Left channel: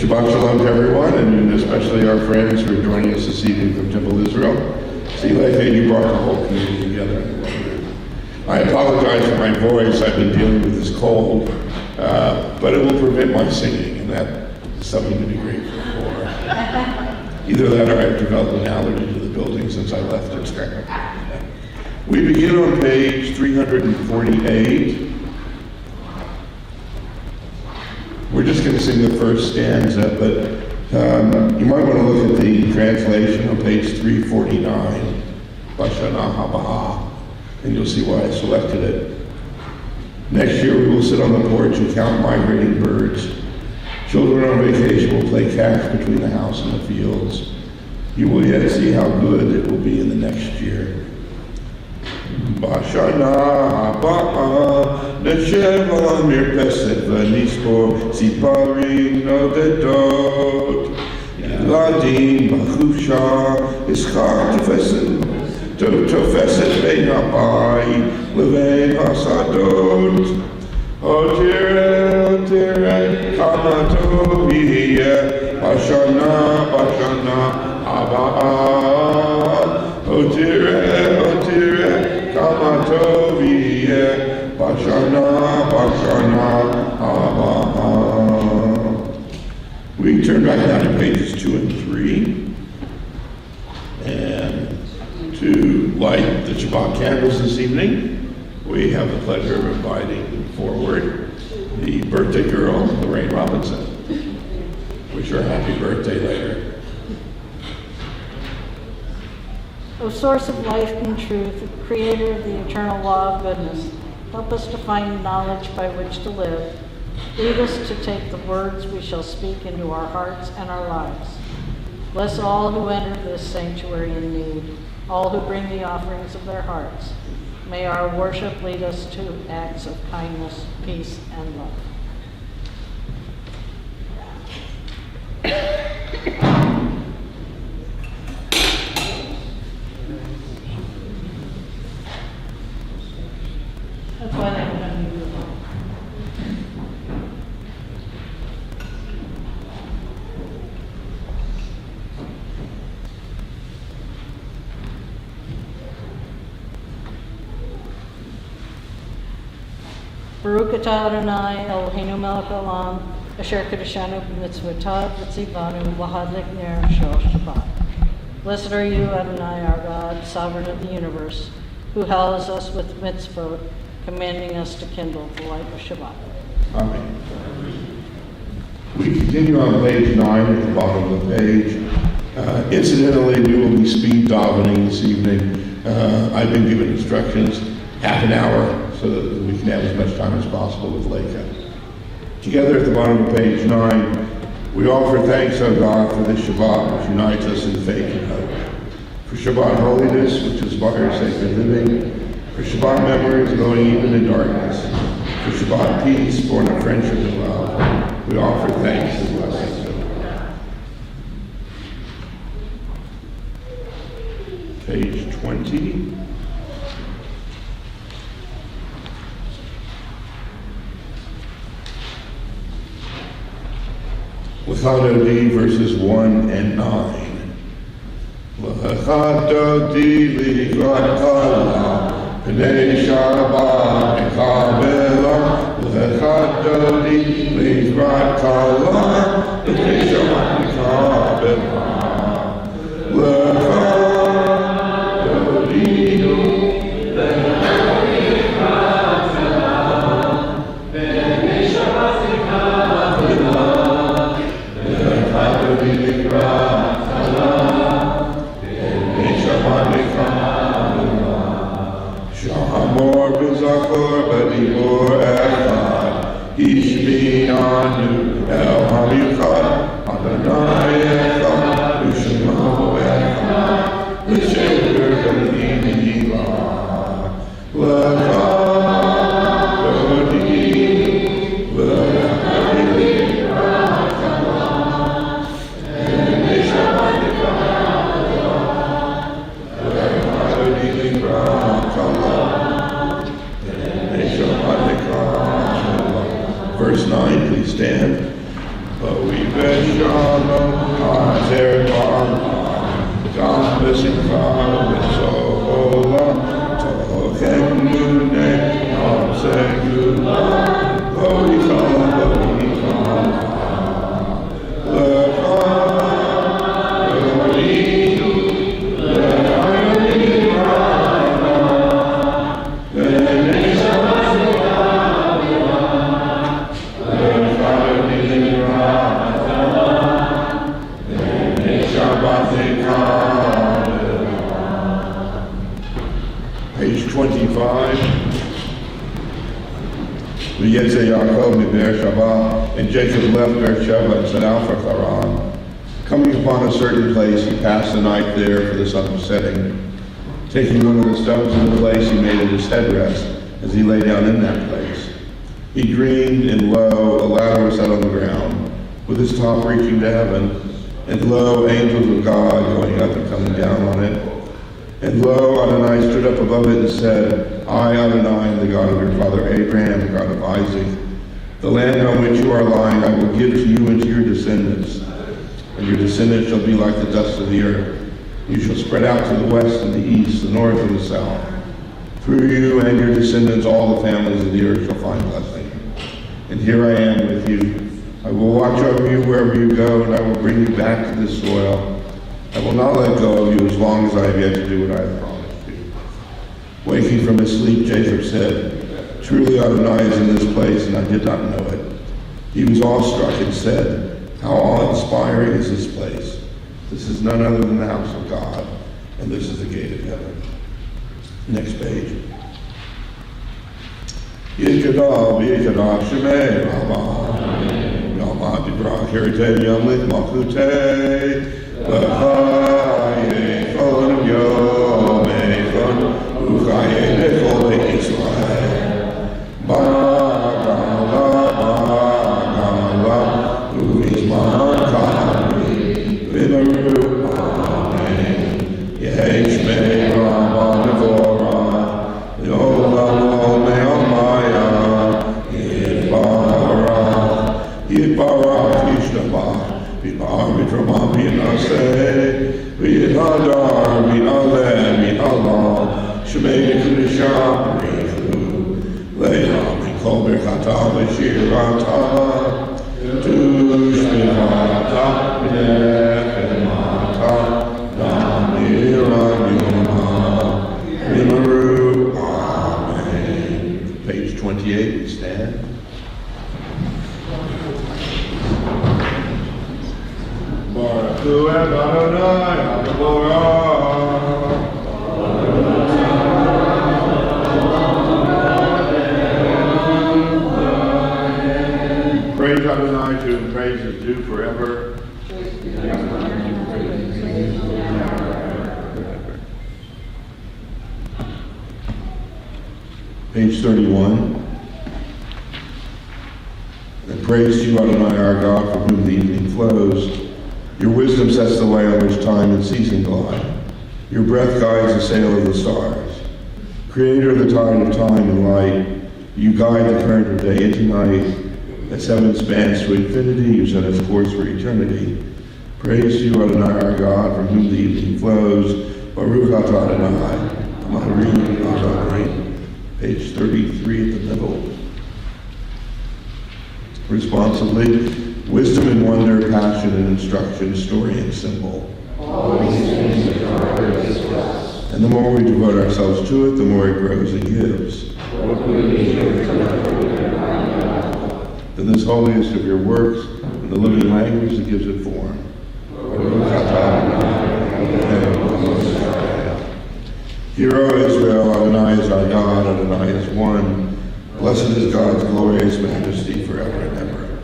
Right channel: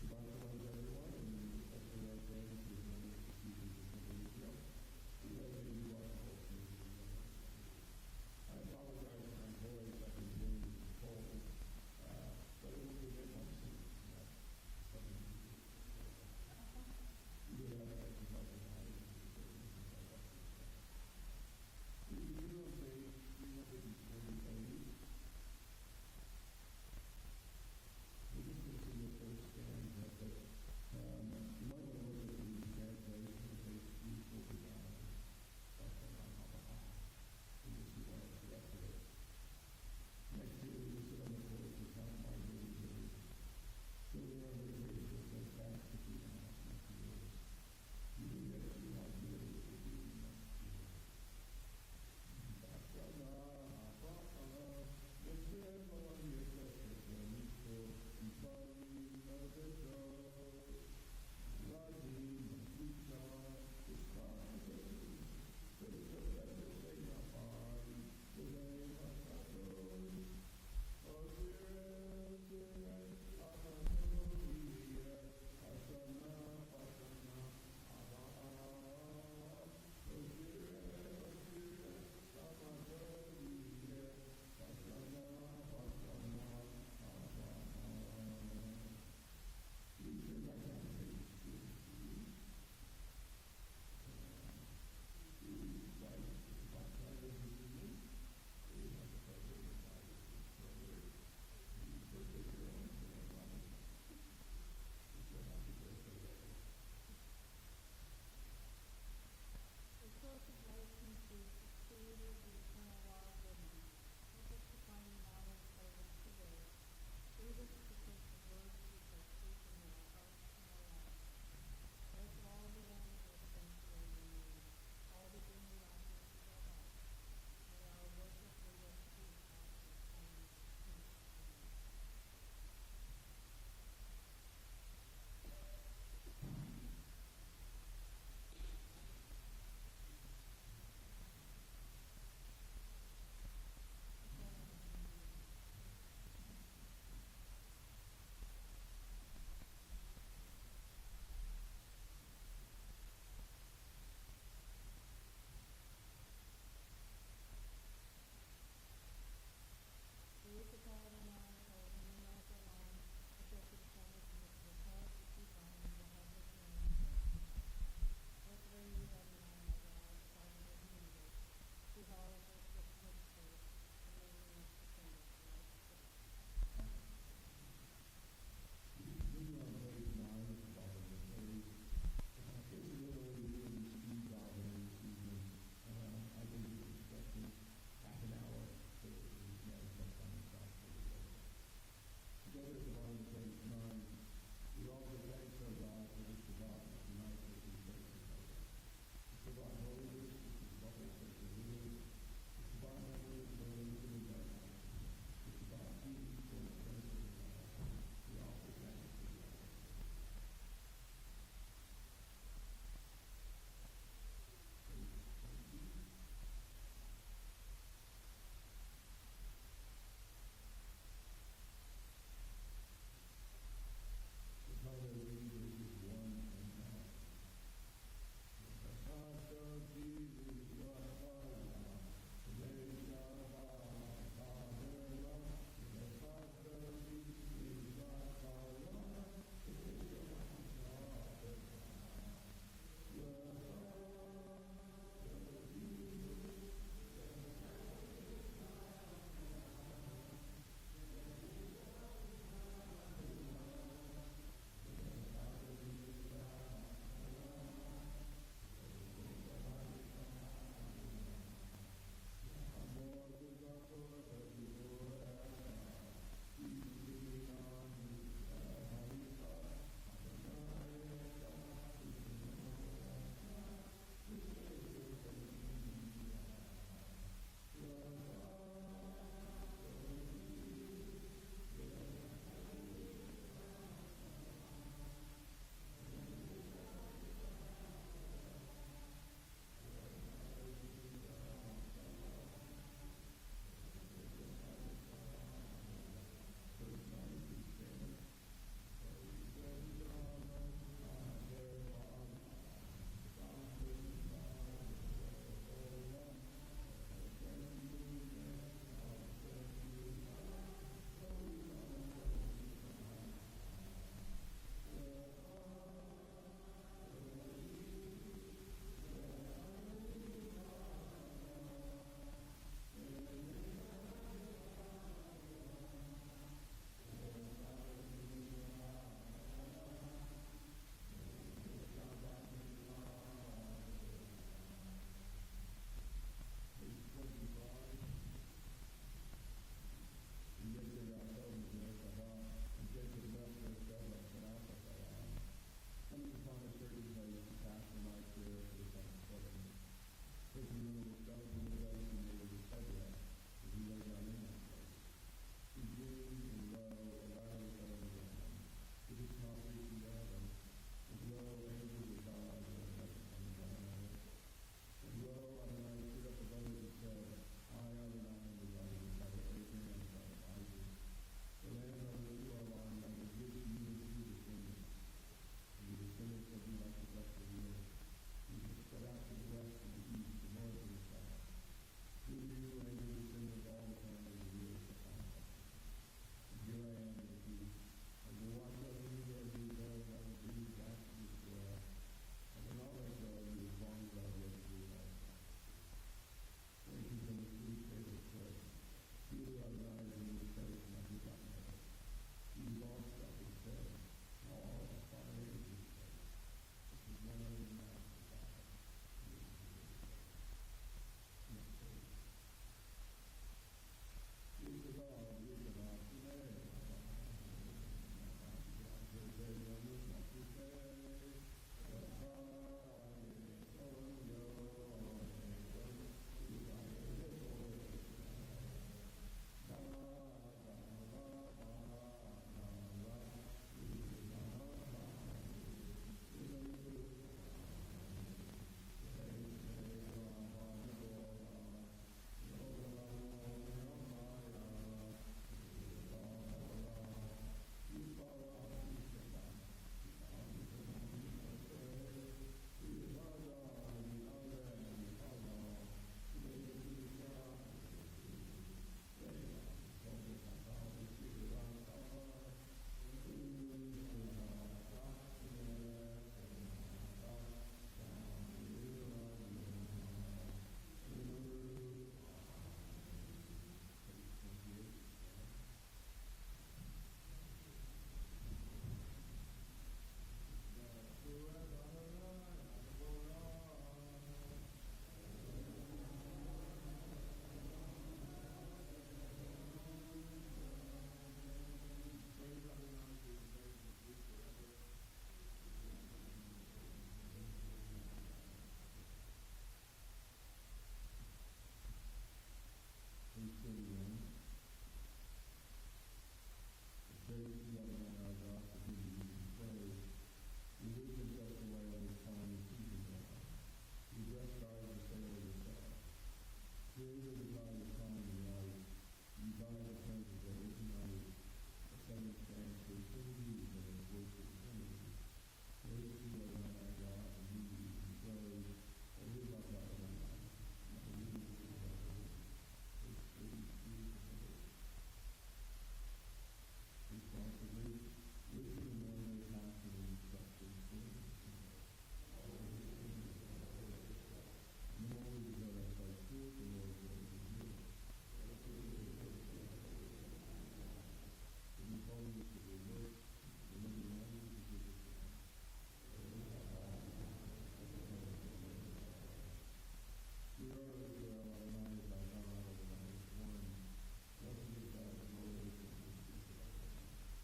Shabbat Shalom to everyone, and especially our friends who are joining us this evening from Temple Israel. See, like you brought the whole community together. I apologize for my voice. I've been dealing with this cold, but it will prevent my singing, and that is something to be grateful for. Either that or I've developed an allergy to the building since I left it. We begin on page 348. We're just going to sing the first stanza, but you might want to look at the translation on page 349, Bashana Habaha, and you'll see why I selected it. Next year we will sit on the porch and count migrating birds. Children on vacation will play catch between the house and the fields. You will yet see how good it will be in the next year. Bashana Habaha נשב על מרפסת ונספור ציפורים נודדות. ילדים בחופשה, משחק תופסת בין הבית לבין השדות. תראה כמה טוב יהיה בשנה הבאה. תראה כמה טוב יהיה Bashana Habaha. We turn back down to pages 2 and 3. And to light the Shabbat candles this evening, we have the pleasure of inviting forward the birthday girl, Lorraine Robinson. Wish her a happy birthday later. O source of life and truth, creator of the eternal law of goodness, help us to find knowledge by which to live. Lead us to take the words we shall speak into our hearts and our lives. Bless all who enter this sanctuary in need, all who bring the offerings of their hearts. May our worship lead us to acts of kindness, peace, and love. That's why they have done you. Baruch atah Adonai Eloheinu melech haolam asher kedeshanu b'mitzvotav v'tzivanu l'hadlik ner shel Shabbat. Blessed are you, Adonai, our God, sovereign of the universe, who hallows us with mitzvot, commanding us to kindle the light of Shabbat. Amen. We continue on page 9 at the bottom of the page. Incidentally, we will be speed davening this evening. I've been given instructions, half an hour, so that we can have as much time as possible with Leica. Together at the bottom of page 9, we offer thanks, O God, for this Shabbat which unites us in faith and hope. For Shabbat holiness, which inspires sacred living. For Shabbat memories going even in darkness. For Shabbat peace, born of friendship and love. We offer thanks and blessings. Page 20. L'chadodi verses 1 and 9. L'chadodi l'ikrat kala P'nei Shabbat mekabela L'chadodi l'ikrat kala P'nei Shabbat mekabela Verse 9, please stand. Sholom, Azer Gam V'Simcha V'Sholom, Tochem Lunei, Am Segula, Lo Yichal, Page 25. V'yetze Yaakov miBeersheba, and Jacob left Beersheba and set out for Haran. Coming upon a certain place, he passed the night there, for the sun was setting. Taking one of the stones in the place, he made it his headrest as he lay down in that place. He dreamed, and lo, a ladder was set on the ground, with its top reaching to heaven, and lo, angels of God going up and coming down on it. And lo, Adonai stood up above it and said, I, Adonai, am the God of your father Abraham, the God of Isaac. The land on which you are lying I will give to you and to your descendants, and your descendants shall be like the dust of the earth. You shall spread out to the west and the east, the north and the south. Through you and your descendants all the families of the earth shall find blessing. And here I am with you. I will watch over you wherever you go, and I will bring you back to this soil. I will not let go of you as long as I have yet to do what I have promised you. Waking from his sleep, Jacob said, Truly Adonai is in this place, and I did not know it. He was awestruck and said, How awe-inspiring is this place? This is none other than the house of God, and this is the gate of heaven. Next page. Yikadah, Yikadah, Shemei, Rama, Yama, Dibra, Kirite, Yamlit, Malchute, L'chaye, Chol, Yom, Echon, Uchaye, Nechol, Israel, Bagala, Bagala, Uizman, Kamri, Vimaru, Amen, Yesh, Me, Rama, Nevorah, Yolam, Me'amaya, Yitbarach, Yitbarach, Yishtabach, V'Bar V'Trama V'Naseh V'Yadar V'Aleh V'Allah Shemei V'Kudishah V'Richu Le'am V'Kol Berchata V'Shirata Tushmihata V'Nechemata Namira V'Yoma V'Maru Amen. Page 28, we stand. Baruch Hu Adonai HaGevorah. Praise Adonai, to whom praise is due forever. Page 31. And praise to you, Adonai, our God, from whom the evening flows. Your wisdom sets the way on which time and season glide. Your breath guides the sail of the stars. Creator of the tide of time and light, you guide the current of day into night. As heaven spans to infinity, you set its course for eternity. Praise to you, Adonai, our God, from whom the evening flows. Baruch atah Adonai, Maharim Adonai. Page 33 at the middle. Responsively, wisdom and wonder, passion and instruction, story and symbol. All these things are ours to us. And the more we devote ourselves to it, the more it grows and gives. What we need here to Then this holiest of your works, in the living language that gives it form. Hear, O Israel, Adonai is our God, Adonai is one. Blessed is God's glorious majesty forever and ever.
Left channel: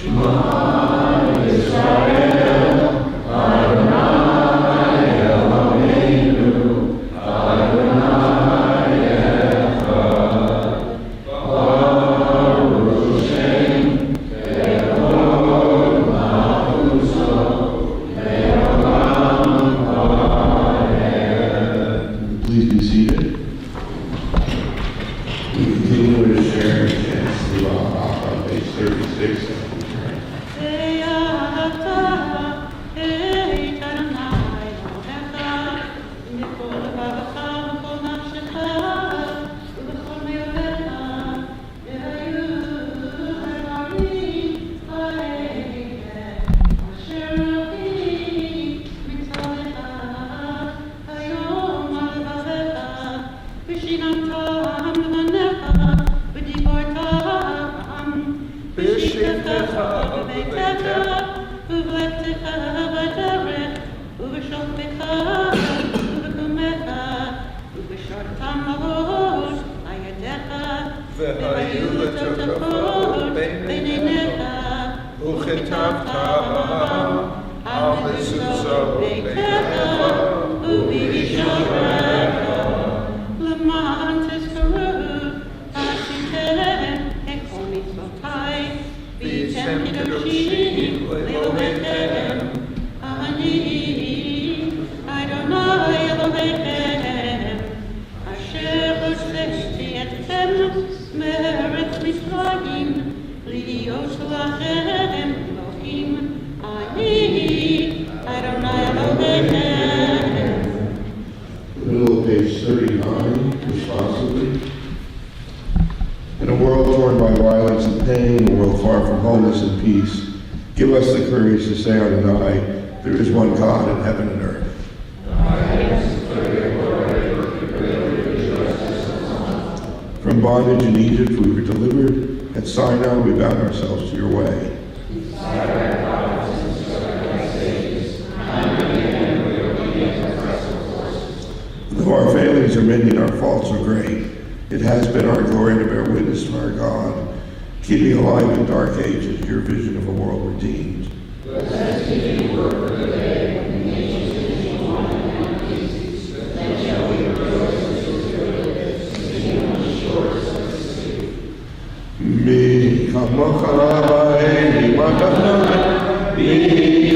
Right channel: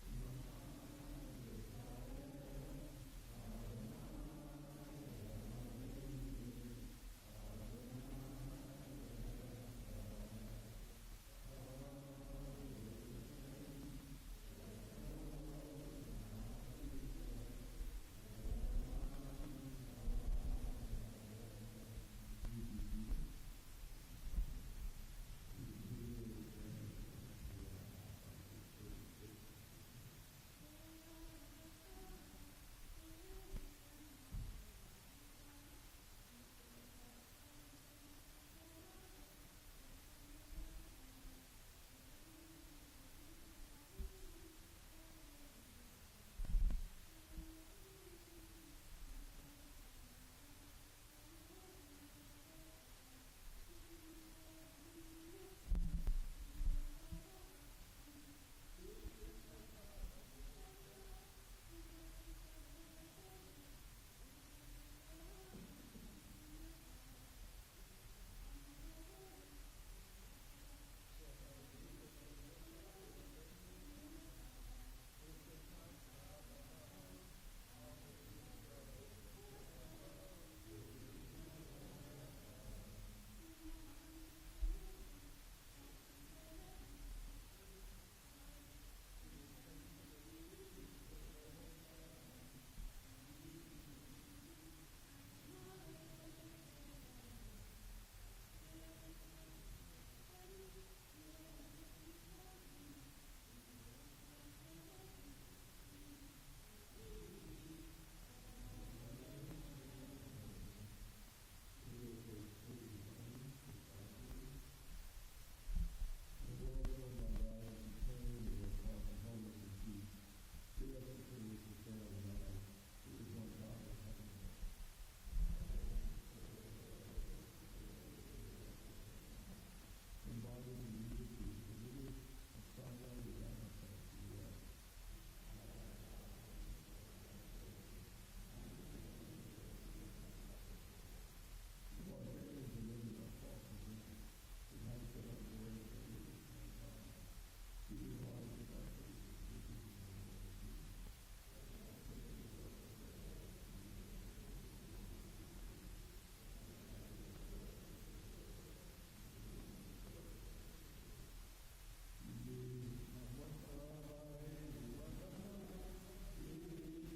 Shema Israel, Adonai Eloheinu, Adonai Echad, Baruch Shem, Kevod Malchuso, Le'olam Vaed. Please be seated. We continue to share in chants through on page 36. והיו לתוכפות ביניך, וכתבת על מזוזות ביתך ובשעריך, למען תזכרו עשיתם את כל מצוותיי, והייתם קדושים לאלוהיכם. אני אדוני אלוהיכם, אשר הוצאתי אתכם מארץ מצרים, להיות לכם אלוהים. אני אדוני אלוהיכם. Middle of page 39, responsibly. In a world torn by violence and pain, a world far from wholeness and peace, give us the courage to say Adonai, there is one God in heaven and earth. From bondage in Egypt we were delivered. At Sinai we bound ourselves to your way. Though our failings are many and our faults are great, it has been our glory to bear witness to our God, keeping alive in dark ages your vision of a world redeemed. Mi kamocha Rabbi, mi matana, mi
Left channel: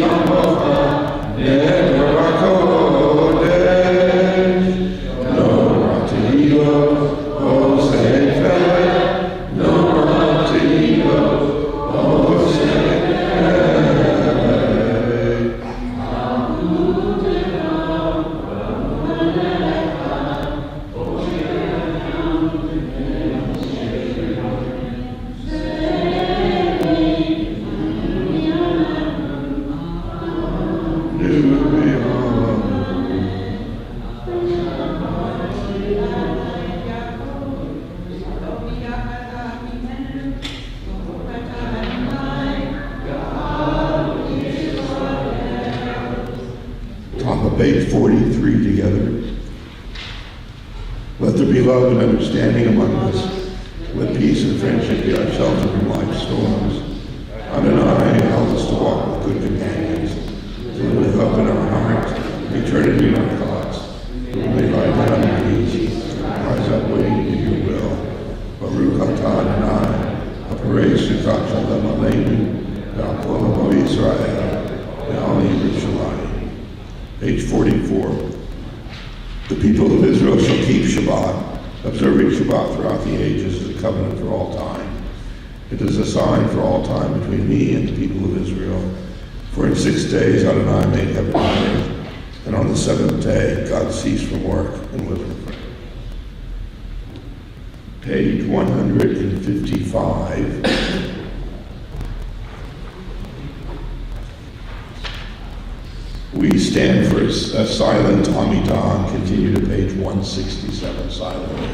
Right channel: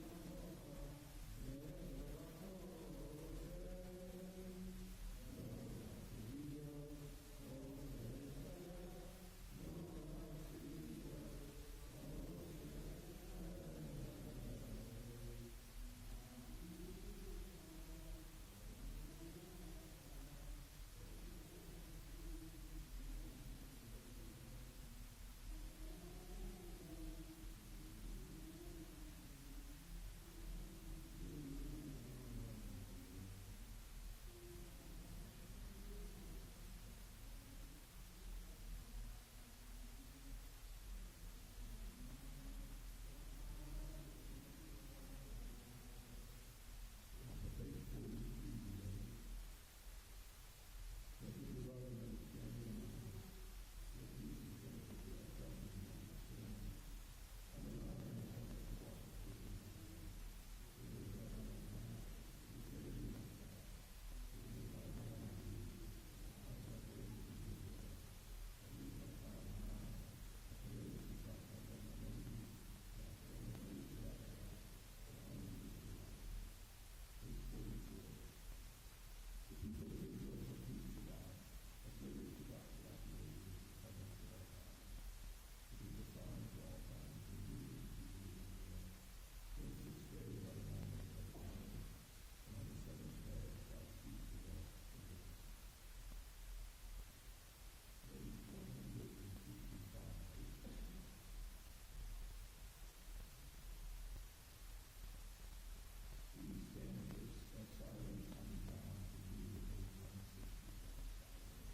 kamocha, never kodesh, no ratio, o sefer, no ratio, o sefer. Top of page 43 together. Let there be love and understanding among us. Let peace and friendship be our shelter from life's storms. Adonai, help us to walk with good companions, to live with hope in our hearts, eternity in our thoughts. We may lie down on our knees, rise up waiting to do your will. Baruch atah Adonai, Aparei Sukkot Shalom Aleinu, Ve'al Kol Israel, Ve'al Yerushalayim. Page 44. The people of Israel shall keep Shabbat, observing Shabbat throughout the ages as a covenant for all time. It is a sign for all time between me and the people of Israel. For in 6 days Adonai made heaven and earth, and on the seventh day God ceased from work and was refreshed. Page 155. We stand for a silent Amidah and continue to page 167 silently.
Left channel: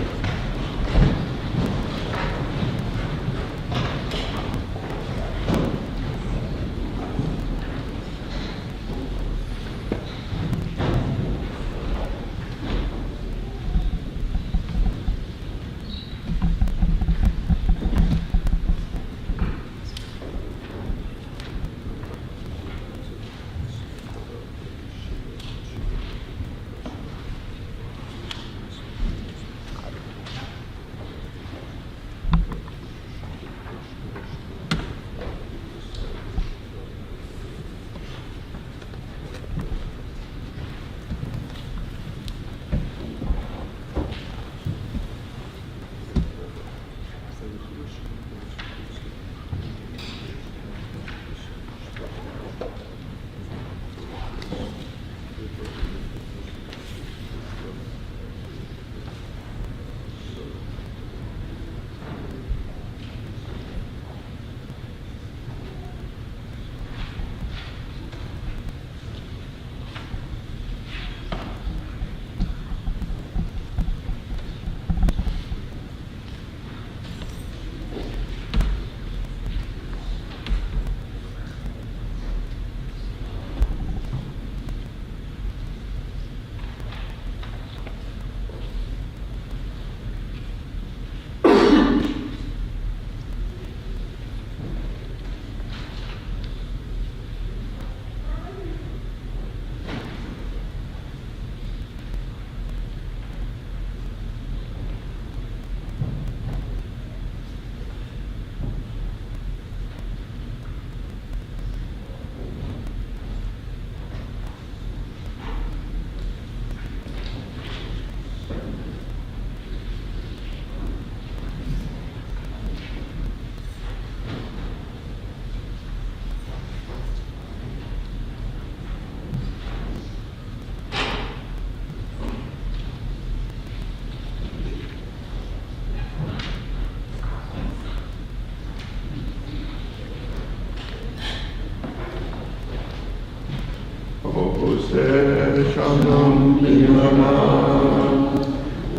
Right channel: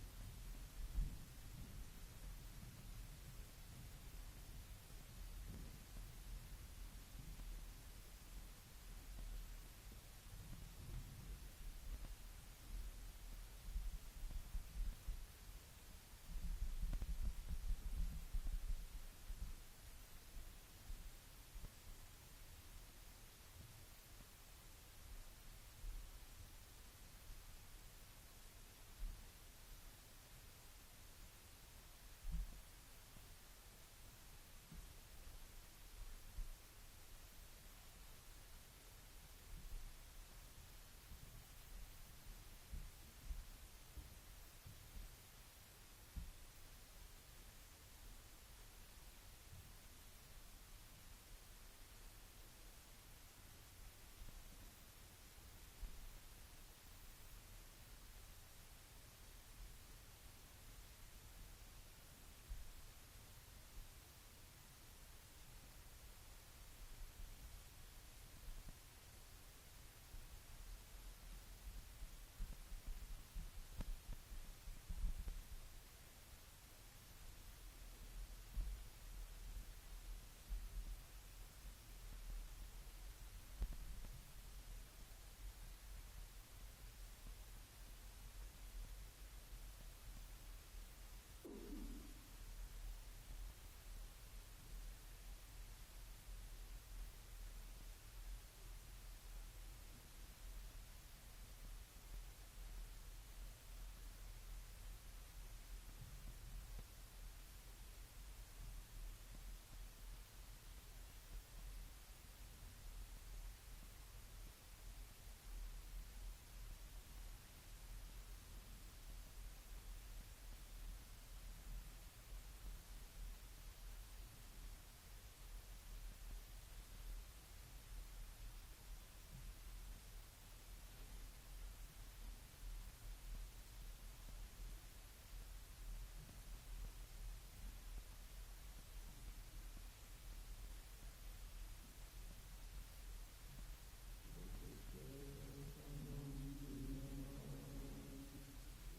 Shalom B'Yamah.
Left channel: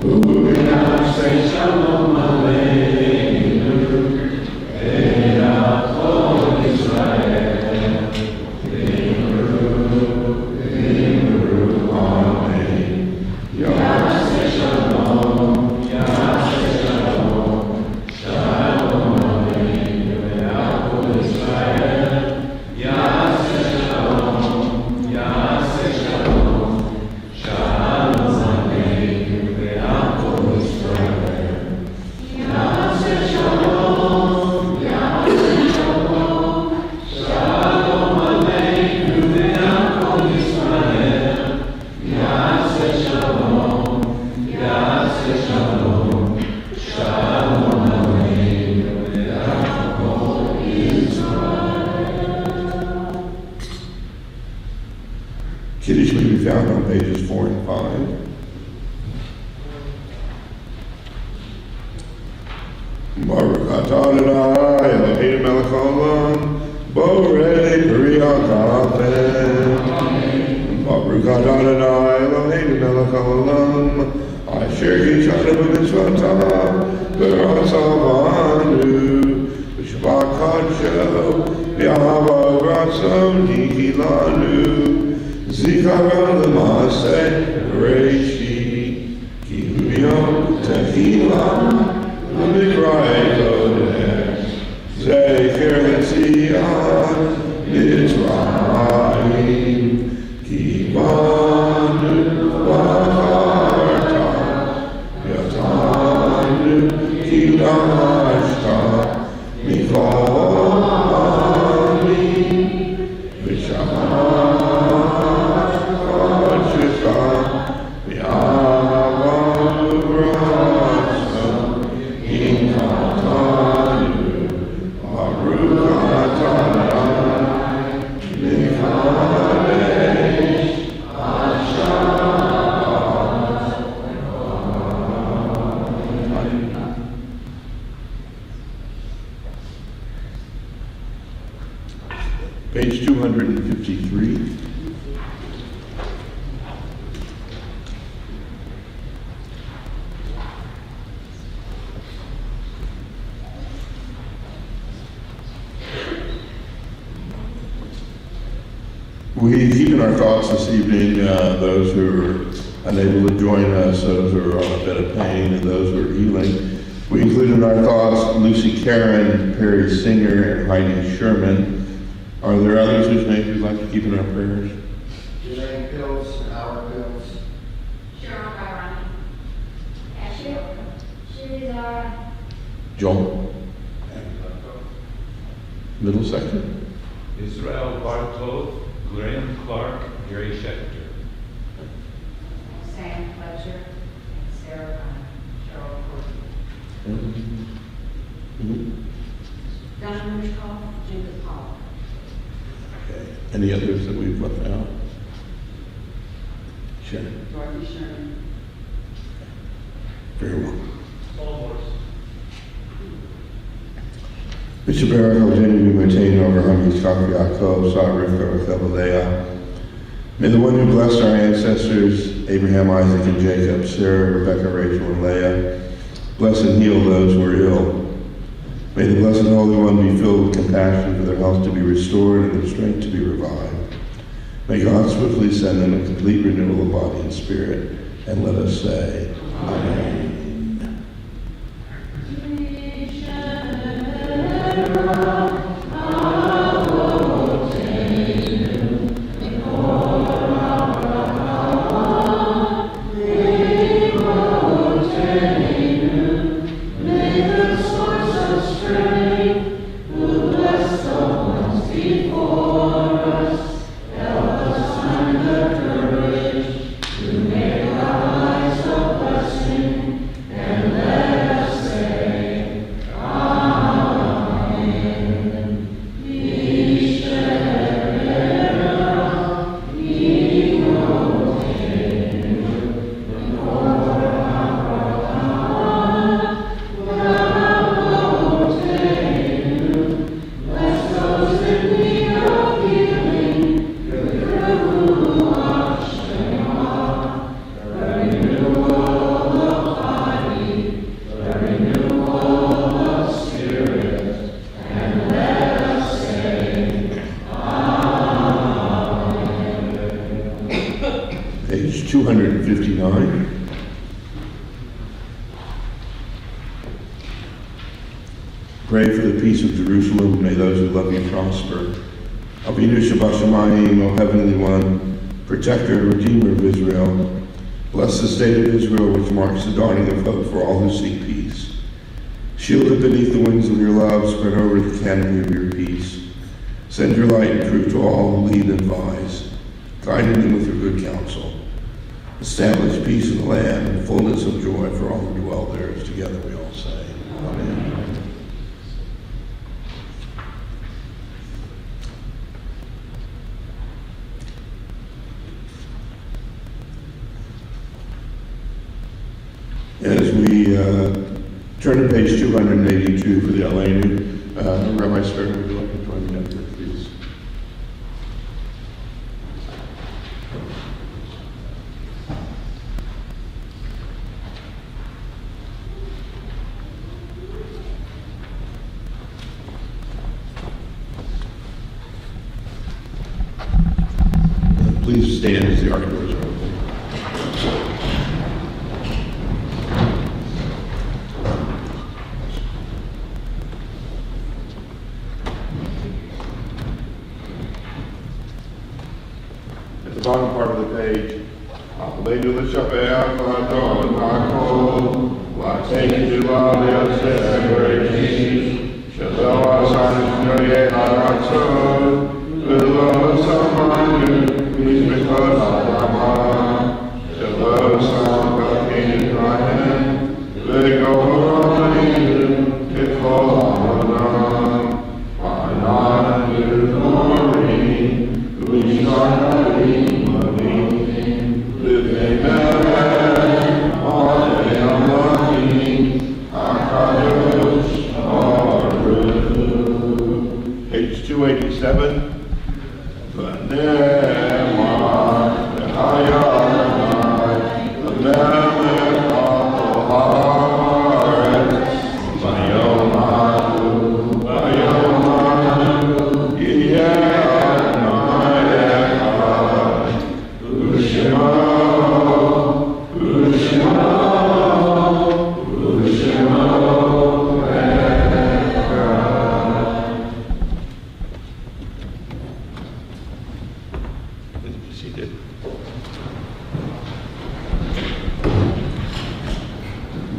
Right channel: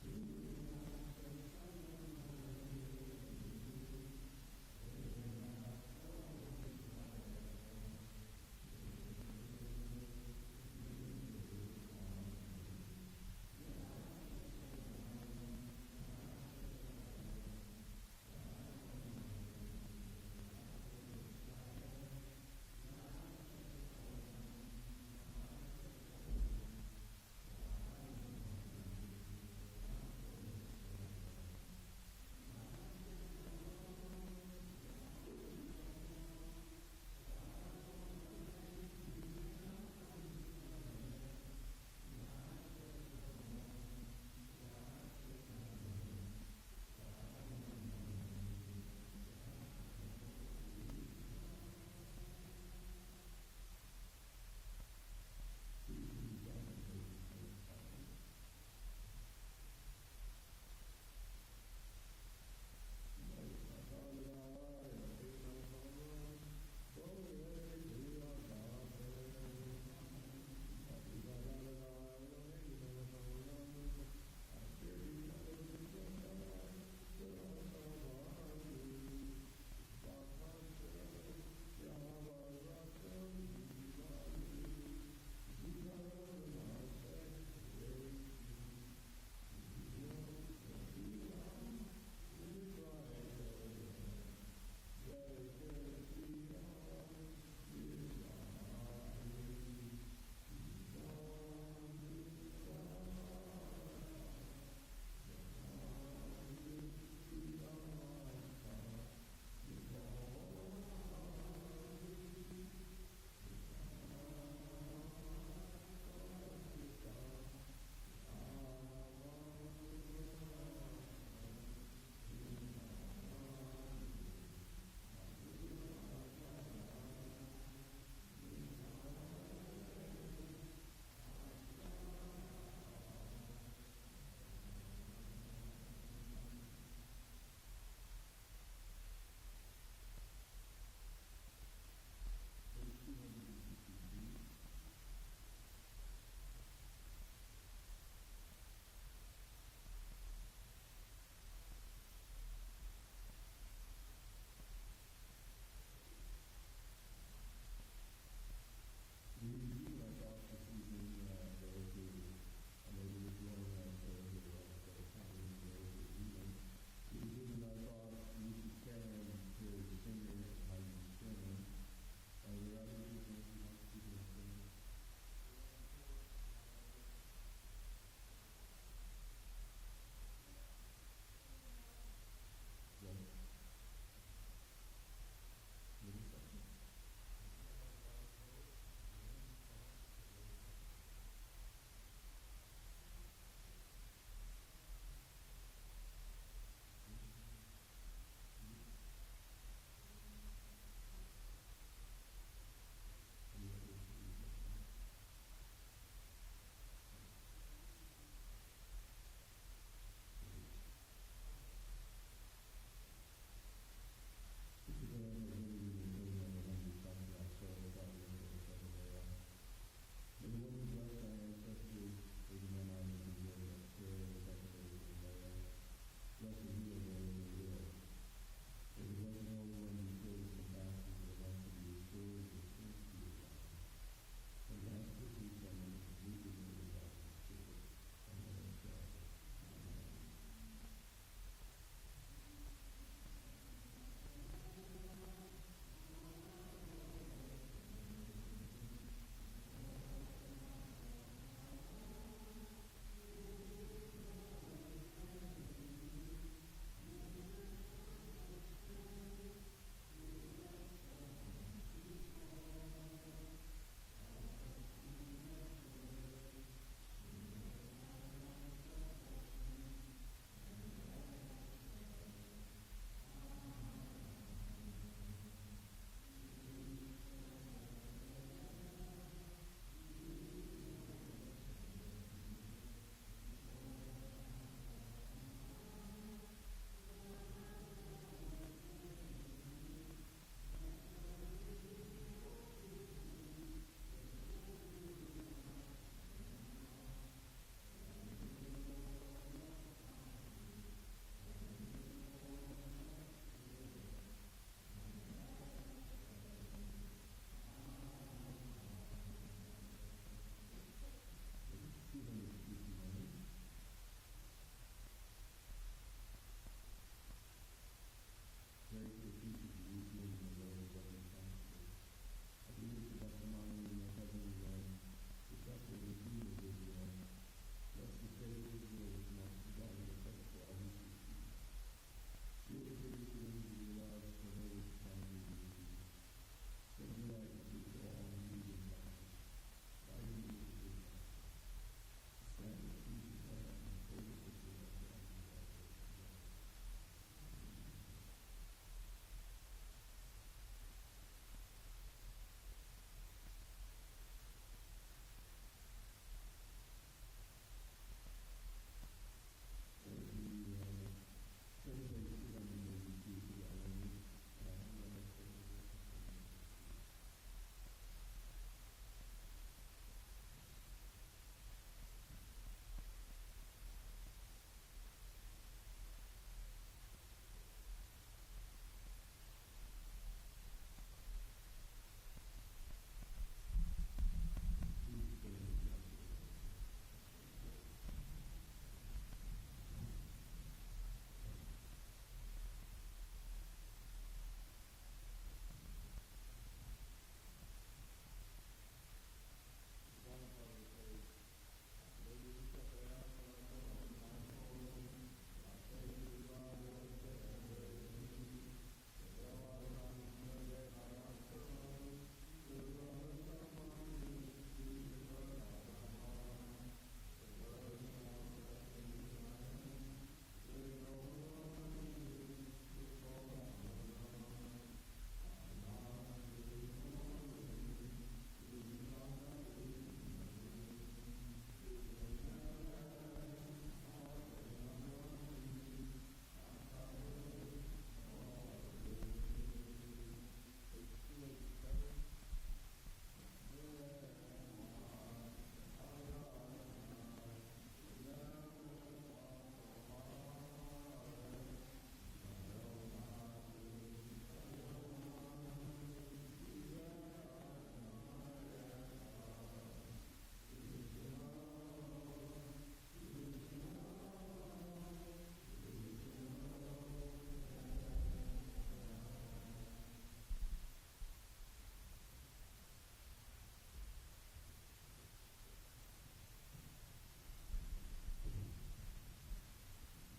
U'naseh Shalom Aleinu. E'nachol Yisrael. V'imru Amen. Yaseh Shalom. Yaseh Shalom. Shalom Aleinu. Ve'achol Yisrael. Yaseh Shalom. Yaseh Shalom. Shalom Aleinu. Ve'achol Yisrael. Yaseh Shalom. Yaseh Shalom. Shalom Aleinu. Ve'achol Yisrael. Yaseh Shalom. Yaseh Shalom. Shalom Aleinu. Ve'achol Yisrael. Kiddush may be found on pages 4 and 5. Baruch atah Adonai Eloheinu melech haolam, borei peri ha'gafen. Baruch atah Adonai Eloheinu melech haolam, asher kishanu b'mitzvotav v'ratzav banu, v'shabbat kadsho v'ahava v'ratzon nihilanu, zikaron l'maaseh Bereshit, ki hu yom tehilah L'mikra'e kodesh, zecher l'tzion Mitzrayim, ki banu v'acharta, yatanu ki dashta, mikol ha'amim, v'shamat kodshecha, v'yava v'ratzon, Page 253. We keep in our thoughts this evening those who are unable to join us, those who are on a bed of pain, and those who are healing. We include in our thoughts Lucy Karen, Perry Singer, and Heidi Sherman. Are there others whose names we'd like to keep in our prayers? Elaine Pills, Howard Pills. Cheryl Byron. Ashley. Sheila. Joel? Middle second? Israel Bartow, Graham Clark, Gary Schechter. Sam Fletcher. Sarah Ryan. Cheryl Corky. Mhm. Donna Mushkoff. Judith Paul. Okay. Any others that we've left out? Sure. Dorothy Sherman. Very well. Bishop Barak Alexander, we maintain over Hamis Kaf Yaakov, Sarah Rivka, Leah. May the one who blessed our ancestors, Abraham, Isaac, and Jacob, Sarah, Rebecca, Rachel, and Leah, bless and heal those who are ill. May the Blessed Holy One be filled with compassion for their health to be restored and their strength to be revived. May God swiftly send them a complete renewal of body and spirit. And let us say, Amen. 259. Pray for the peace of Jerusalem. May those who love you prosper. Avinu Shabbat Shamayim, O Heavenly One, Protector and Redeemer of Israel, bless the state of Israel, which marks the dawning of hope for all who seek peace. Shield it beneath the wings of your love, spread over the canopy of your peace. Send your light and truth to all who lead and advise, guiding them with your good counsel. Establish peace in the land and fullness of joy for all who dwell there. Together we all say, Amen. As we turn to page 282 for the Aleinu, Rabbi Stern, would you like to join me up here, please? Please stand as the ark doors are open. At the bottom part of the page, Aleinu l'shabeach v'adon ha'kol, v'ateinu v'alei separatish, shelo asanu shnoyei ha'ratzon, v'lo samanu, v'izmekot ha'adama, shelo samkakin Israel, v'gol ha'aleinu, k'kol ha'adam, v'ananu glory, v'yishar Page 287.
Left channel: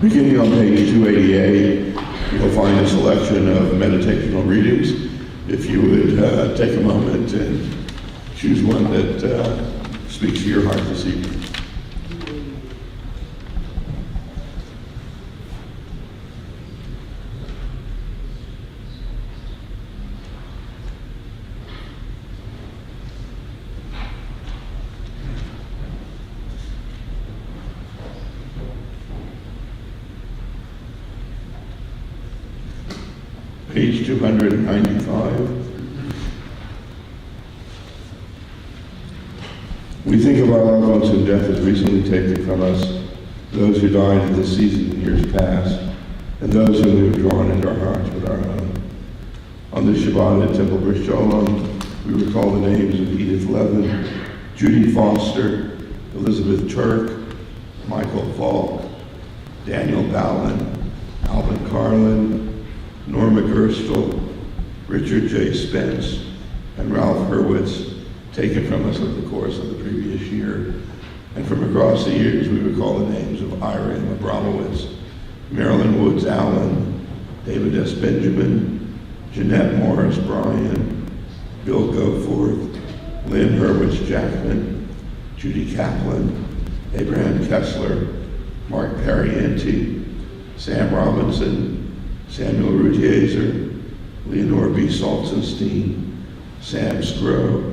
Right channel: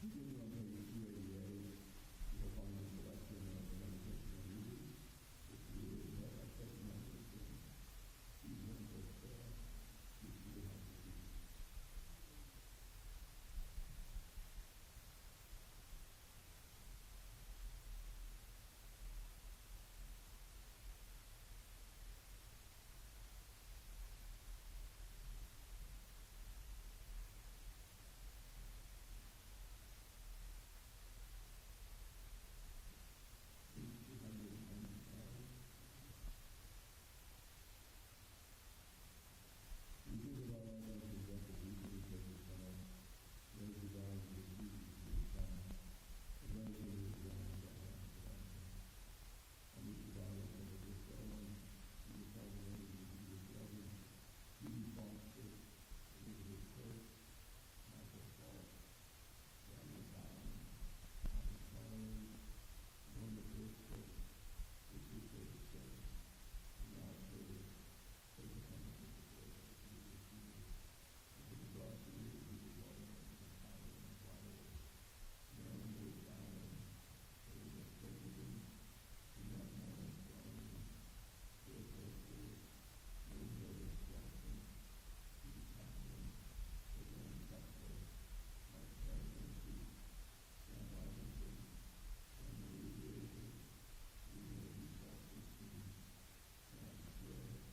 Beginning on page 288, you'll find a selection of meditational readings. If you would take a moment and choose one that speaks to your heart this evening. Page 295. We think of our loved ones whom death has recently taken from us, those who died in this season in years past, and those whom we have drawn into our hearts with our own. On this Shabbat at Temple Bris Sholom, we recall the names of Edith Levin, Judy Foster, Elizabeth Turk, Michael Falk, Daniel Ballin, Alvin Carlin, Norma Gerstle, Richard J. Spence, and Ralph Hurwitz, taken from us over the course of the previous year. And from across the years, we recall the names of Ira M. Abramowitz, Marilyn Woods Allen, David S. Benjamin, Jeanette Morris Bryan, Bill Goforth, Lynn Hurwitz Jackman, Judy Kaplan, Abraham Kessler, Mark Parienti, Sam Robinson, Samuel Rutieser, Leonore B. Salzenstein, Sam Scrow,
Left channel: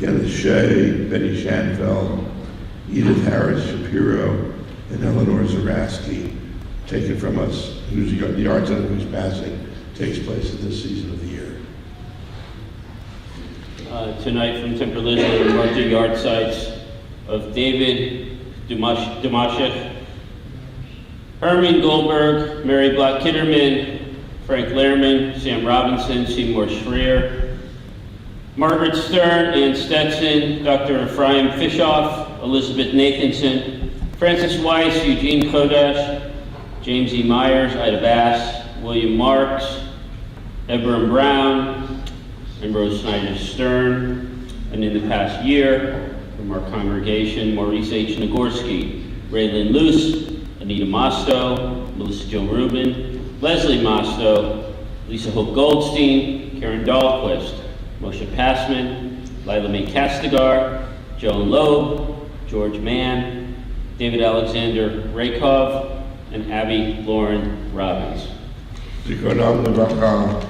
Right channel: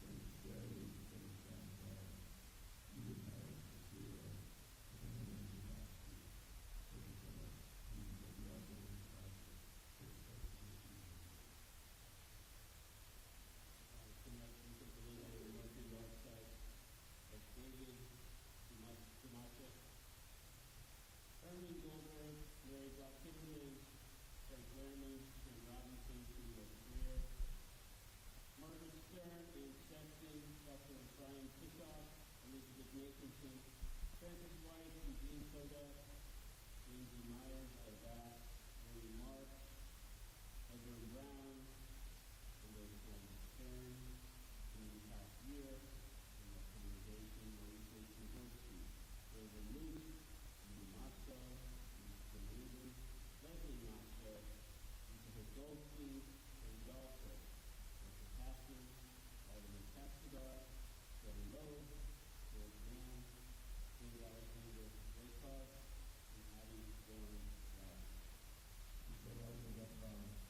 Kenneth Shea, Betty Shanfeld, Edith Harris Shapiro, and Eleanor Zaraski, taken from us, the arts of whose passing takes place at this season of the year. Tonight from Temple Israel, we mark the yard sites of David Dumashik, Herman Goldberg, Mary Black Kitterman, Frank Lehrman, Sam Robinson, Seymour Schreier, Margaret Stern, Ann Stetson, Dr. Ephraim Fishoff, Elizabeth Nathanson, Francis Weiss, Eugene Kodash, James E. Myers, Ida Bass, William Marks, Edward Brown, and Rose Snyder Stern. And in the past year, from our congregation, Maurice H. Nagorski, Raylan Luce, Anita Mosto, Melissa Jo Rubin, Leslie Mosto, Lisa Hope Goldstein, Karen Dahlquist, Moshe Passman, Lila Mae Castigar, Joan Loeb, George Mann, David Alexander Raykov, and Abby Lauren Robbins. Zikronam Levracha.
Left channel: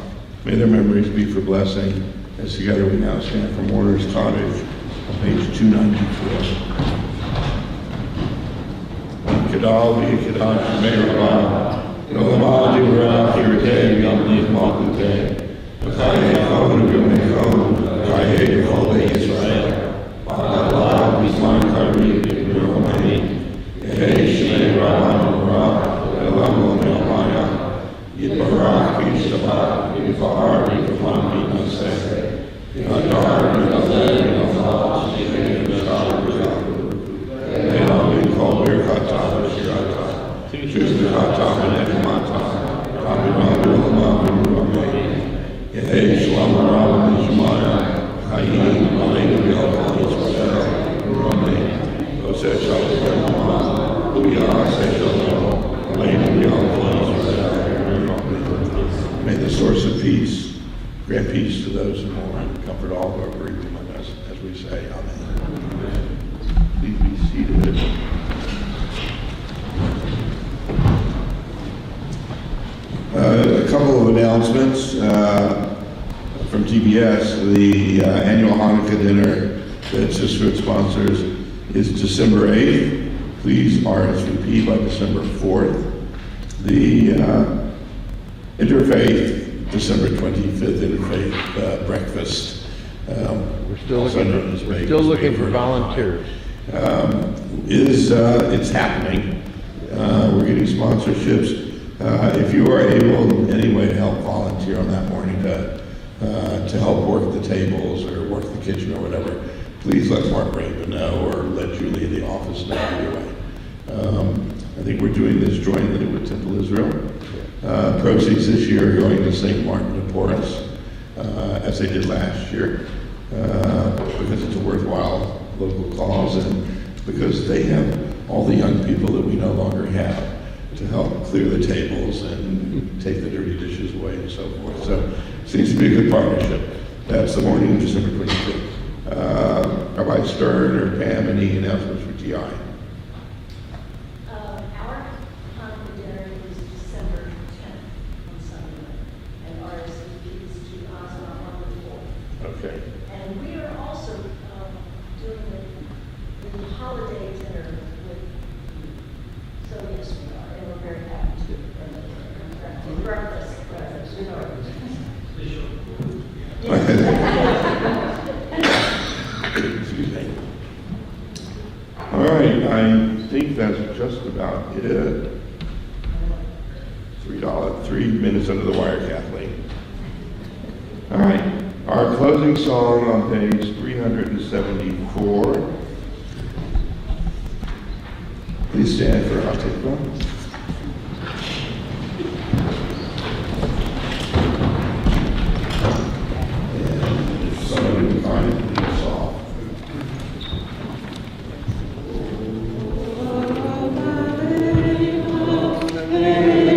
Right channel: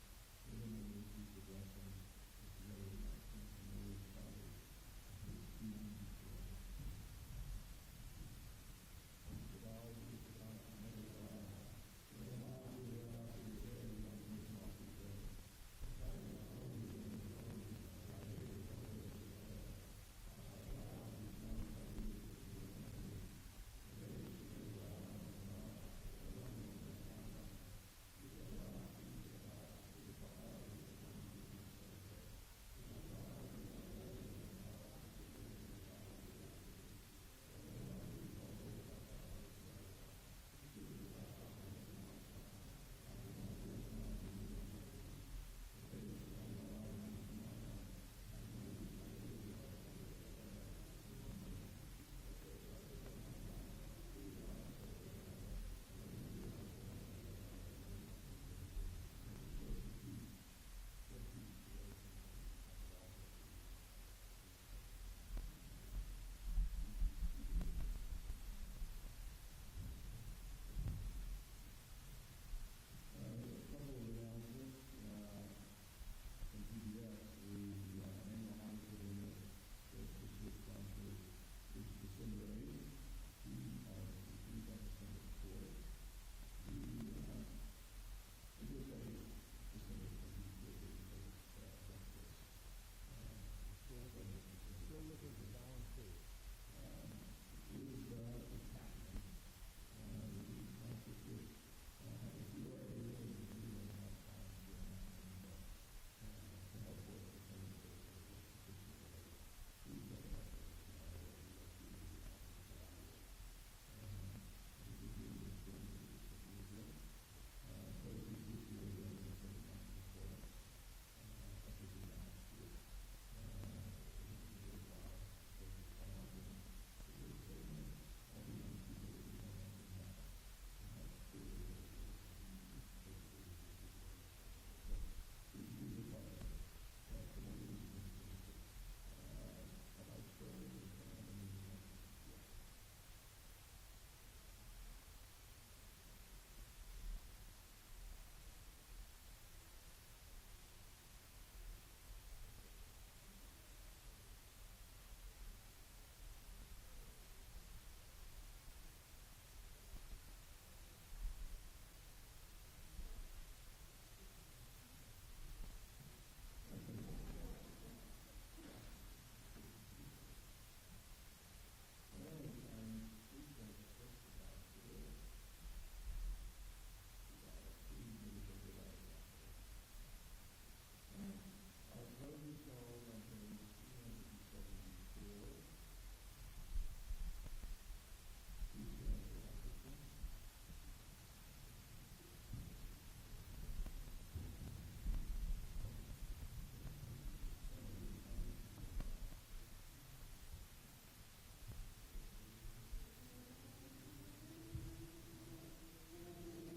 May their memories be for blessing. As together we now stand for Mourner's Cottage on page 294. Kedal v'Kedal Shemei Rabah, Nolamah Divrah Kiratei V'Yamli Malkutei, V'chayei Chon V'Yomei Chon, V'chayei Cholei Yisrael, V'Adalah V'Zman Kari V'Yomei, Yehei Shemei Rabah Novrah, V'Elam L'Me'amaya, Yitbarach V'Yishtabach, V'Yifahar V'Yifahar V'Yinaseh, V'Adar V'Yinaseh V'Yinaseh V'Yinaseh V'Yinaseh Elam V'Kol Birchata V'Shirata, Shuzbechata V'Nechemata, Rabbi V'Olamah V'Yirumeh, Yehei Shalom Rabba V'Shemaya, Chayim Aleinu V'Yalkal Yisrael V'Yirumeh, Oseh Shalom V'Yirumah, V'Yaseh Shalom Aleinu V'Yalkal Yisrael V'Yirumeh. May the source of peace grant peace to those who mourn, comfort all who are grieving among us, as we say, Amen. Please be seated. A couple of announcements from TBS. The annual Hanukkah dinner that Sisterhood sponsors is December 8th. Please RSVP by December 4th. The Interfaith, December 25th Interfaith breakfast. We're still also known as Vegas looking for Wafer. volunteers. It's happening. We're getting sponsorships. If you are able in any way to help volunteer on that morning to help work the tables or work the kitchen or whatever, please let Mark Raven know or let Julie in the office know either way. I think we're doing this jointly with Temple Israel. Proceeds this year are going to St. Martin de Porres, as they did last year, because it's a worthwhile local cause and because they have all the young people that we no longer have to help clear the tables and take the dirty dishes away and so forth. So it seems to be a good partnership. That's the morning of December 25th. Rabbi Stern or Pam, any announcements for TI? Our Hanukkah dinner is December 10th on Sunday, and RSVP is to Ozma on the 4th. Okay. And we are also doing the holiday dinner with you. So yes, we are, and we're very happy to. And breakfast, you know. Excuse me. All right, I think that's just about it. $3 minutes under the wire, Kathleen. All right, our closing song on page 374. Please stand for Hatikvah. And if somebody would find the song. Amen.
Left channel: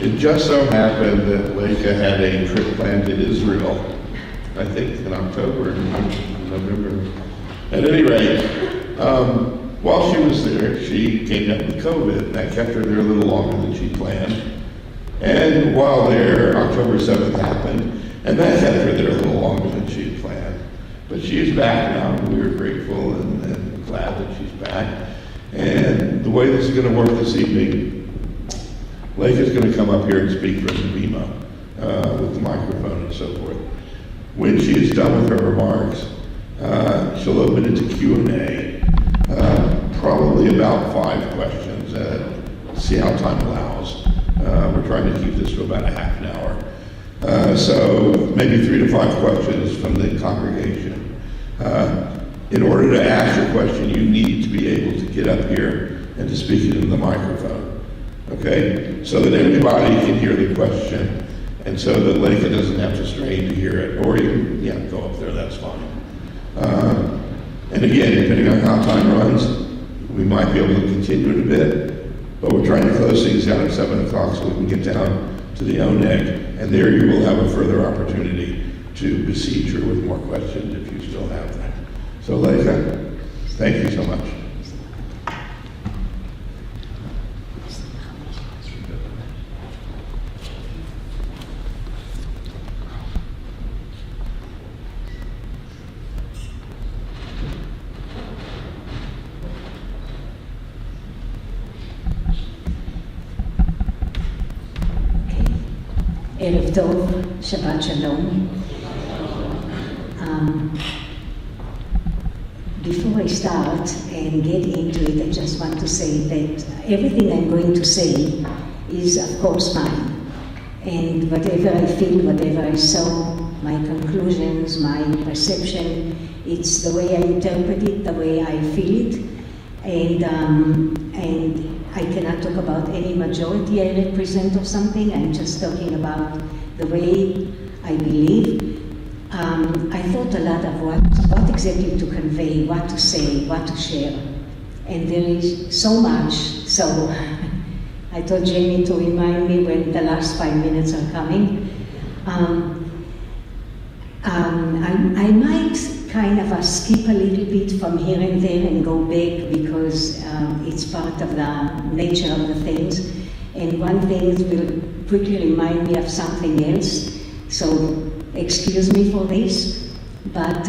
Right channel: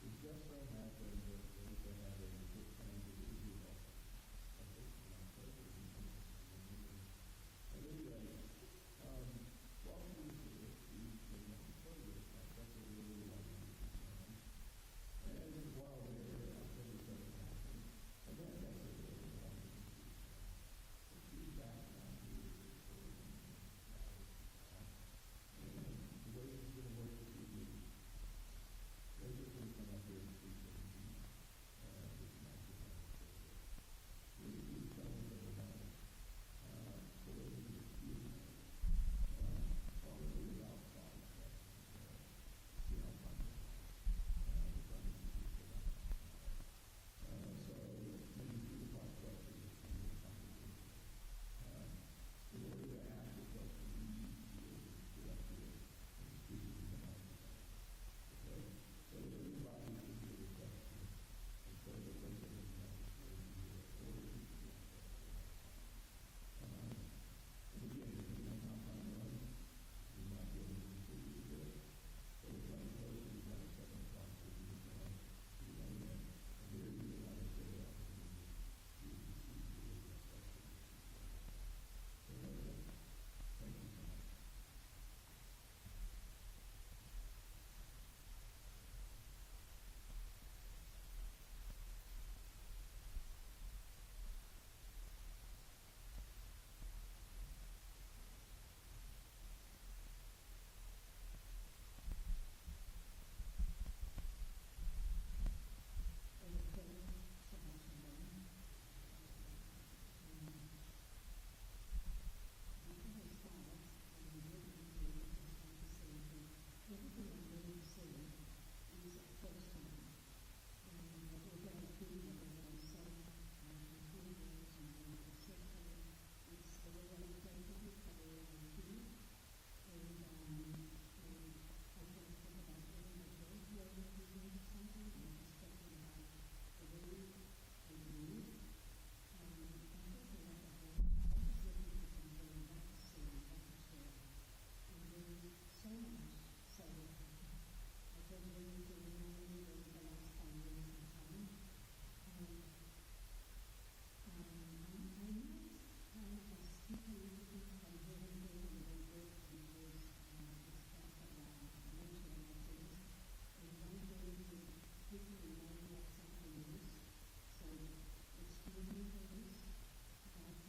It just so happened that Leica had a trip planned to Israel, I think in October, November. At any rate, while she was there, she came down with COVID, and that kept her there a little longer than she planned. And while there, October 7th happened, and that kept her there a little longer than she had planned. But she is back now, and we are grateful and glad that she's back. And the way this is going to work this evening, Leica is going to come up here and speak from the bima with the microphone and so forth. When she is done with her remarks, she'll open it to Q&A, probably about 5 questions, see how time allows. We're trying to keep this to about a half an hour. So maybe 3 to 5 questions from the congregation. In order to ask your question, you need to be able to get up here and to speak it into the microphone. Okay? So that everybody can hear the question, and so that Leica doesn't have to strain to hear it. Or you can go up there, that's fine. And again, depending on how time runs, we might be able to continue it a bit, but we're trying to close things down at 7 o'clock so we can get down to the ONEG, and there you will have a further opportunity to besiege her with more questions if you still have that. So Leica, thank you so much. ערב טוב, שבת שלום. Before I start and get into it, I just want to say that everything I'm going to say is, of course, mine. And whatever I feel, whatever I saw, my conclusions, my perception, it's the way I interpret it, the way I feel it. And I cannot talk about any majority I represent or something. I'm just talking about the way I believe. I thought a lot of what exactly to convey, what to say, what to share. And there is so much, so I told Jamie to remind me when the last 5 minutes are coming. I might kind of skip a little bit from here and there and go back because it's part of the nature of the things. And one thing will quickly remind me of something else. So excuse me for this, but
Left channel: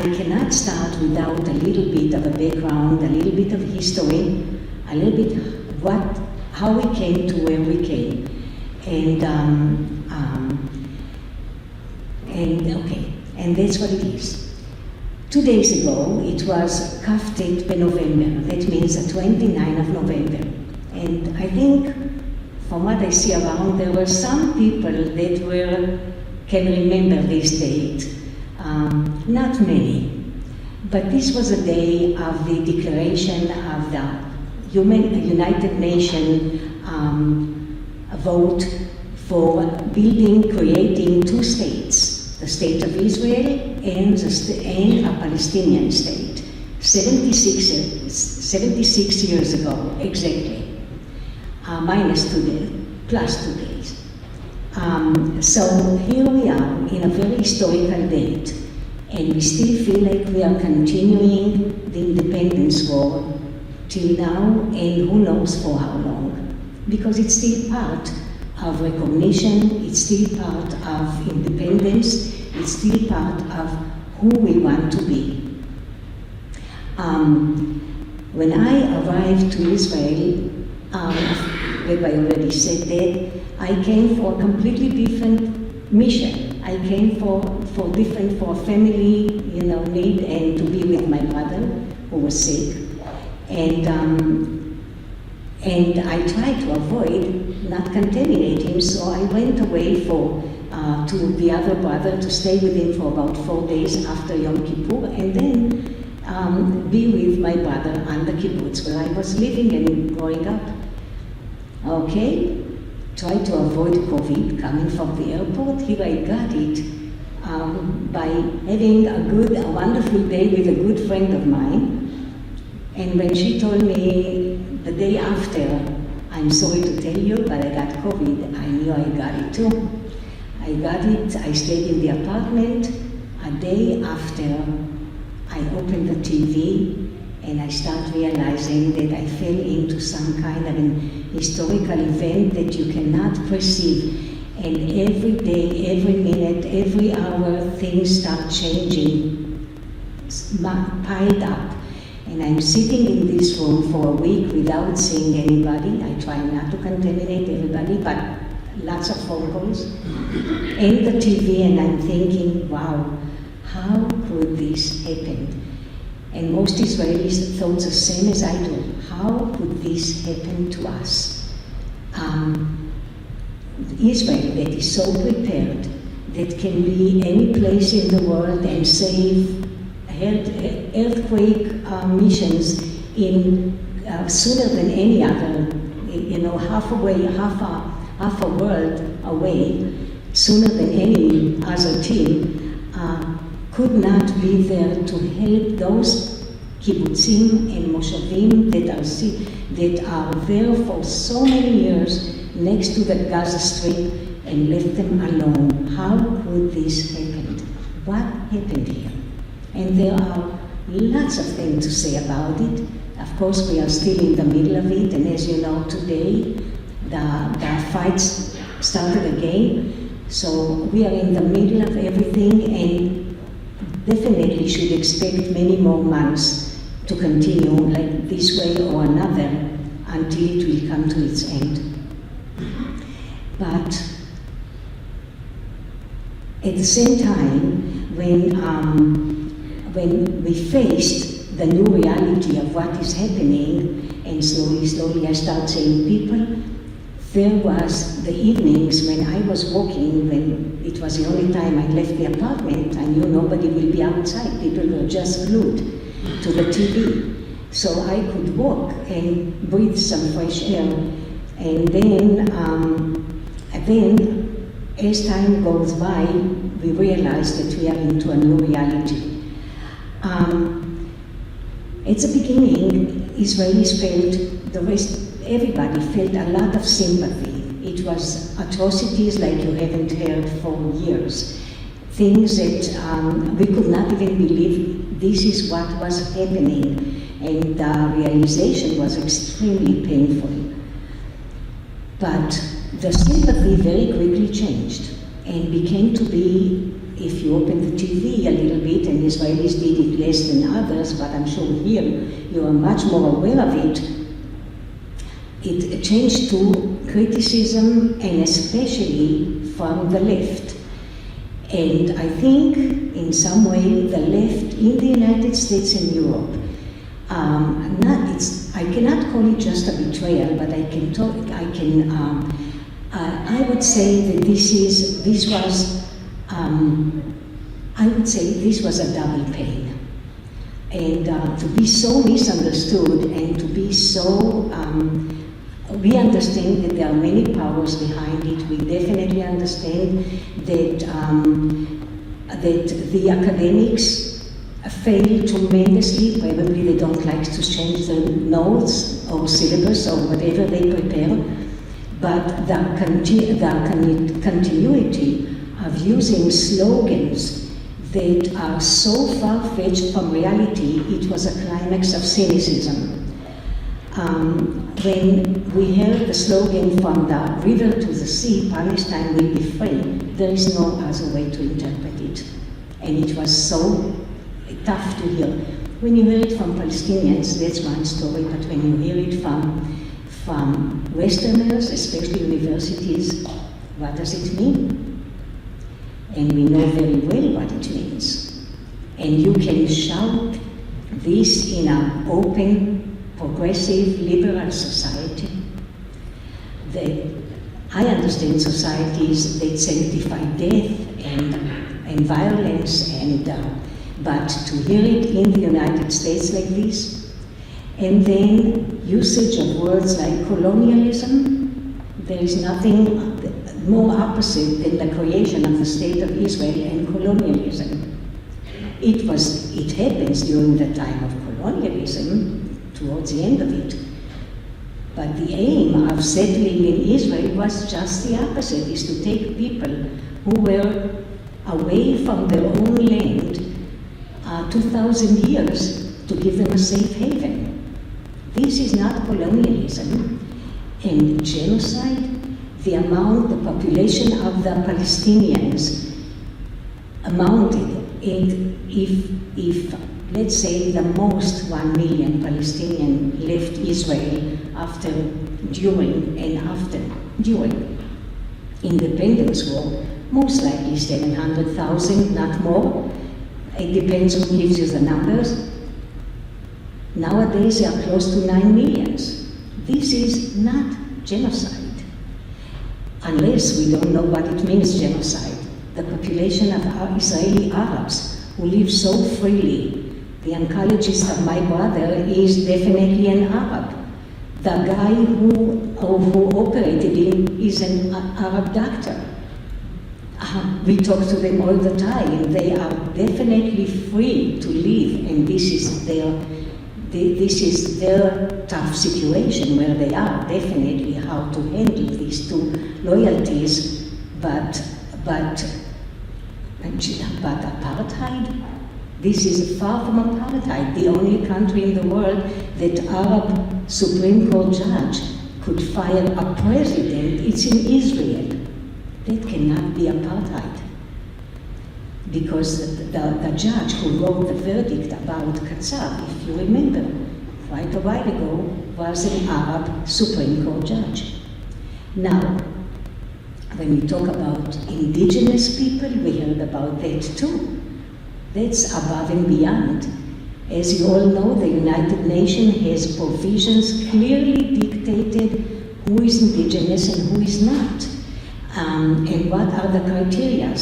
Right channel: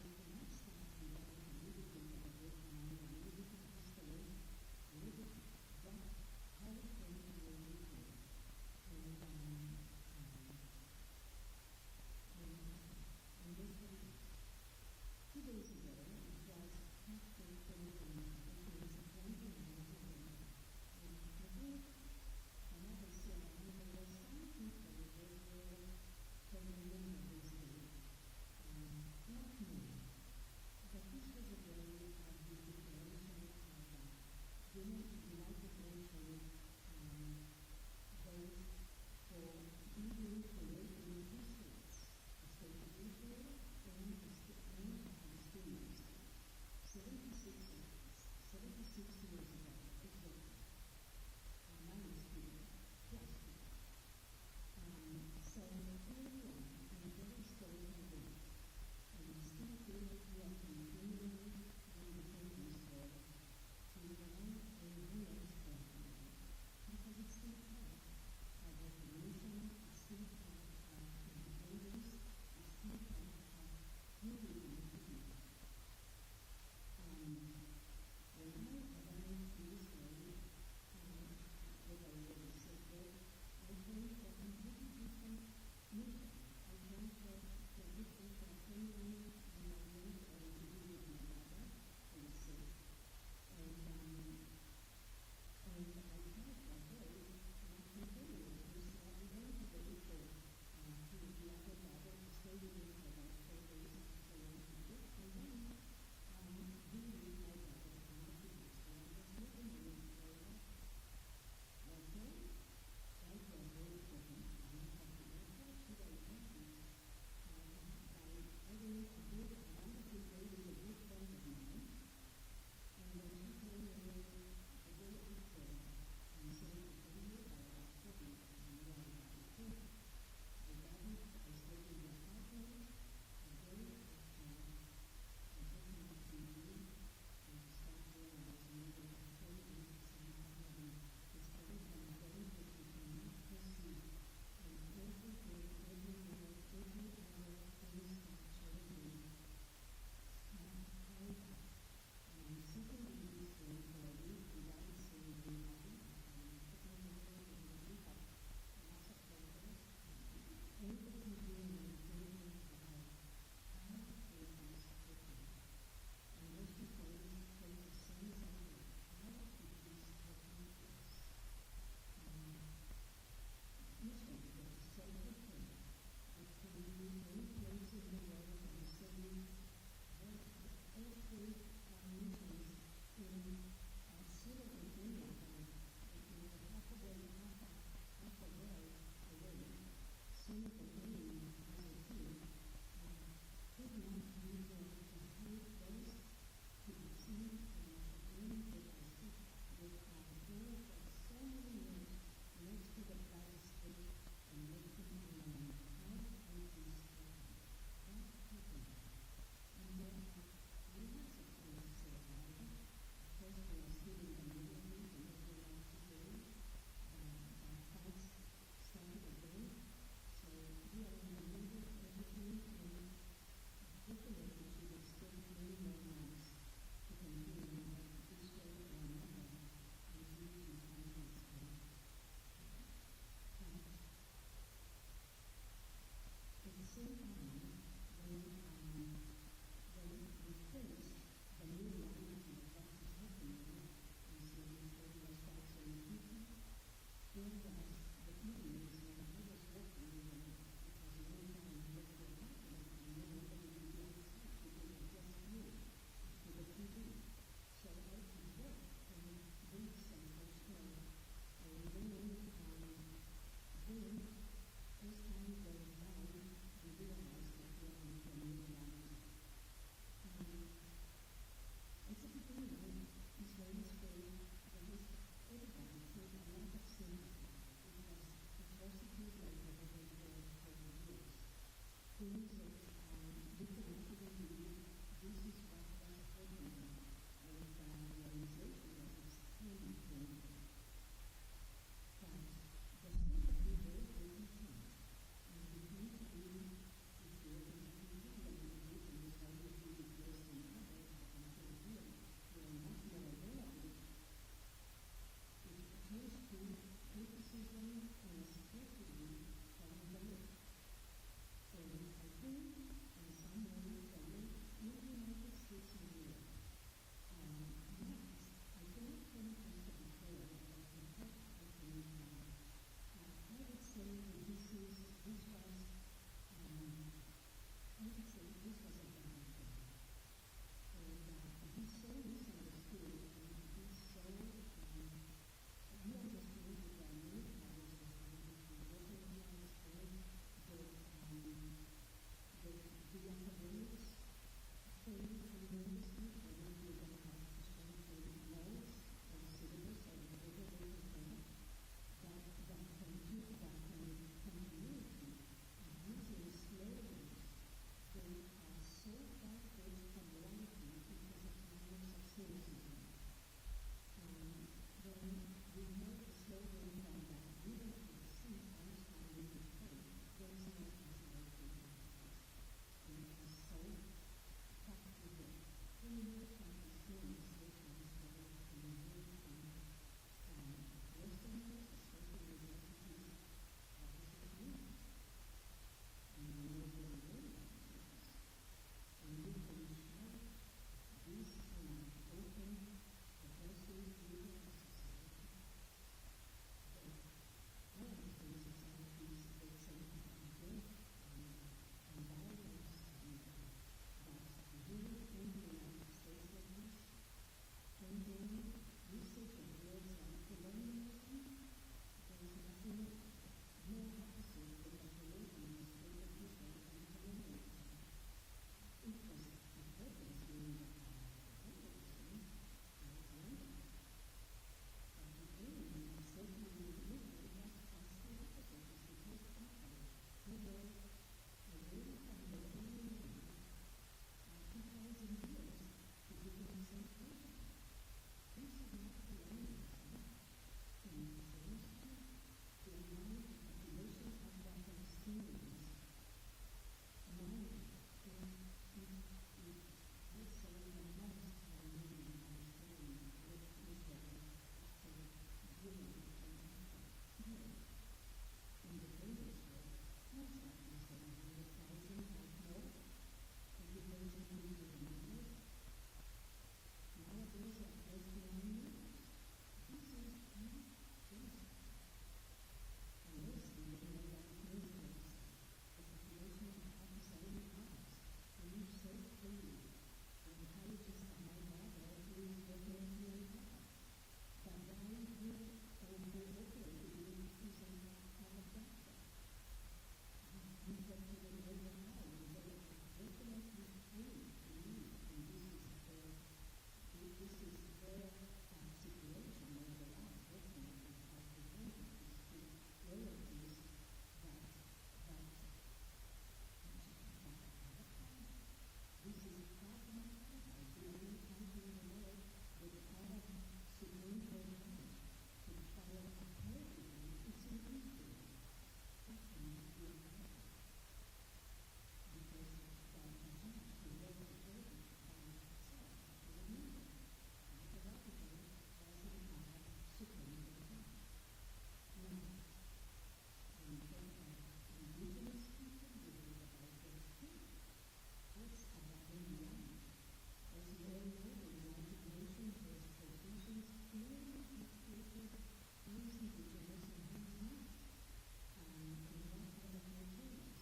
I cannot start without a little bit of a background, a little bit of history, a little bit how we came to where we came. And that's what it is. 2 days ago, it was Kaftet November. That means the 29th of November. And I think, from what I see around, there were some people that can remember this date. Not many. But this was a day of the declaration of the United Nations vote for creating 2 states, the state of Israel and a Palestinian state, 76 years ago, exactly, minus 2 days, plus 2 days. So here we are in a very historical date, and we still feel like we are continuing the independence war till now, and who knows for how long, because it's still part of recognition, it's still part of independence, it's still part of who we want to be. When I arrived to Israel, I already said that, I came for a completely different mission. I came for family, need, and to be with my brother who was sick. And I tried to avoid not contaminate him, so I went away to the other brother to stay with him for about 4 days after Yom Kippur, and then be with my brother on the kibbutz where I was living and growing up. Okay, tried to avoid COVID coming from the airport. Here I got it by having a wonderful day with a good friend of mine. And when she told me the day after, I'm sorry to tell you, but I got COVID, I knew I got it too. I got it, I stayed in the apartment. A day after, I opened the TV and I started realizing that I fell into some kind of an historical event that you cannot perceive. And every day, every minute, every hour, things start changing, piled up. And I'm sitting in this room for a week without seeing anybody. I try not to contaminate everybody, but lots of phone calls. And the TV, and I'm thinking, wow, how could this happen? And most Israelis thought the same as I do. How could this happen to us? Israel that is so prepared, that can be any place in the world and save earthquake missions in sooner than any other, half a world away, sooner than any other team, could not be there to help those kibbutzim and moshavim that are there for so many years next to the Gaza Strip and left them alone. How could this happen? What happened here? And there are lots of things to say about it. Of course, we are still in the middle of it, and as you know, today the fights started again. So we are in the middle of everything, and definitely should expect many more months to continue like this way or another until it will come to its end. But at the same time, when we faced the new reality of what is happening, and slowly I start seeing people, there was the evenings when I was walking, when it was the only time I left the apartment, I knew nobody will be outside. People were just glued to the TV. So I could walk and breathe some fresh air. And then as time goes by, we realize that we are into a new reality. At the beginning, Israelis felt, everybody felt a lot of sympathy. It was atrocities like you haven't heard for years. Things that we could not even believe this is what was happening. And the realization was extremely painful. But the sympathy very quickly changed and became to be, if you open the TV a little bit, and Israelis did it less than others, but I'm sure here you are much more aware of it, it changed to criticism, and especially from the left. And I think in some way the left in the United States and Europe, I cannot call it just a betrayal, but I would say that this was a double pain. And to be so misunderstood and to be so, we understand that there are many powers behind it. We definitely understand that the academics fail tremendously. Probably they don't like to change the notes or syllabus or whatever they prepare. But the continuity of using slogans that are so far-fetched from reality, it was a climax of cynicism. When we heard the slogan from the river to the sea, Palestine will be free, there is no other way to interpret it. And it was so tough to hear. When you hear it from Palestinians, that's one story, but when you hear it from Westerners, especially universities, what does it mean? And we know very well what it means. And you can shout this in an open, progressive, liberal society. I understand societies that sanctify death and violence, but to hear it in the United States like this, and then usage of words like colonialism, there is nothing more opposite than the creation of the State of Israel and colonialism. It happens during the time of colonialism, towards the end of it. But the aim of settling in Israel was just the opposite, is to take people who were away from their own land 2,000 years to give them a safe haven. This is not colonialism and genocide. The population of the Palestinians amounted, and if let's say the most 1 million Palestinians left Israel during independence war, most likely 700,000, not more. It depends who gives you the numbers. Nowadays they are close to 9 million. This is not genocide, unless we don't know what it means, genocide. The population of Israeli Arabs who live so freely. The oncologist of my brother is definitely an Arab. The guy who operated him is an Arab doctor. We talk to them all the time. They are definitely free to live, and this is their tough situation where they are, definitely how to handle these two loyalties, but apartheid? This is far from apartheid. The only country in the world that Arab Supreme Court judge could fire a president, it's in Israel. That cannot be apartheid. Because the judge who wrote the verdict about Qatar, if you remember, quite a while ago, was an Arab Supreme Court judge. Now, when we talk about indigenous people, we heard about that too. That's above and beyond. As you all know, the United Nations has provisions clearly dictated who is indigenous and who is not, and what are the criteria.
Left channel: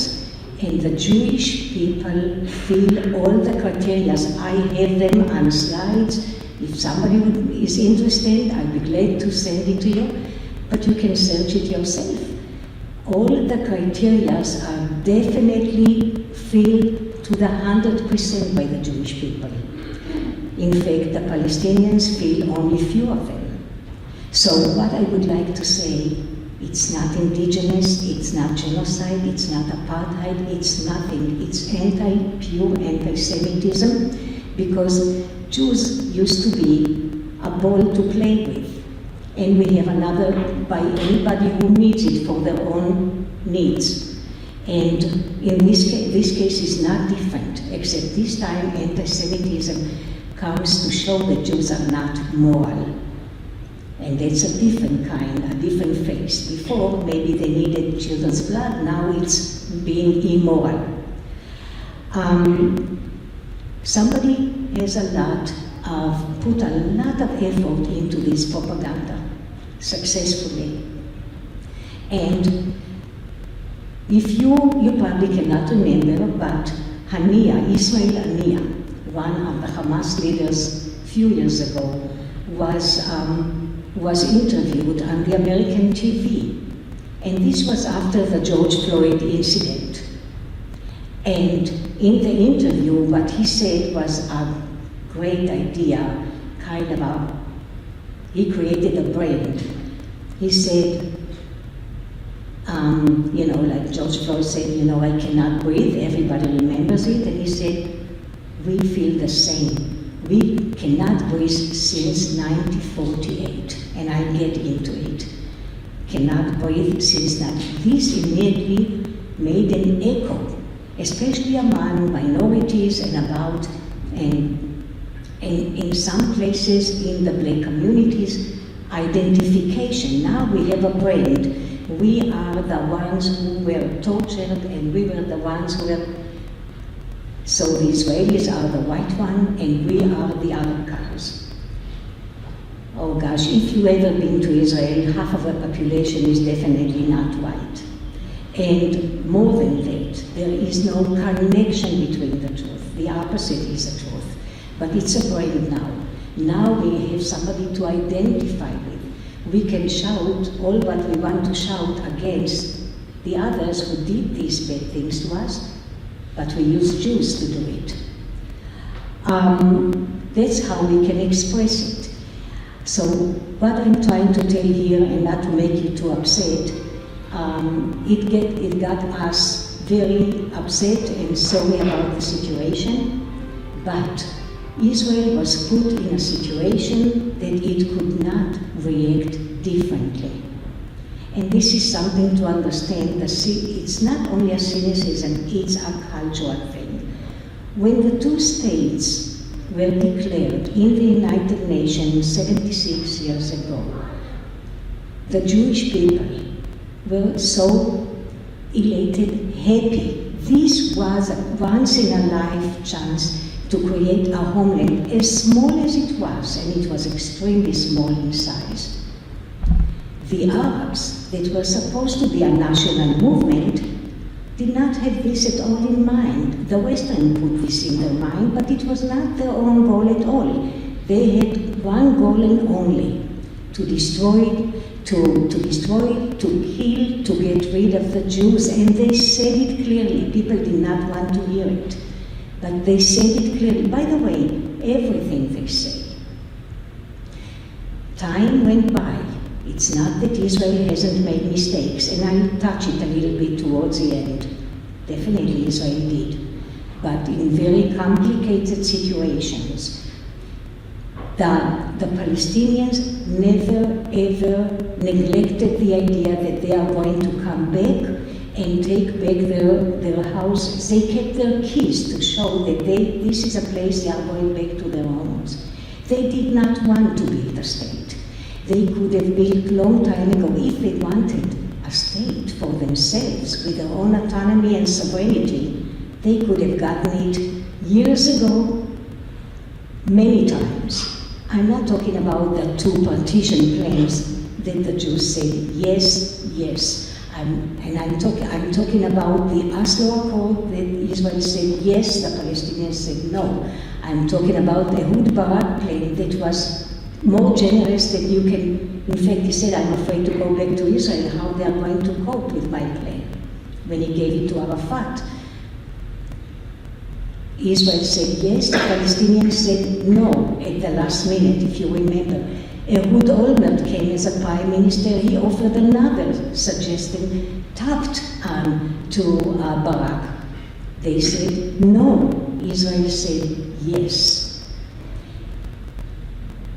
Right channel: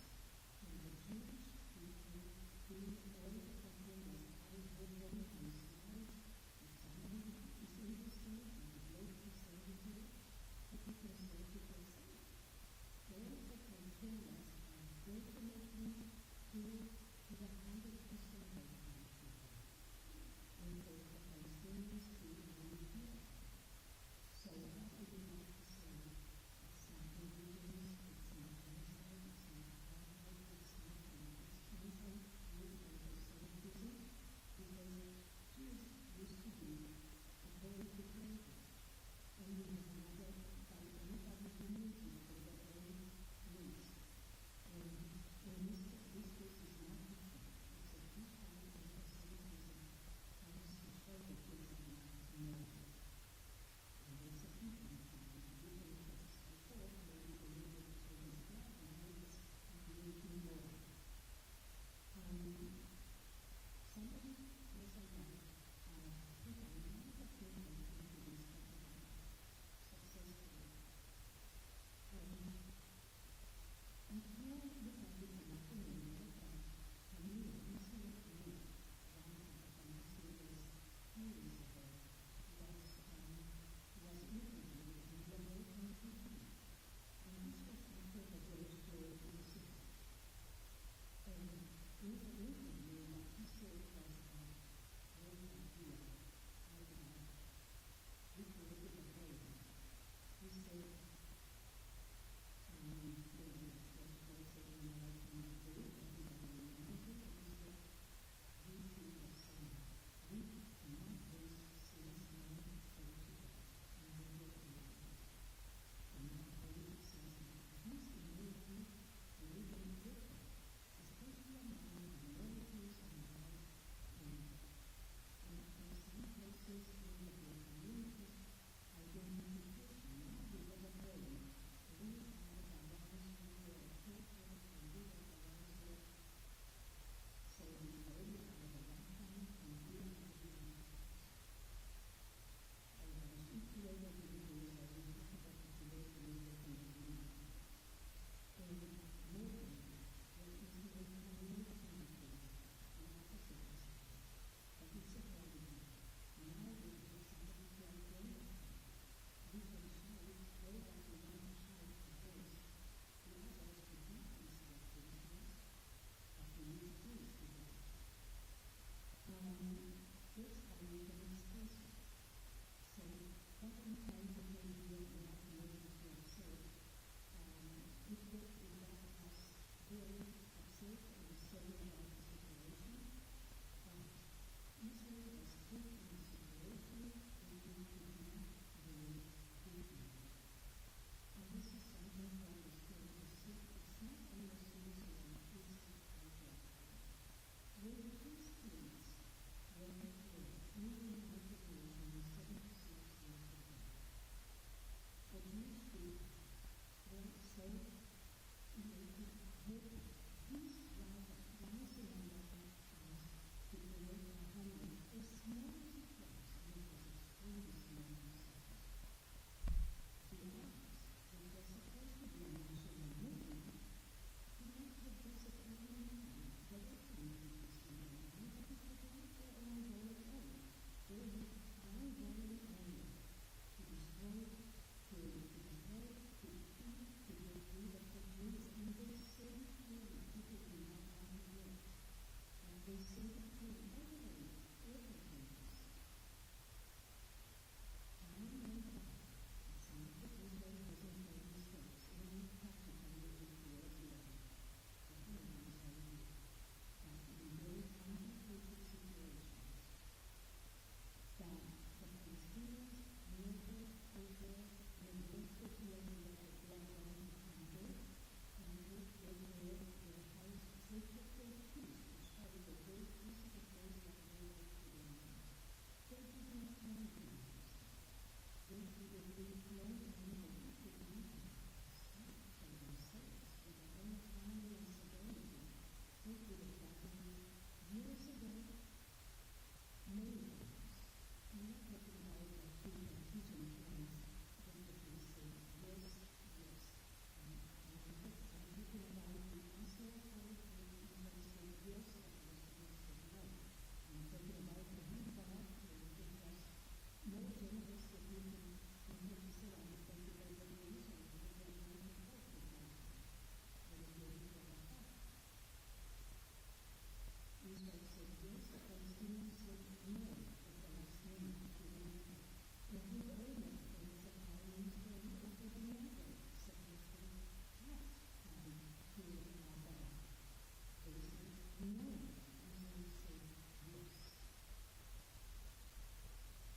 And the Jewish people feel all the criteria. I have them on slides. If somebody is interested, I'd be glad to send it to you, but you can search it yourself. All the criteria are definitely filled to the 100% by the Jewish people. In fact, the Palestinians feel only few of them. So what I would like to say, it's not indigenous, it's not genocide, it's not apartheid, it's nothing. It's pure anti-Semitism, because Jews used to be a ball to play with. And we have another by anybody who needs it for their own needs. And in this case is not different, except this time anti-Semitism comes to show that Jews are not moral. And that's a different kind, a different face. Before, maybe they needed children's blood, now it's being immoral. Somebody has put a lot of effort into this propaganda, successfully. And if you probably cannot remember, but Ismail Haniyeh, one of the Hamas leaders a few years ago, was interviewed on the American TV. And this was after the George Floyd incident. And in the interview, what he said was a great idea, he created a brand. He said, like George Floyd said, I cannot breathe, everybody remembers it, and he said, we feel the same. We cannot breathe since 1948, and I'll get into it. Cannot breathe since that. This immediately made an echo, especially among minorities and in some places in the black communities, identification. Now we have a brand. We are the ones who were tortured, and we were the ones who were. So the Israelis are the white one, and we are the other colors. Oh gosh, if you've ever been to Israel, half of the population is definitely not white. And more than that, there is no connection between the truth. The opposite is the truth. But it's a brand now. Now we have somebody to identify with. We can shout all what we want to shout against the others who did these bad things to us, but we use Jews to do it. That's how we can express it. So what I'm trying to tell here, and not to make you too upset, it got us very upset and sorry about the situation, but Israel was put in a situation that it could not react differently. And this is something to understand. It's not only a cynicism, it's a cultural thing. When the two states were declared in the United Nations 76 years ago, the Jewish people were so elated, happy. This was a once-in-a-life chance to create a homeland, as small as it was, and it was extremely small in size. The Arabs, that were supposed to be a national movement, did not have this at all in mind. The Western put this in their mind, but it was not their own goal at all. They had one goal and only: to destroy, to kill, to get rid of the Jews, and they said it clearly. People did not want to hear it, but they said it clearly. By the way, everything they say. Time went by. It's not that Israel hasn't made mistakes, and I'll touch it a little bit towards the end. Definitely Israel did, but in very complicated situations. The Palestinians never ever neglected the idea that they are going to come back and take back their houses. They kept their keys to show that this is a place they are going back to their homes. They did not want to build a state. They could have built long time ago if they wanted a state for themselves with their own autonomy and sovereignty. They could have gotten it years ago, many times. I'm not talking about the two partition plans that the Jews said yes, yes. I'm talking about the Oslo Accord that Israel said yes, the Palestinians said no. I'm talking about the Ehud Barak plan that was more generous than you can. In fact, he said, I'm afraid to go back to Israel, how they are going to cope with my plan, when he gave it to Arafat. Israel said yes, the Palestinians said no at the last minute, if you remember. Ehud Olmert came as a prime minister. He offered another suggestion, tapped to Barak. They said no. Israel said yes.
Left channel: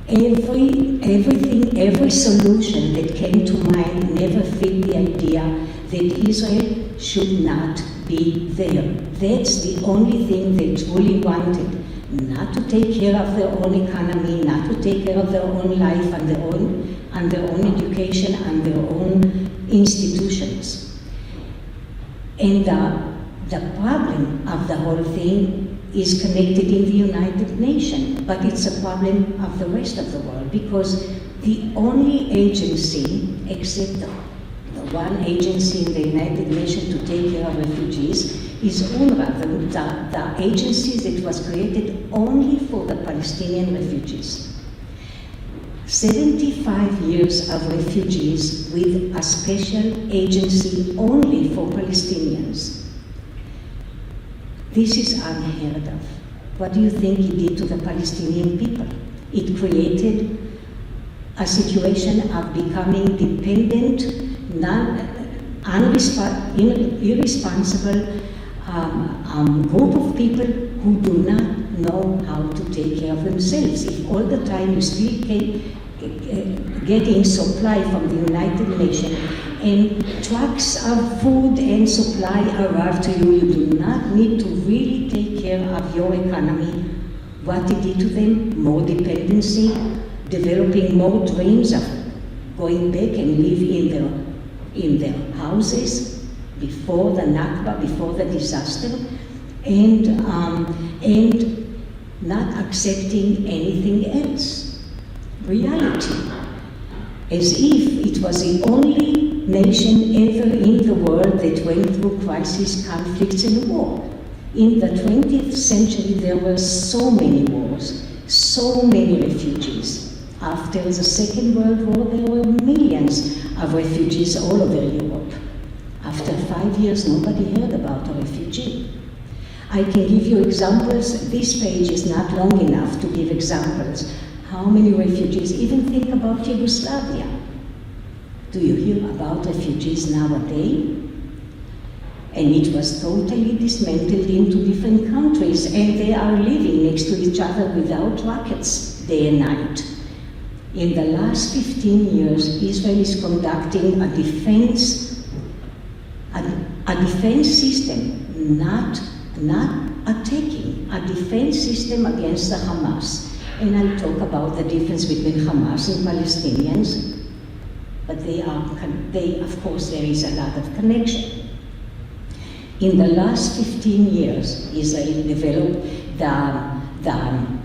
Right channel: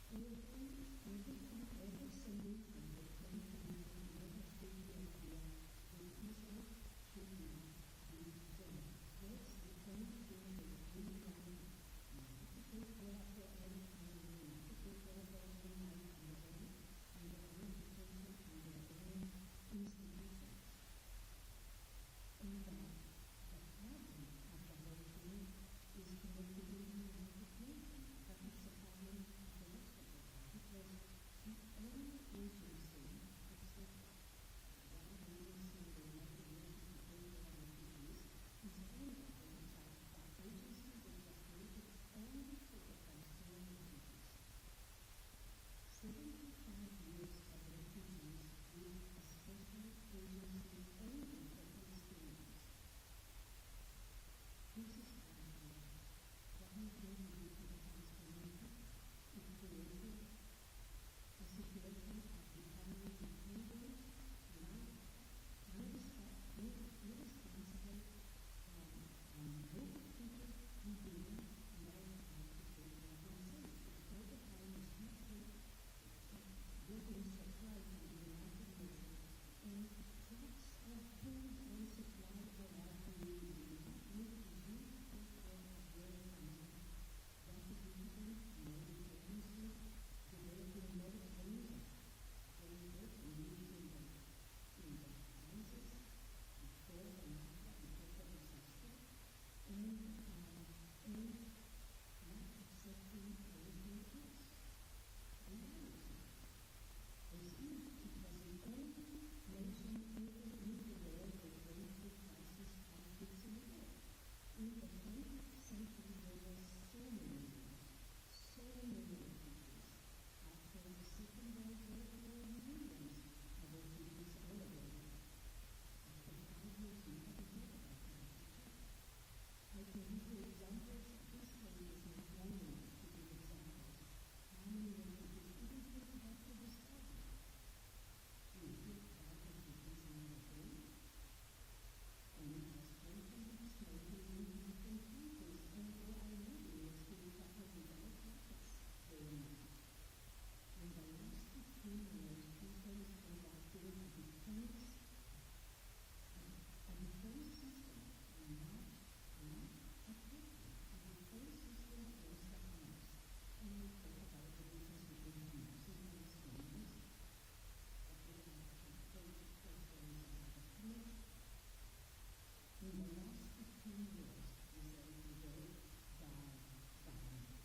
Every solution that came to mind never fit the idea that Israel should not be there. That's the only thing they truly wanted. Not to take care of their own economy, not to take care of their own life and their own education and their own institutions. And the problem of the whole thing is connected in the United Nations, but it's a problem of the rest of the world, because the only agency, except the one agency in the United Nations to take care of refugees, is UNRWA, the agency that was created only for the Palestinian refugees. 75 years of refugees with a special agency only for Palestinians. This is unheard of. What do you think it did to the Palestinian people? It created a situation of becoming dependent, irresponsible group of people who do not know how to take care of themselves. If all the time you still getting supply from the United Nations and trucks of food and supply arrive to you, you do not need to really take care of your economy. What it did to them? More dependency, developing more dreams of going back and live in their houses before the Nakba, before the disaster, and not accepting anything else. Reality. As if it was the only nation ever in the world that went through crisis, conflicts, and war. In the 20th century, there were so many wars, so many refugees. After the Second World War, there were millions of refugees all over Europe. After 5 years, nobody heard about a refugee. I can give you examples. This page is not long enough to give examples. How many refugees? Even think about Yugoslavia. Do you hear about refugees nowadays? And it was totally dismantled into different countries, and they are living next to each other without rockets day and night. In the last 15 years, Israel is conducting a defense system, not attacking, a defense system against the Hamas. And I'll talk about the difference between Hamas and Palestinians, but they, of course, there is a lot of connection. In the last 15 years, Israel developed the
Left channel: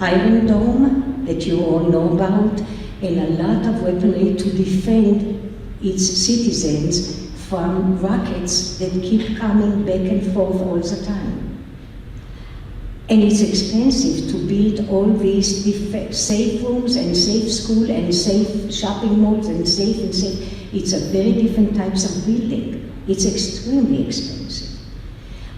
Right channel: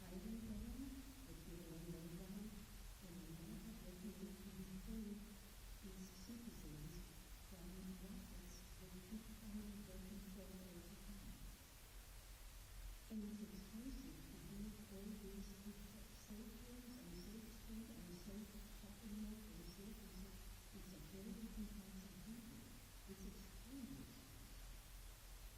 Iron Dome that you all know about, and a lot of weaponry to defend its citizens from rockets that keep coming back and forth all the time. And it's expensive to build all these safe rooms and safe school and safe shopping malls and safe. It's a very different types of building. It's extremely expensive.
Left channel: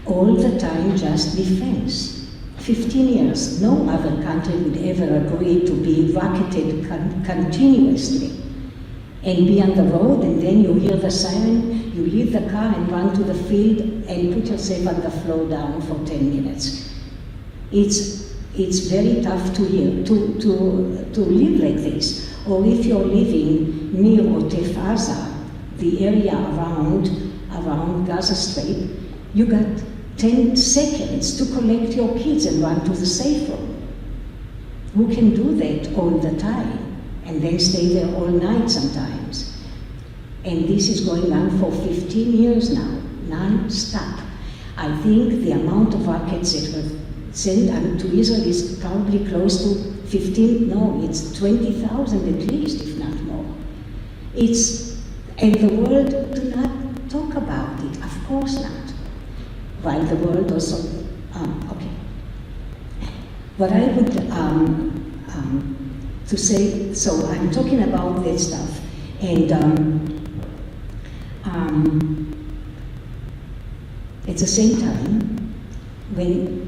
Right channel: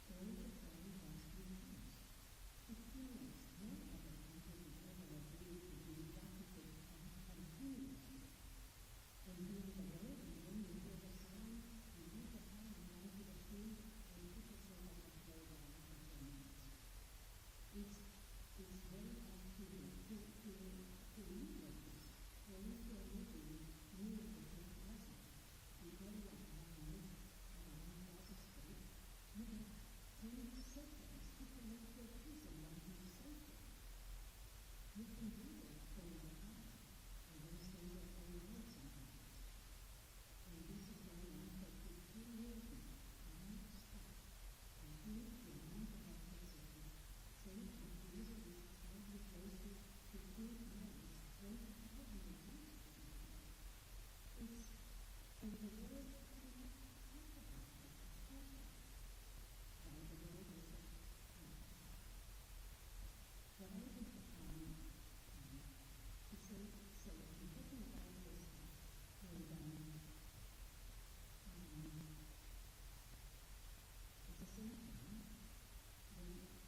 All the time just defense. 15 years, no other country would ever agree to be rocketed continuously and be on the road, and then you hear the siren, you leave the car and run to the field and put yourself on the floor down for 10 minutes. It's very tough to live like this. Or if you're living near Otef Aza, the area around Gaza Strip, you got 10 seconds to collect your kids and run to the safe room. Who can do that all the time and then stay there all night sometimes? And this is going on for 15 years now, non-stop. I think the amount of rockets that were sent to Israel is probably close to 15, no, it's 20,000 at least, if not more. And the world do not talk about it, of course not. While the world also, okay. What I would, to say, so I'm talking about that stuff, and at the same time, when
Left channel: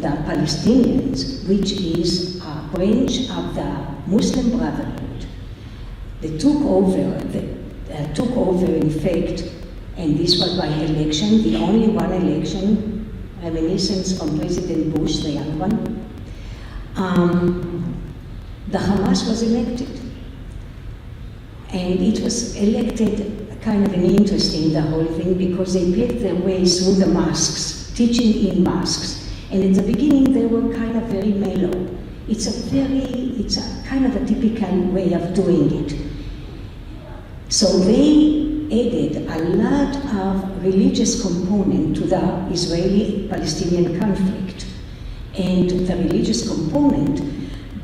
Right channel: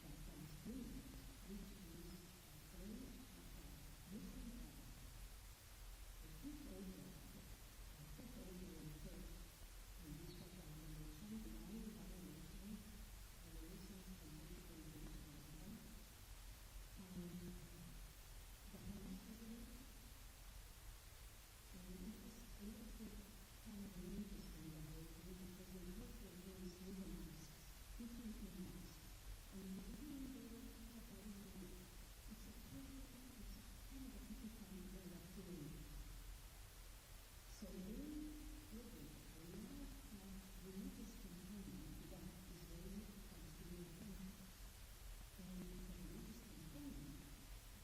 the Palestinians, which is a branch of the Muslim Brotherhood, they took over in fact, and this was by election, the only one election, reminiscence from President Bush, the young one, the Hamas was elected. And it was elected kind of an interesting, the whole thing, because they paved their way through the mosques, teaching in mosques. And in the beginning, they were kind of very mellow. It's a kind of a typical way of doing it. So they added a lot of religious component to the Israeli-Palestinian conflict. And the religious component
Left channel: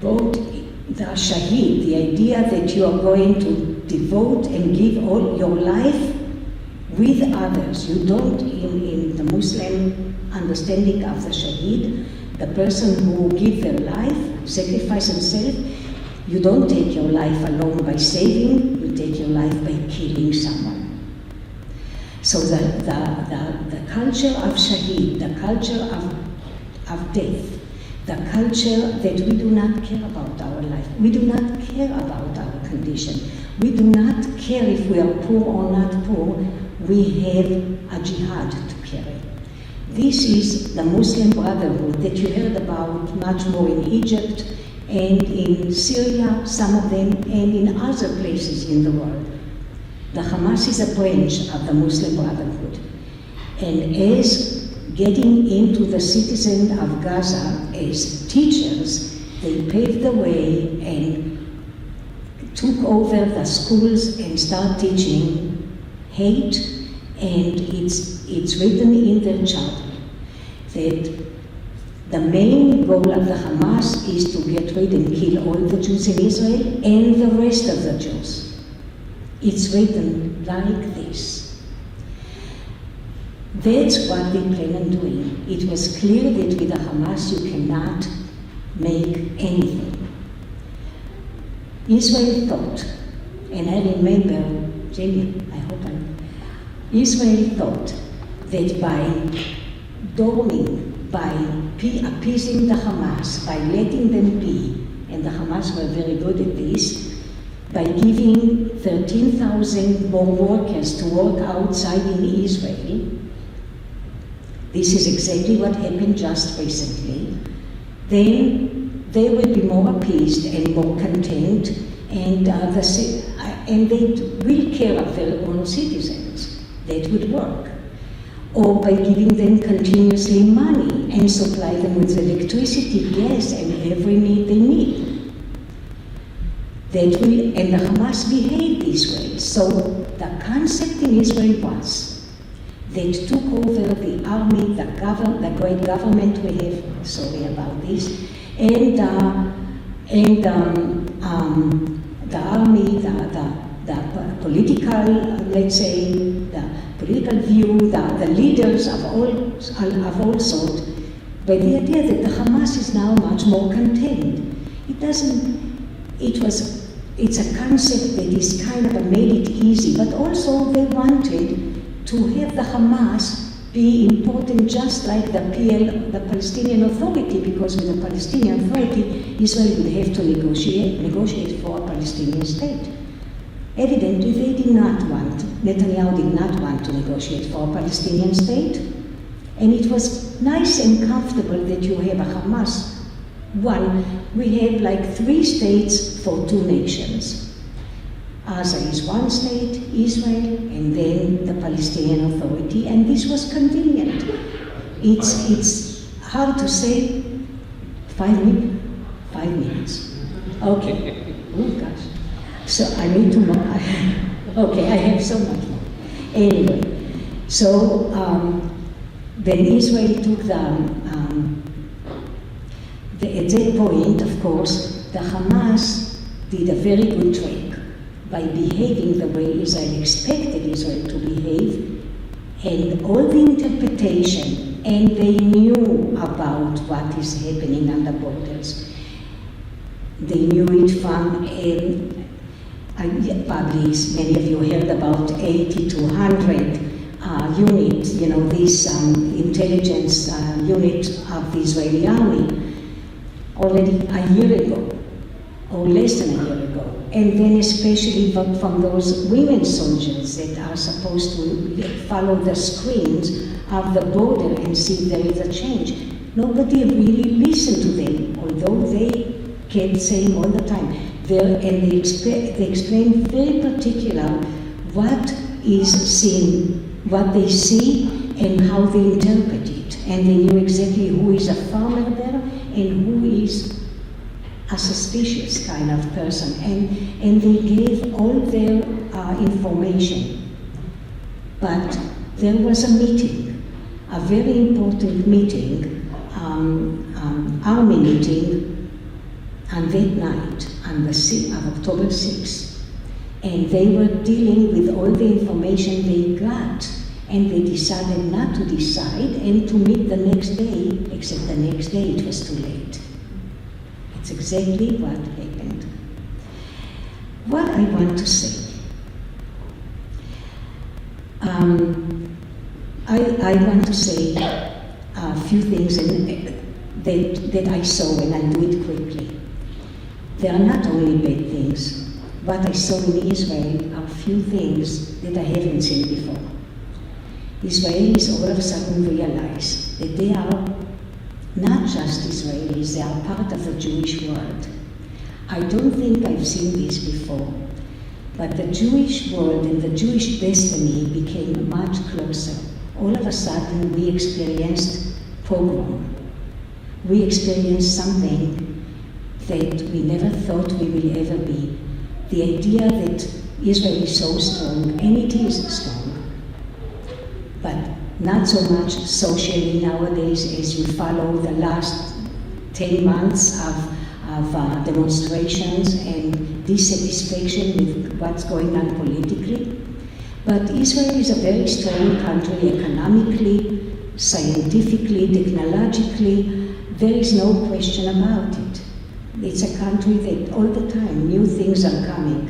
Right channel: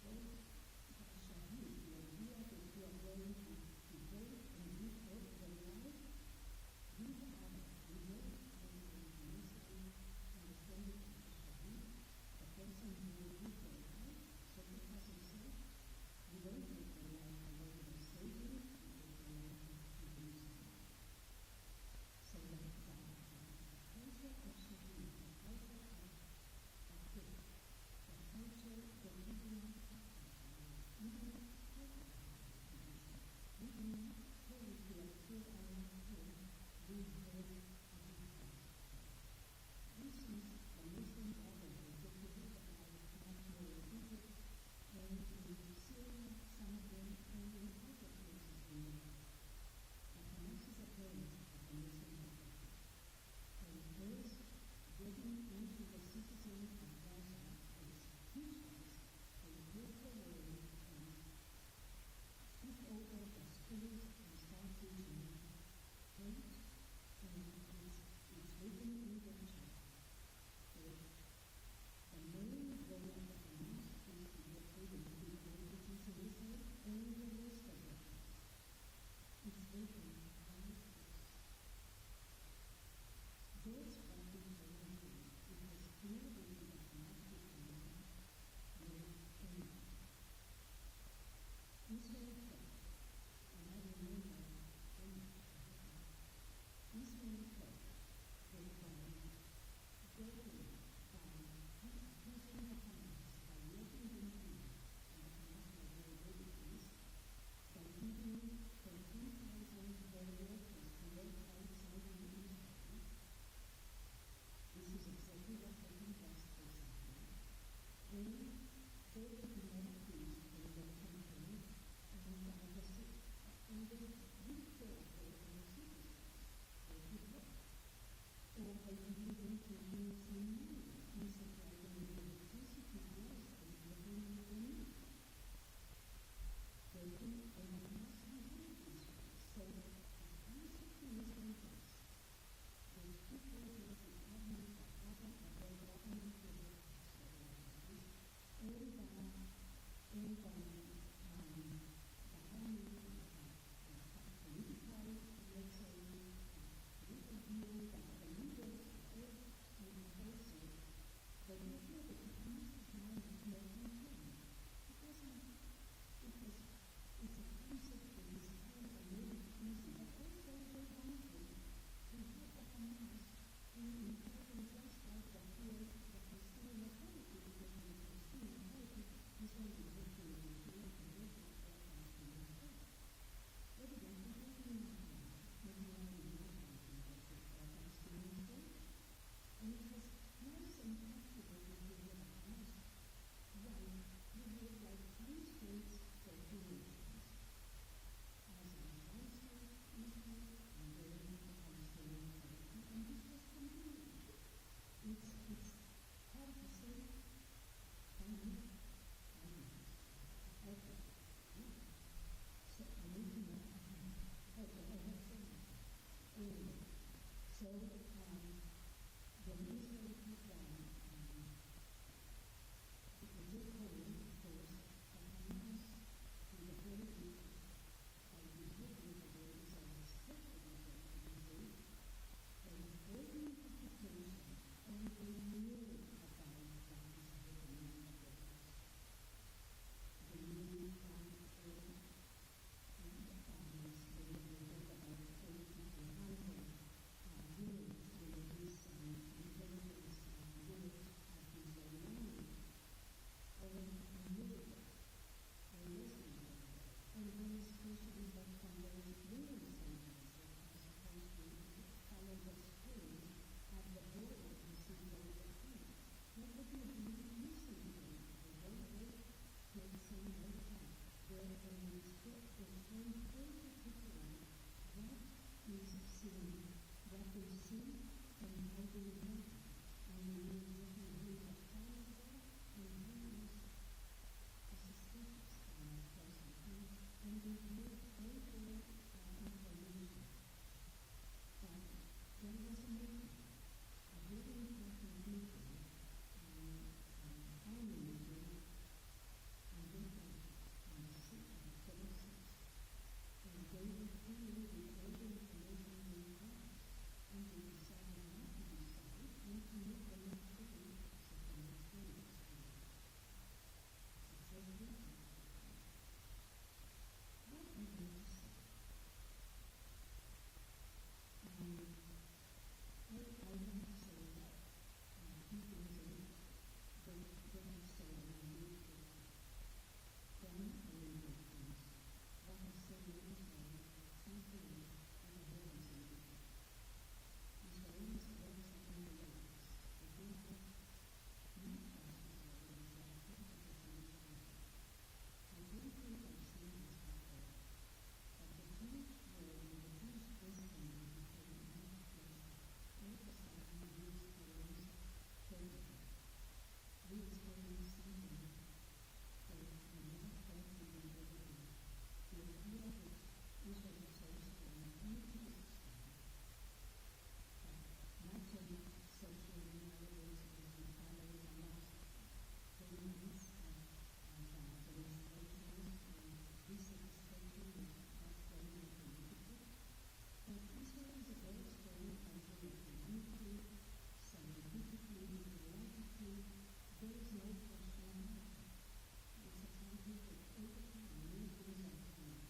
brought the Shahid, the idea that you are going to devote and give all your life with others. You don't, in the Muslim understanding of the Shahid, the person who gives their life, sacrifice himself, you don't take your life alone by saving, you take your life by killing someone. So the culture of Shahid, the culture of death, the culture that we do not care about our life, we do not care about our condition, we do not care if we are poor or not poor, we have a jihad to carry. This is the Muslim Brotherhood that you heard about much more in Egypt and in Syria, some of them, and in other places in the world. The Hamas is a branch of the Muslim Brotherhood. And as getting into the citizens of Gaza as teachers, they paved the way and took over the schools and started teaching hate, and it's written in their charter that the main goal of the Hamas is to get rid and kill all the Jews in Israel and the rest of the Jews. It's written like this. That's what they plan on doing. It was clear that with the Hamas you cannot make anything. Israel thought, and I remember, Jamie, Israel thought that by dorming by appeasing the Hamas, by letting them be, and the Hamas were very good at this, by giving 13,000 more workers to work outside in Israel. This is exactly what happened just recently. Then they will be more appeased and more content, and they will care of their own citizens. That would work. Or by giving them continuously money and supply them with electricity, gas, and every need they need. That will, and the Hamas behave this way. So the concept in Israel was that took over the army, the great government we have, sorry about this, and the army, the political, let's say, the political view, the leaders of all sorts, by the idea that the Hamas is now much more contained. It's a concept that is kind of made it easy, but also they wanted to have the Hamas be important just like the Palestinian Authority, because with the Palestinian Authority, Israel would have to negotiate for a Palestinian state. Evidently, Netanyahu did not want to negotiate for a Palestinian state, and it was nice and comfortable that you have a Hamas. We have like 3 states for 2 nations. Gaza is one state, Israel, and then the Palestinian Authority, and this was convenient. It's hard to say. 5 minutes? 5 minutes. Okay. Oh gosh. So I need to know. Okay, I have so much more. Anyway, so then Israel took at that point, of course, the Hamas did a very good trick by behaving the way Israel expected Israel to behave, and all the interpretation, and they knew about what is happening on the borders. They knew it from, probably many of you heard about 80 to 100 unit, this intelligence unit of the Israeli army, already a year ago, or less than a year ago. And then especially from those women soldiers that are supposed to follow the screens of the border and see if there is a change. Nobody really listened to them, although they kept saying all the time. And they explained very particular what is seen, what they see, and how they interpret it. And they knew exactly who is a farmer there and who is a suspicious kind of person, and they gave all their information. But there was a meeting, a very important meeting, army meeting, on that night, on the of October 6th. And they were dealing with all the information they got, and they decided not to decide and to meet the next day, except the next day it was too late. It's exactly what happened. What I want to say, I want to say a few things that I saw, and I'll do it quickly. There are not only bad things. What I saw in Israel are few things that I haven't seen before. Israelis all of a sudden realize that they are not just Israelis, they are part of the Jewish world. I don't think I've seen this before, but the Jewish world and the Jewish destiny became much closer. All of a sudden we experienced pogrom. We experienced something that we never thought we will ever be. The idea that Israel is so strong, and it is strong, but not so much socially nowadays as you follow the last 10 months of demonstrations and dissatisfaction with what's going on politically. But Israel is a very strong country economically, scientifically, technologically. There is no question about it. It's a country that all the time new things are coming.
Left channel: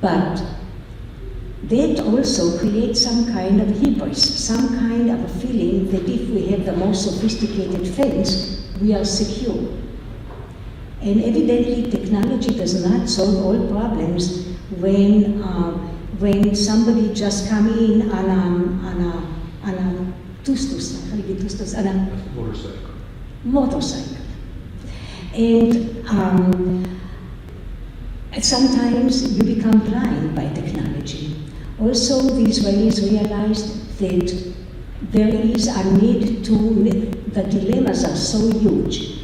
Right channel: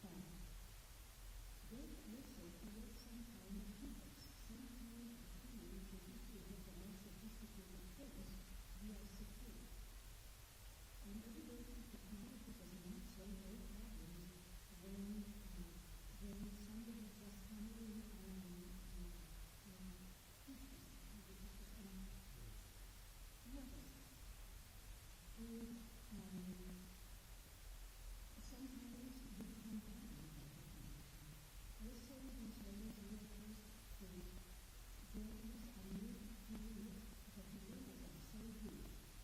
But that also creates some kind of hubris, some kind of a feeling that if we have the most sophisticated fence, we are secure. And evidently, technology does not solve all problems when somebody just come in on a motorcycle. And sometimes you become blind by technology. Also, the Israelis realized that there is a need the dilemmas are so huge.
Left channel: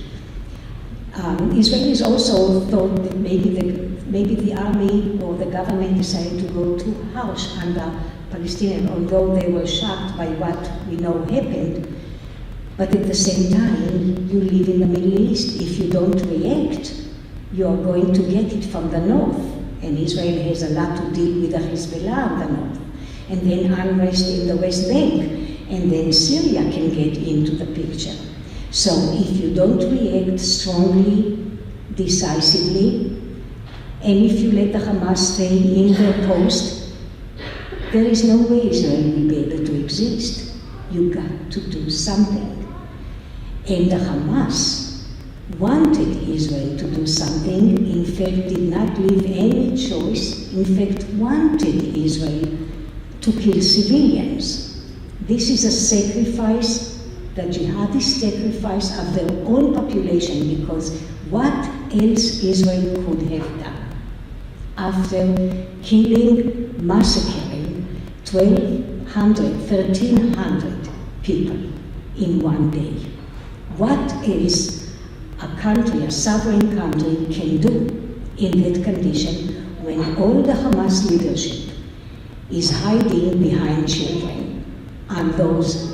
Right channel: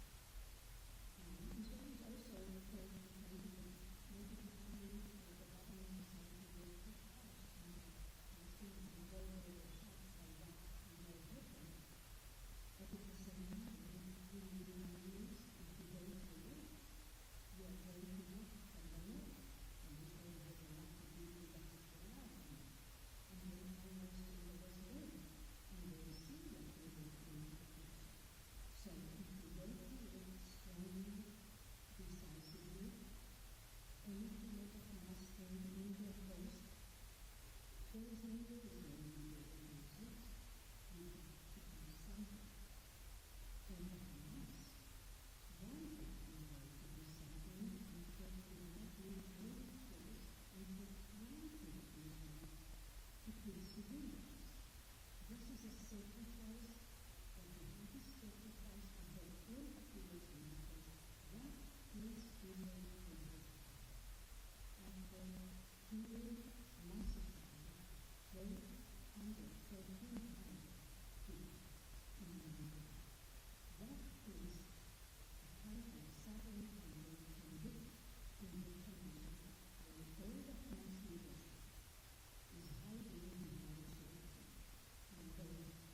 Israelis also thought that maybe the army or the government decided to go too harsh on the Palestinians, although they were shocked by what we know happened. But at the same time, you live in the Middle East. If you don't react, you are going to get it from the north. And Israel has a lot to deal with the Hezbollah on the north. And then unrest in the West Bank. And then Syria can get into the picture. So if you don't react strongly, decisively, and if you let the Hamas stay in their post, there is no way Israel will be able to exist. You got to do something. And the Hamas wanted Israel to do something, in fact did not leave any choice, in fact wanted Israel to kill civilians. This is a sacrifice, the jihadist sacrifice of their own population, because what else Israel could have done after killing, massacring 1,200, 1,300 people in one day? What else a country, a sovereign country, can do in that condition when all the Hamas leadership is hiding behind children and those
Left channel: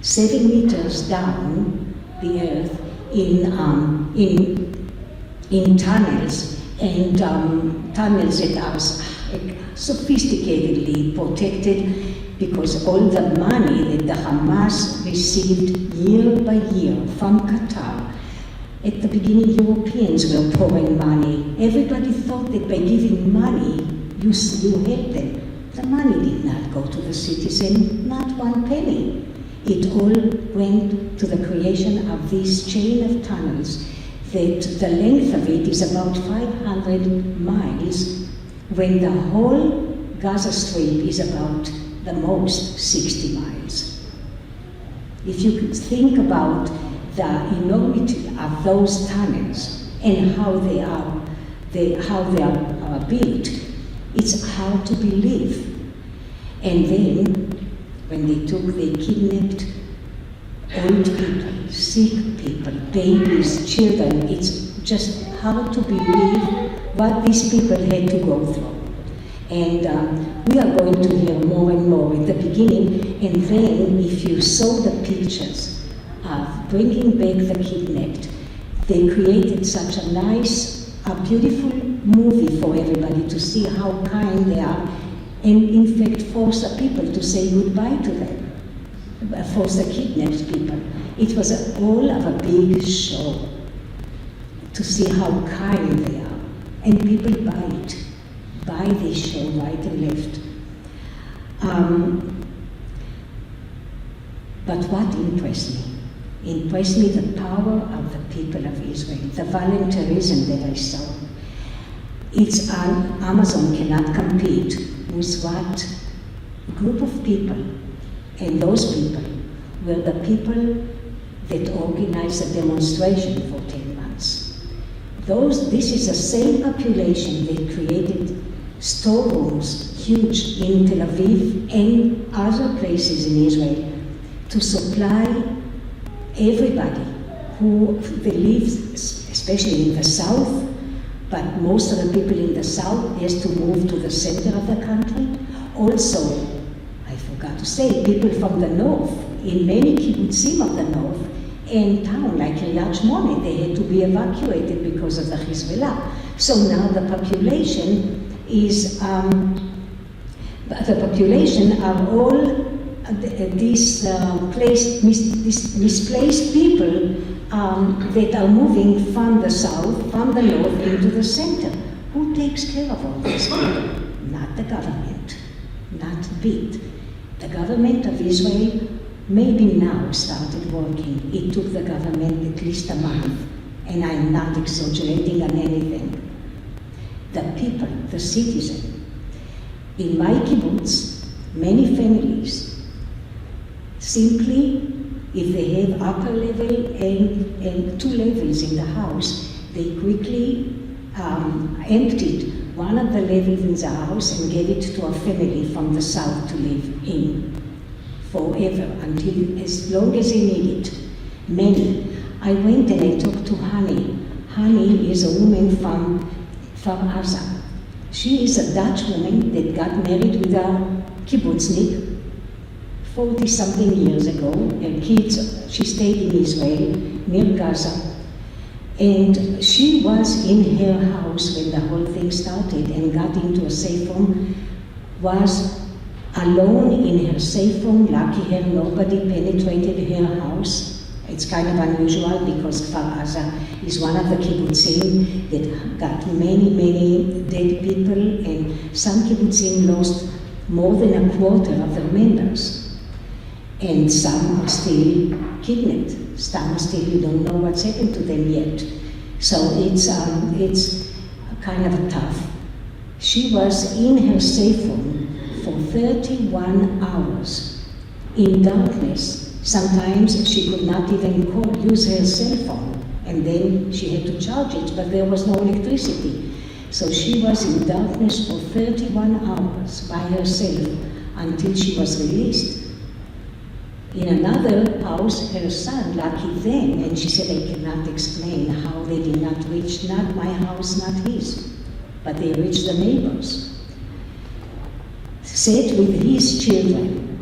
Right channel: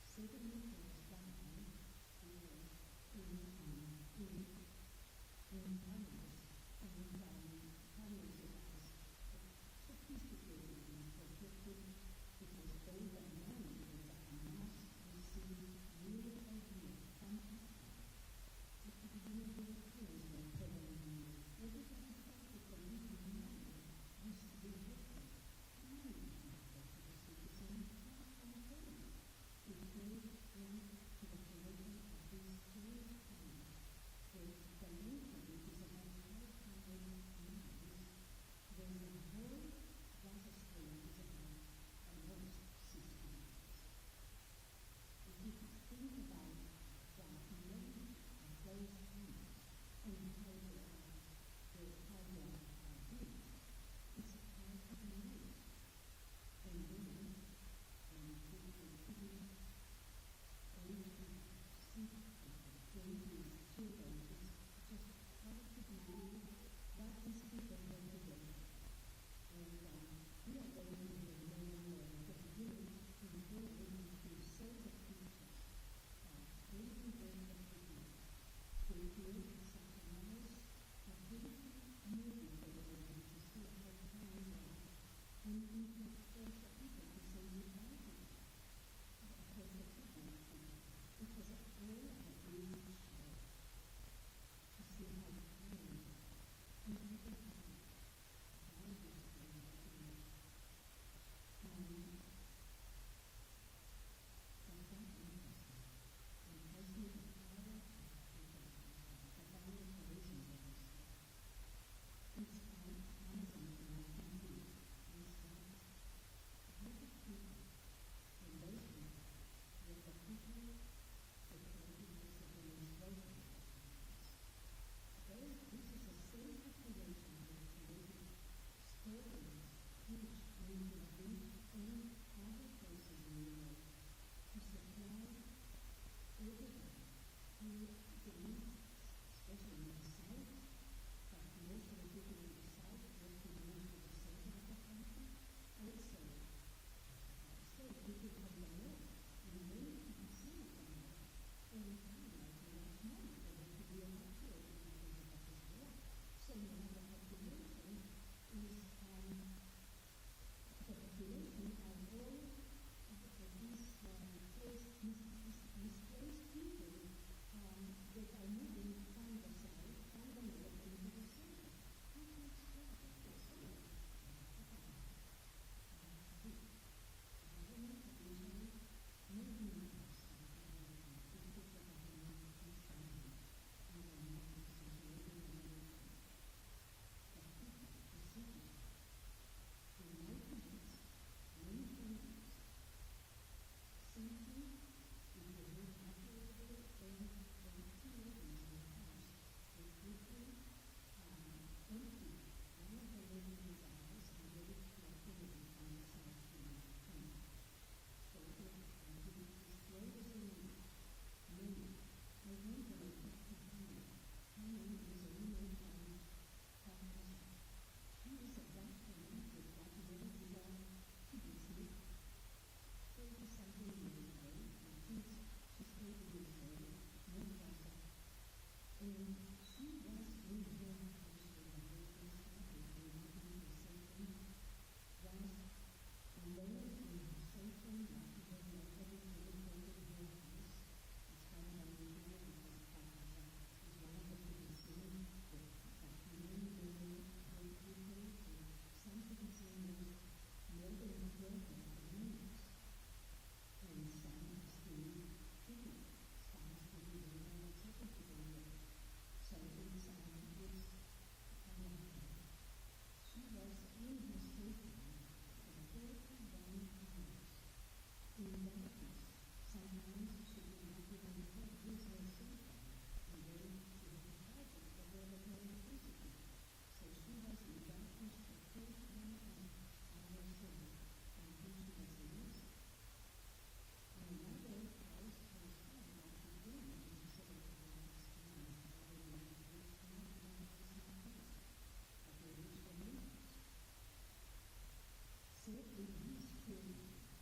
7 meters down the earth in tunnels, and tunnels that are sophisticatedly protected, because all the money that the Hamas received year by year from Qatar. At the beginning, Europeans were pouring money. Everybody thought that by giving money, you help them. The money did not go to the citizen, not one penny. It all went to the creation of this chain of tunnels that the length of it is about 500 miles, when the whole Gaza Strip is about the most 60 miles. If you could think about the enormity of those tunnels and how they are built, it's hard to believe. And then, when they kidnapped old people, sick people, babies, children, it's just hard to believe what these people had to go through. And we are going to hear more and more at the beginning, and then if you saw the pictures of bringing back the kidnapped, they created such a nice, a beautiful movie for everybody to see how kind they are, and in fact force the people to say goodbye to them, force the kidnapped people. It was all of a big show to see how kind they are, and people buy this show right and left. But what impressed me? Impressed me the power of the people of Israel, the volunteerism that I saw. Amazon cannot compete with what group of people, and those people were the people that organized the demonstration for 10 months. This is the same population that created storerooms, huge, in Tel Aviv and other places in Israel, to supply everybody who lives, especially in the south, but most of the people in the south has to move to the center of the country. Also, I forgot to say, people from the north, in many kibbutzim of the north, and town like Kiryat Shmona, they had to be evacuated because of the Hezbollah. So now the population are all these misplaced people that are moving from the south, from the north into the center. Who takes care of all these people? not the government, not BIT. The government of Israel maybe now started working. It took the government at least a month, and I'm not exaggerating on anything. The people, the citizen. In my kibbutz, many families simply, if they have upper level and 2 levels in the house, they quickly emptied one of the levels in the house and gave it to a family from the south to live in forever, until as long as they need it. Many. I went and I talked to Hani. Hani is a woman from Gaza. She is a Dutch woman that got married with a kibbutznik 40-something years ago. Her kids, she stayed in Israel, near Gaza. And she was in her house when the whole thing started and got into a safe room, was alone in her safe room. Lucky her, nobody penetrated her house. It's kind of unusual because Kfar Aza is one of the kibbutzim that got many, many dead people, and some kibbutzim lost more than a quarter of their members. And some are still kidnapped. Some still, you don't know what's happened to them yet. So it's kind of tough. She was in her safe room for 31 hours in darkness. Sometimes she could not even use her cell phone, and then she had to charge it, but there was no electricity. So she was in darkness for 31 hours by herself until she was released. In another house, her son, lucky them, and she said, I cannot explain how they did not reach, not my house, not his, but they reached the neighbors. Sat with his children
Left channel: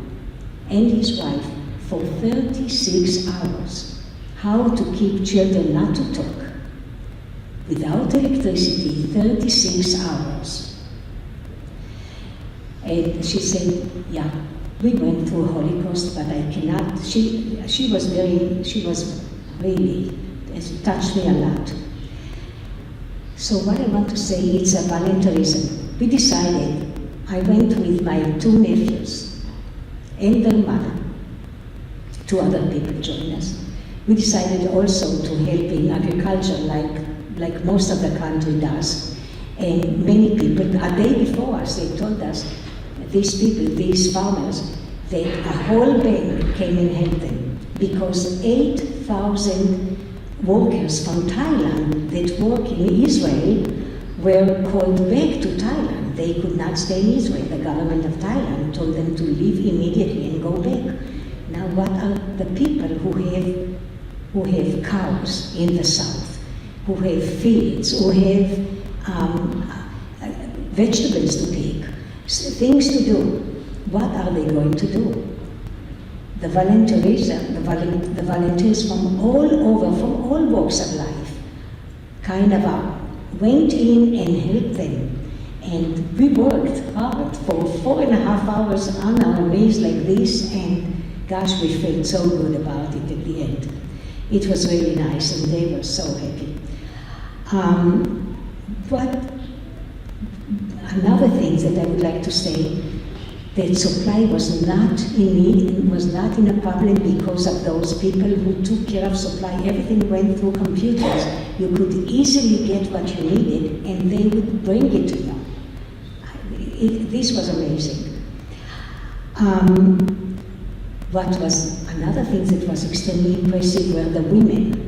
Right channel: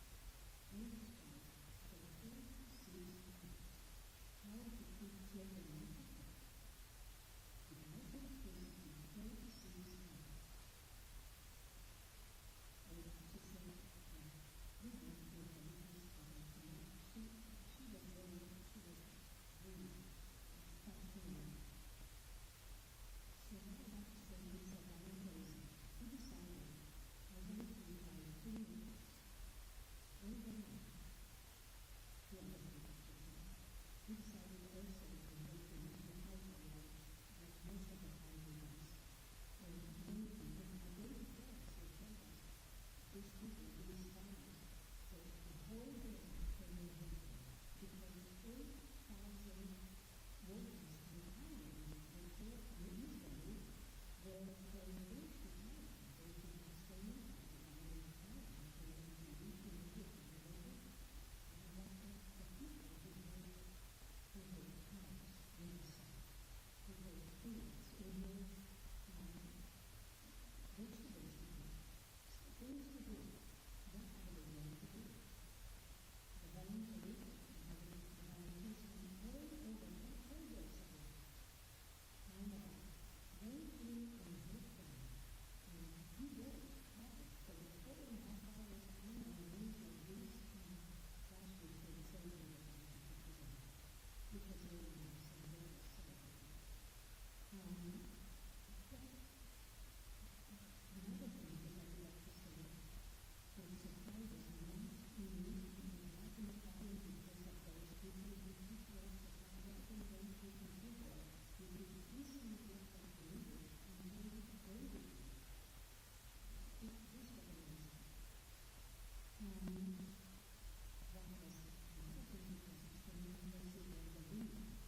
and his wife for 36 hours. How to keep children not to talk. Without electricity, 36 hours. And she said, yeah, we went through Holocaust, but I cannot. She was really, it touched me a lot. So what I want to say, it's a voluntarism. We decided, I went with my 2 nephews and their mother. 2 other people joined us. We decided also to help in agriculture like most of the country does. And many people, a day before us, they told us, these people, these farmers, that a whole bank came and helped them because 8,000 workers from Thailand that work in Israel were called back to Thailand. They could not stay in Israel. The government of Thailand told them to leave immediately and go back. Now, what are the people who have cows in the south, who have fields, who have vegetables to pick, things to do? What are they going to do? The volunteerism, the volunteers from all over, from all walks of life, kind of went in and helped them. And we worked hard for 4.5 hours on our knees like this, and gosh, we felt so good about it at the end. It was really nice, and they were so happy. But another thing that I would like to say, that supply was not in need, was not in a problem because of those people who took care of supply. Everything went through computers. You could easily get what you needed, and they would bring it to you. This was amazing. What was another thing that was extremely impressive were the women.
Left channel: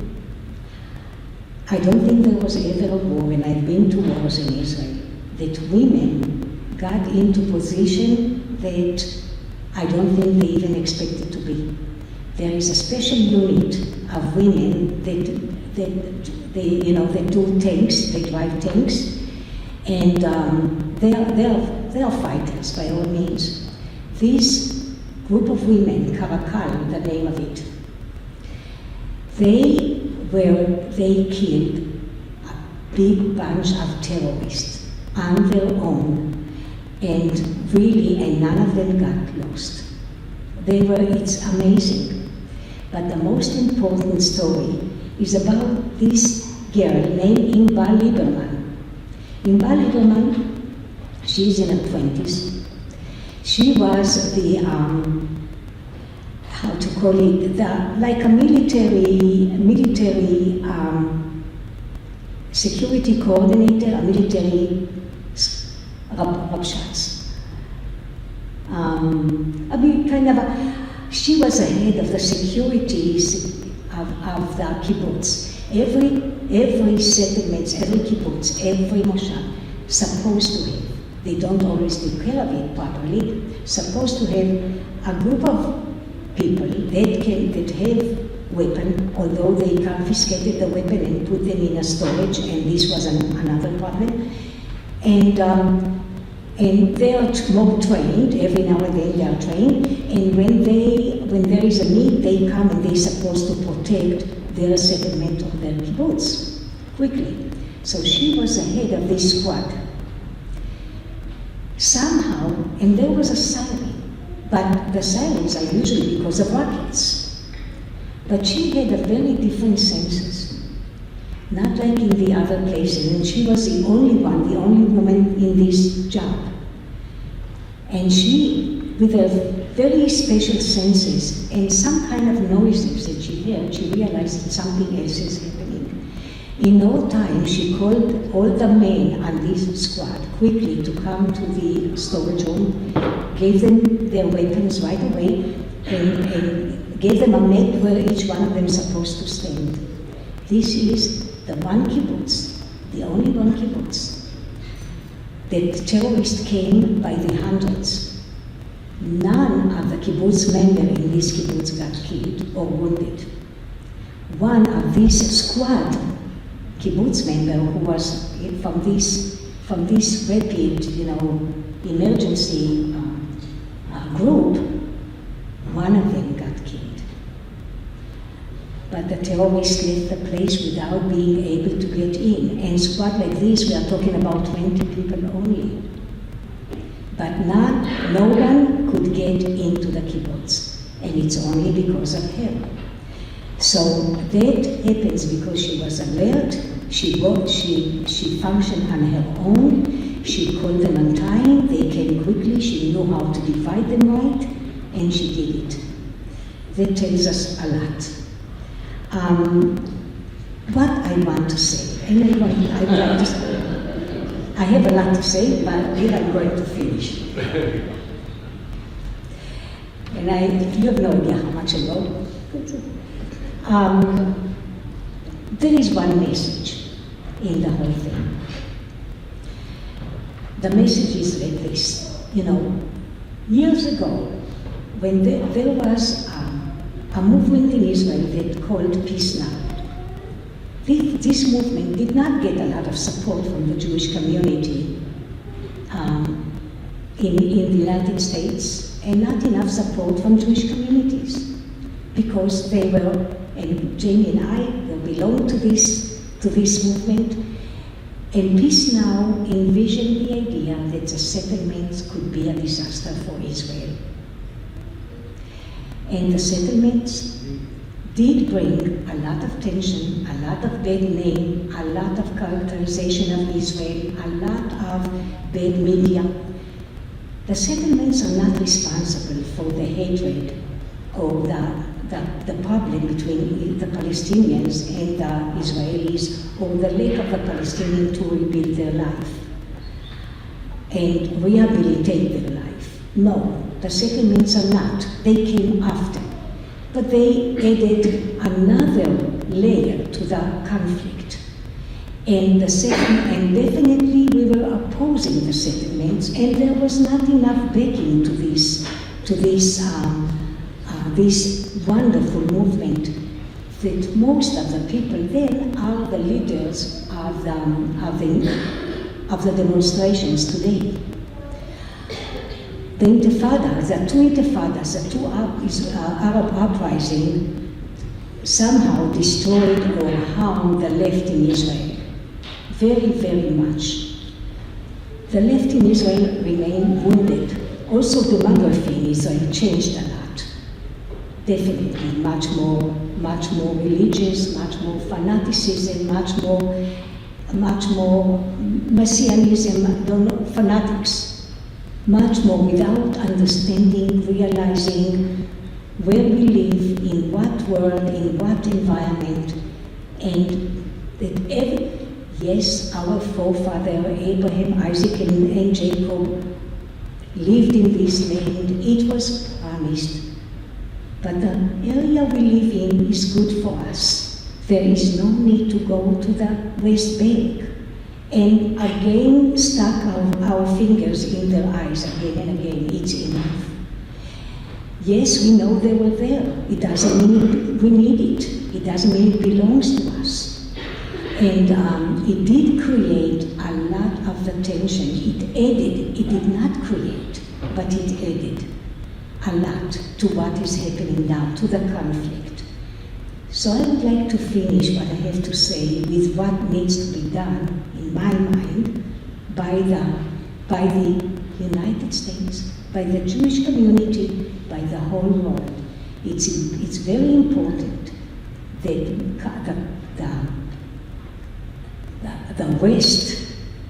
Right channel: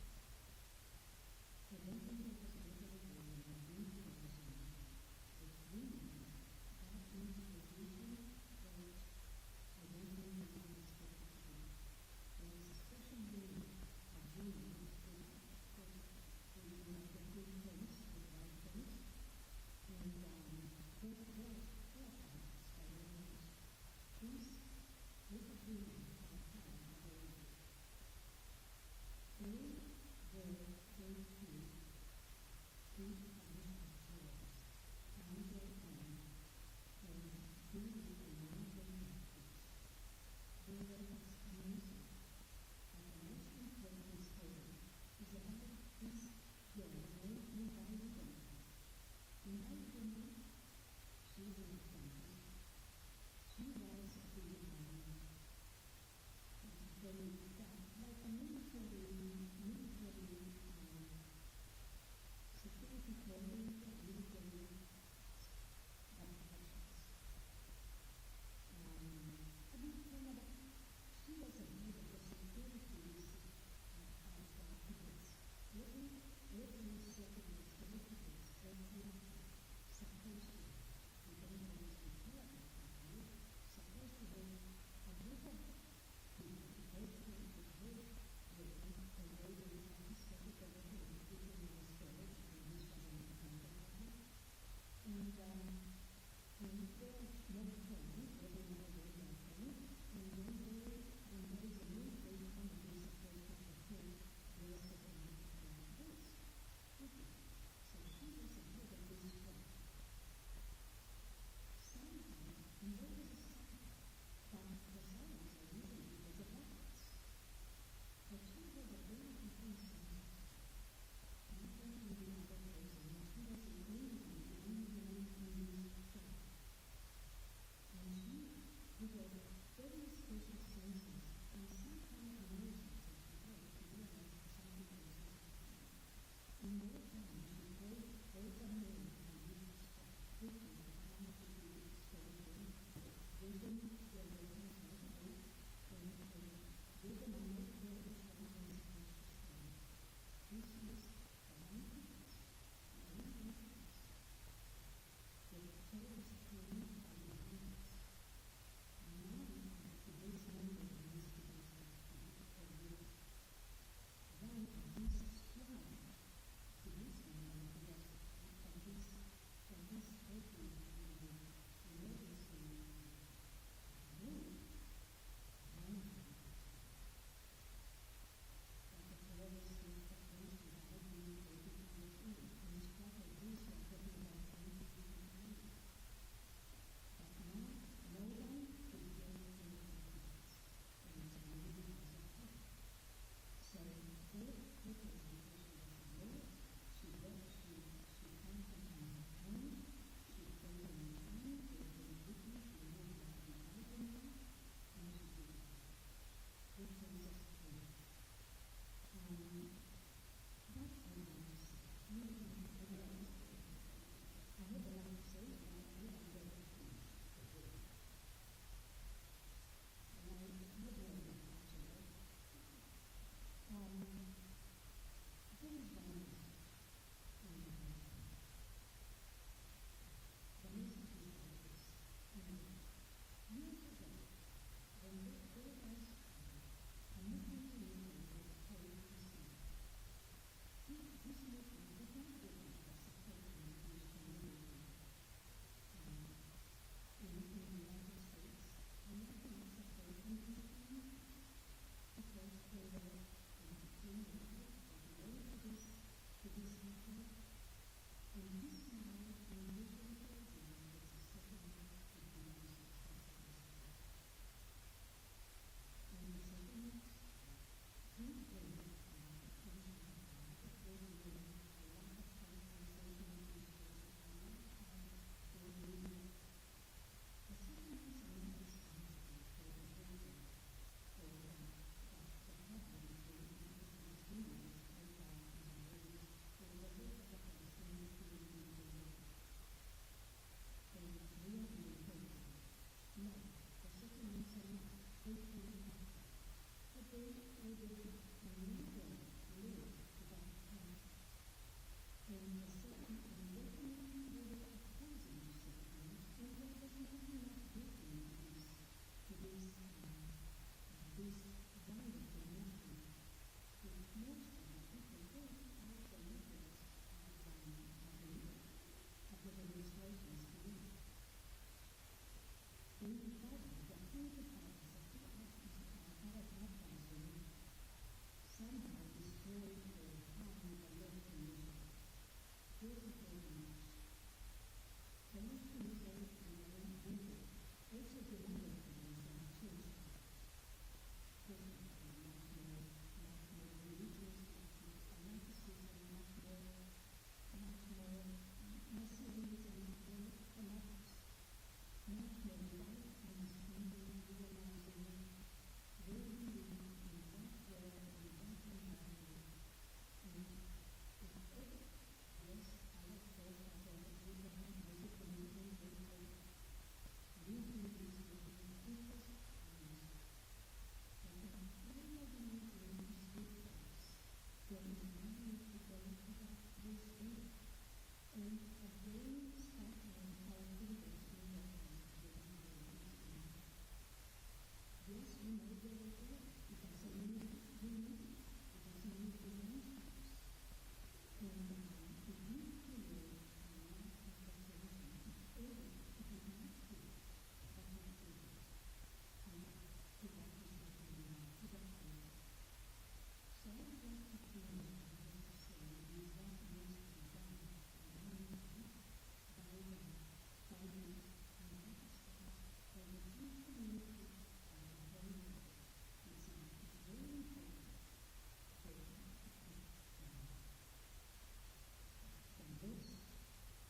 I don't think there was ever a war, and I've been to wars in Israel, that women got into position that I don't think they even expected to be. There is a special unit of women that do tanks, they drive tanks, and they are fighters by all means. This group of women, Karakal, the name of it, they killed a big bunch of terrorists on their own. And really, and none of them got lost. It's amazing. But the most important story is about this girl named Inba Lieberman. Inba Lieberman She's in her 20s. She was the, how to call it, like a military security coordinator, a military Rabshats. She was the head of the securities of the kibbutz. Every settlement, every kibbutz, every moshav, supposed to have, they don't always take care of it properly, supposed to have a group of people that have weapon, although they confiscated the weapon and put them in a storage, and this was another problem. And they are more trained, every now and then they are trained, and when there is a need, they come and they're supposed to protect their settlement of their kibbutz quickly. So she was the head of this squad. Somehow, and there was a siren, but the sirens are usually because of rockets. But she had a very different senses, not like in the other places, and she was the only woman in this job. And she, with her very special senses and some kind of noises that she heard, she realized that something else is happening. In no time, she called all the men on this squad quickly to come to the storage room, gave them their weapons right away, and gave them a map where each one of them is supposed to stand. This is the one kibbutz, the only one kibbutz, that terrorists came by the hundreds. None of the kibbutz members in this kibbutz got killed or wounded. One of this squad kibbutz member who was from this rapid, emergency group, one of them got killed. But the terrorists left the place without being able to get in. And squad like this, we are talking about 20 people only. But no one could get into the kibbutz, and it's only because of her. So that happens because she was alert, she functioned on her own, she called them on time, they came quickly, she knew how to divide them right, and she did it. That tells us a lot. What I want to say, and I have a lot to say, but here I'm going to finish. And you have no idea how much I know. There is one message in the whole thing. The message is like this. Years ago, when there was a movement in Israel that called Peace Now. This movement did not get a lot of support from the Jewish community in the United States, and not enough support from Jewish communities, because they were, and Jamie and I belong to this movement, and Peace Now envisioned the idea that the settlements could be a disaster for Israel. And the settlements did bring a lot of tension, a lot of bad name, a lot of characterization of Israel, a lot of bad media. The settlements are not responsible for the hatred or the problem between the Palestinians and the Israelis, or the lack of the Palestinians to rebuild their life and rehabilitate their life. No, the settlements are not. They came after. But they added another layer to the conflict. And definitely we were opposing the settlements, and there was not enough backing to this wonderful movement that most of the people then are the leaders of the demonstrations today. The intifadas, the two intifadas, the two Arab uprisings somehow destroyed or harmed the left in Israel. Very, very much. The left in Israel remained wounded. Also, demography in Israel changed a lot. Definitely, much more religious, much more fanaticism, much more much more messianism, I don't know, fanatics, much more without understanding, realizing where we live, in what world, in what environment, and that yes, our forefather Abraham, Isaac, and Jacob lived in this land. It was promised. But the area we live in is good for us. There is no need to go to the West Bank and again stuck our fingers in their eyes again and again. It's enough. Yes, we know they were there. It doesn't mean we need it. It doesn't mean it belongs to us. And it did create a lot of the tension. It added, it did not create, but it added a lot to what is happening now, to the conflict. So I would like to finish what I have to say with what needs to be done, in my mind, by the United States, by the Jewish community, by the whole world. It's very important that the West,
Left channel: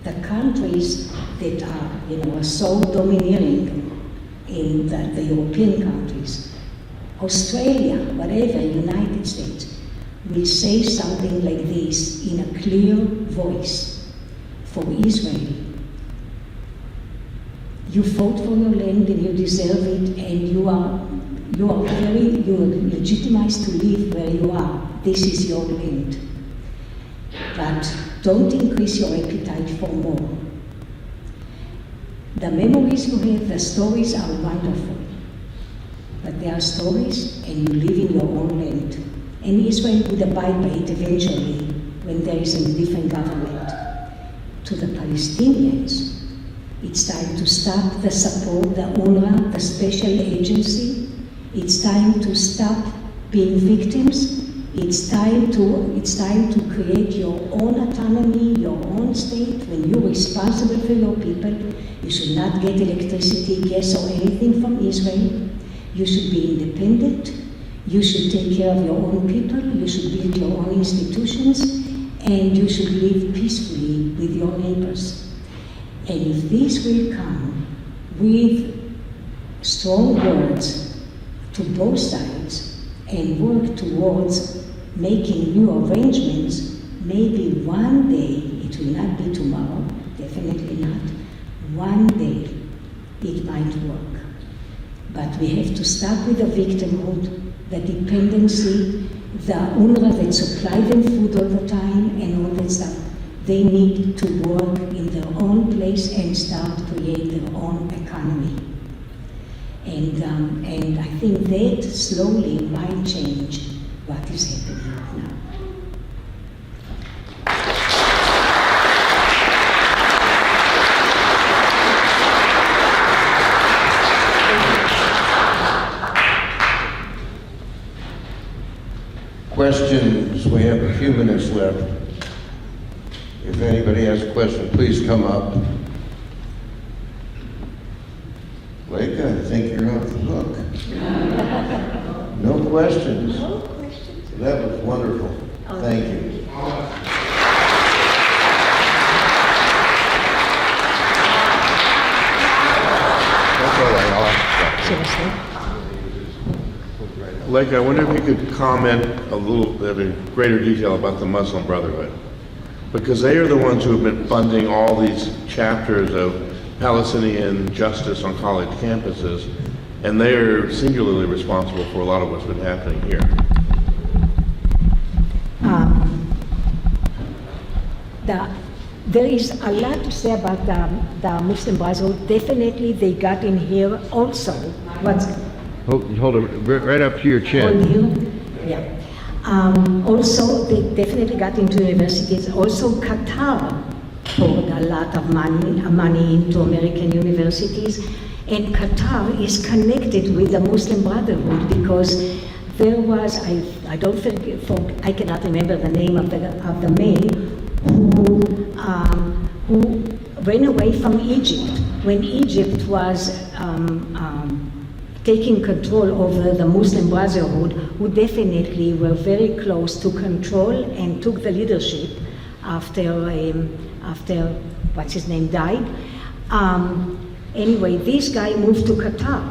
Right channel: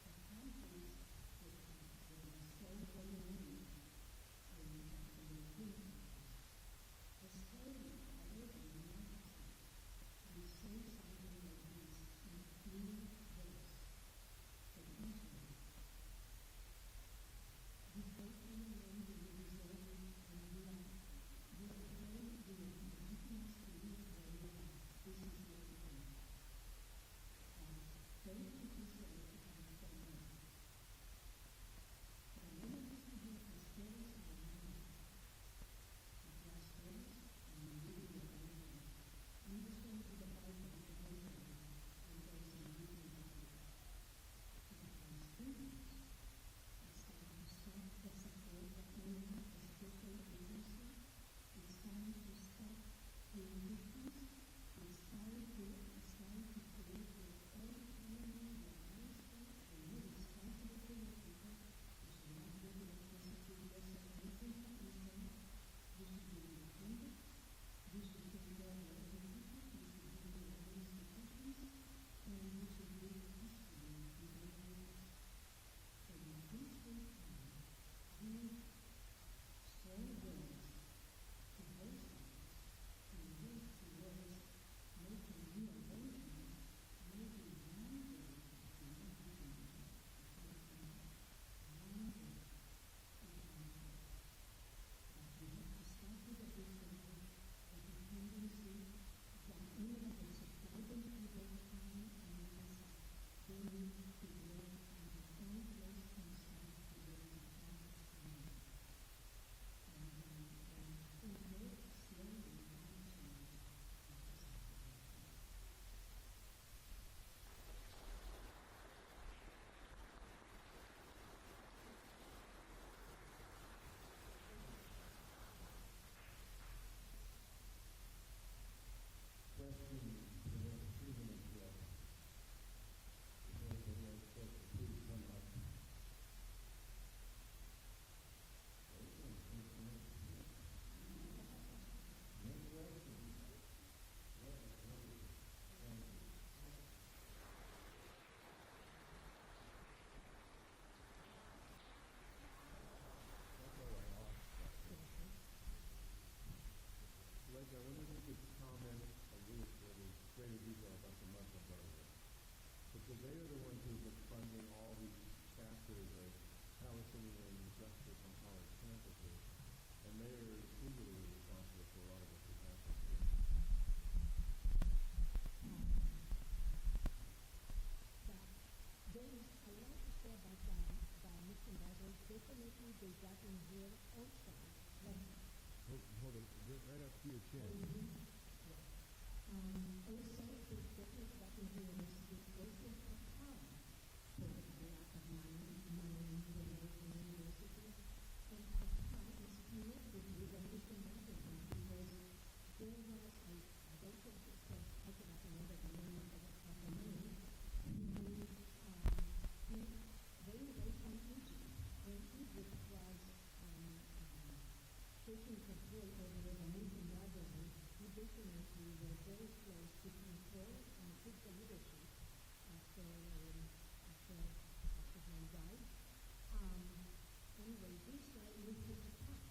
the countries that are so domineering in the European countries, Australia, whatever, United States, will say something like this in a clear voice for Israel. You fought for your land and you deserve it, and you are legitimized to live where you are. This is your land. But don't increase your appetite for more. The memories you have, the stories are wonderful. But they are stories, and you live in your own land. And Israel would abide by it eventually when there is a different government. To the Palestinians, it's time to stop the support, the UNRWA, the special agency. It's time to stop being victims. It's time to create your own autonomy, your own state. When you're responsible for your people, you should not get electricity, gas, or anything from Israel. You should be independent. You should take care of your own people. You should build your own institutions, and you should live peacefully with your neighbors. And if this will come with strong words to both sides and work towards making new arrangements, maybe one day, it will not be tomorrow, definitely not, one day it might work. But we have to start with the victimhood, the dependency, the UNRWA that supply them food all the time and all that stuff. They need to work in their own place and start create their own economy. And I think that slowly might change what is happening now. Questions? We have a few minutes left. If anybody has a question, please come up. Leica, I think you're off the hook. No questions? No questions. That was wonderful. Thank you. Leica, I wonder if you could comment a little bit in greater detail about the Muslim Brotherhood. Because they are the ones who have been funding all these chapters of Palestinian justice on college campuses, and they are singularly responsible for a lot of what's been happening here. There is a lot to say about the Muslim Brotherhood. Definitely they got in here also. Hold it right up to your chin. Yeah. Also, they definitely got into universities. Also, Qatar poured a lot of money into American universities. And Qatar is connected with the Muslim Brotherhood because there was, I cannot remember the name of the man who ran away from Egypt when Egypt was taking control over the Muslim Brotherhood, who definitely were very close to control and took the leadership after what's his name died. Anyway, this guy moved to Qatar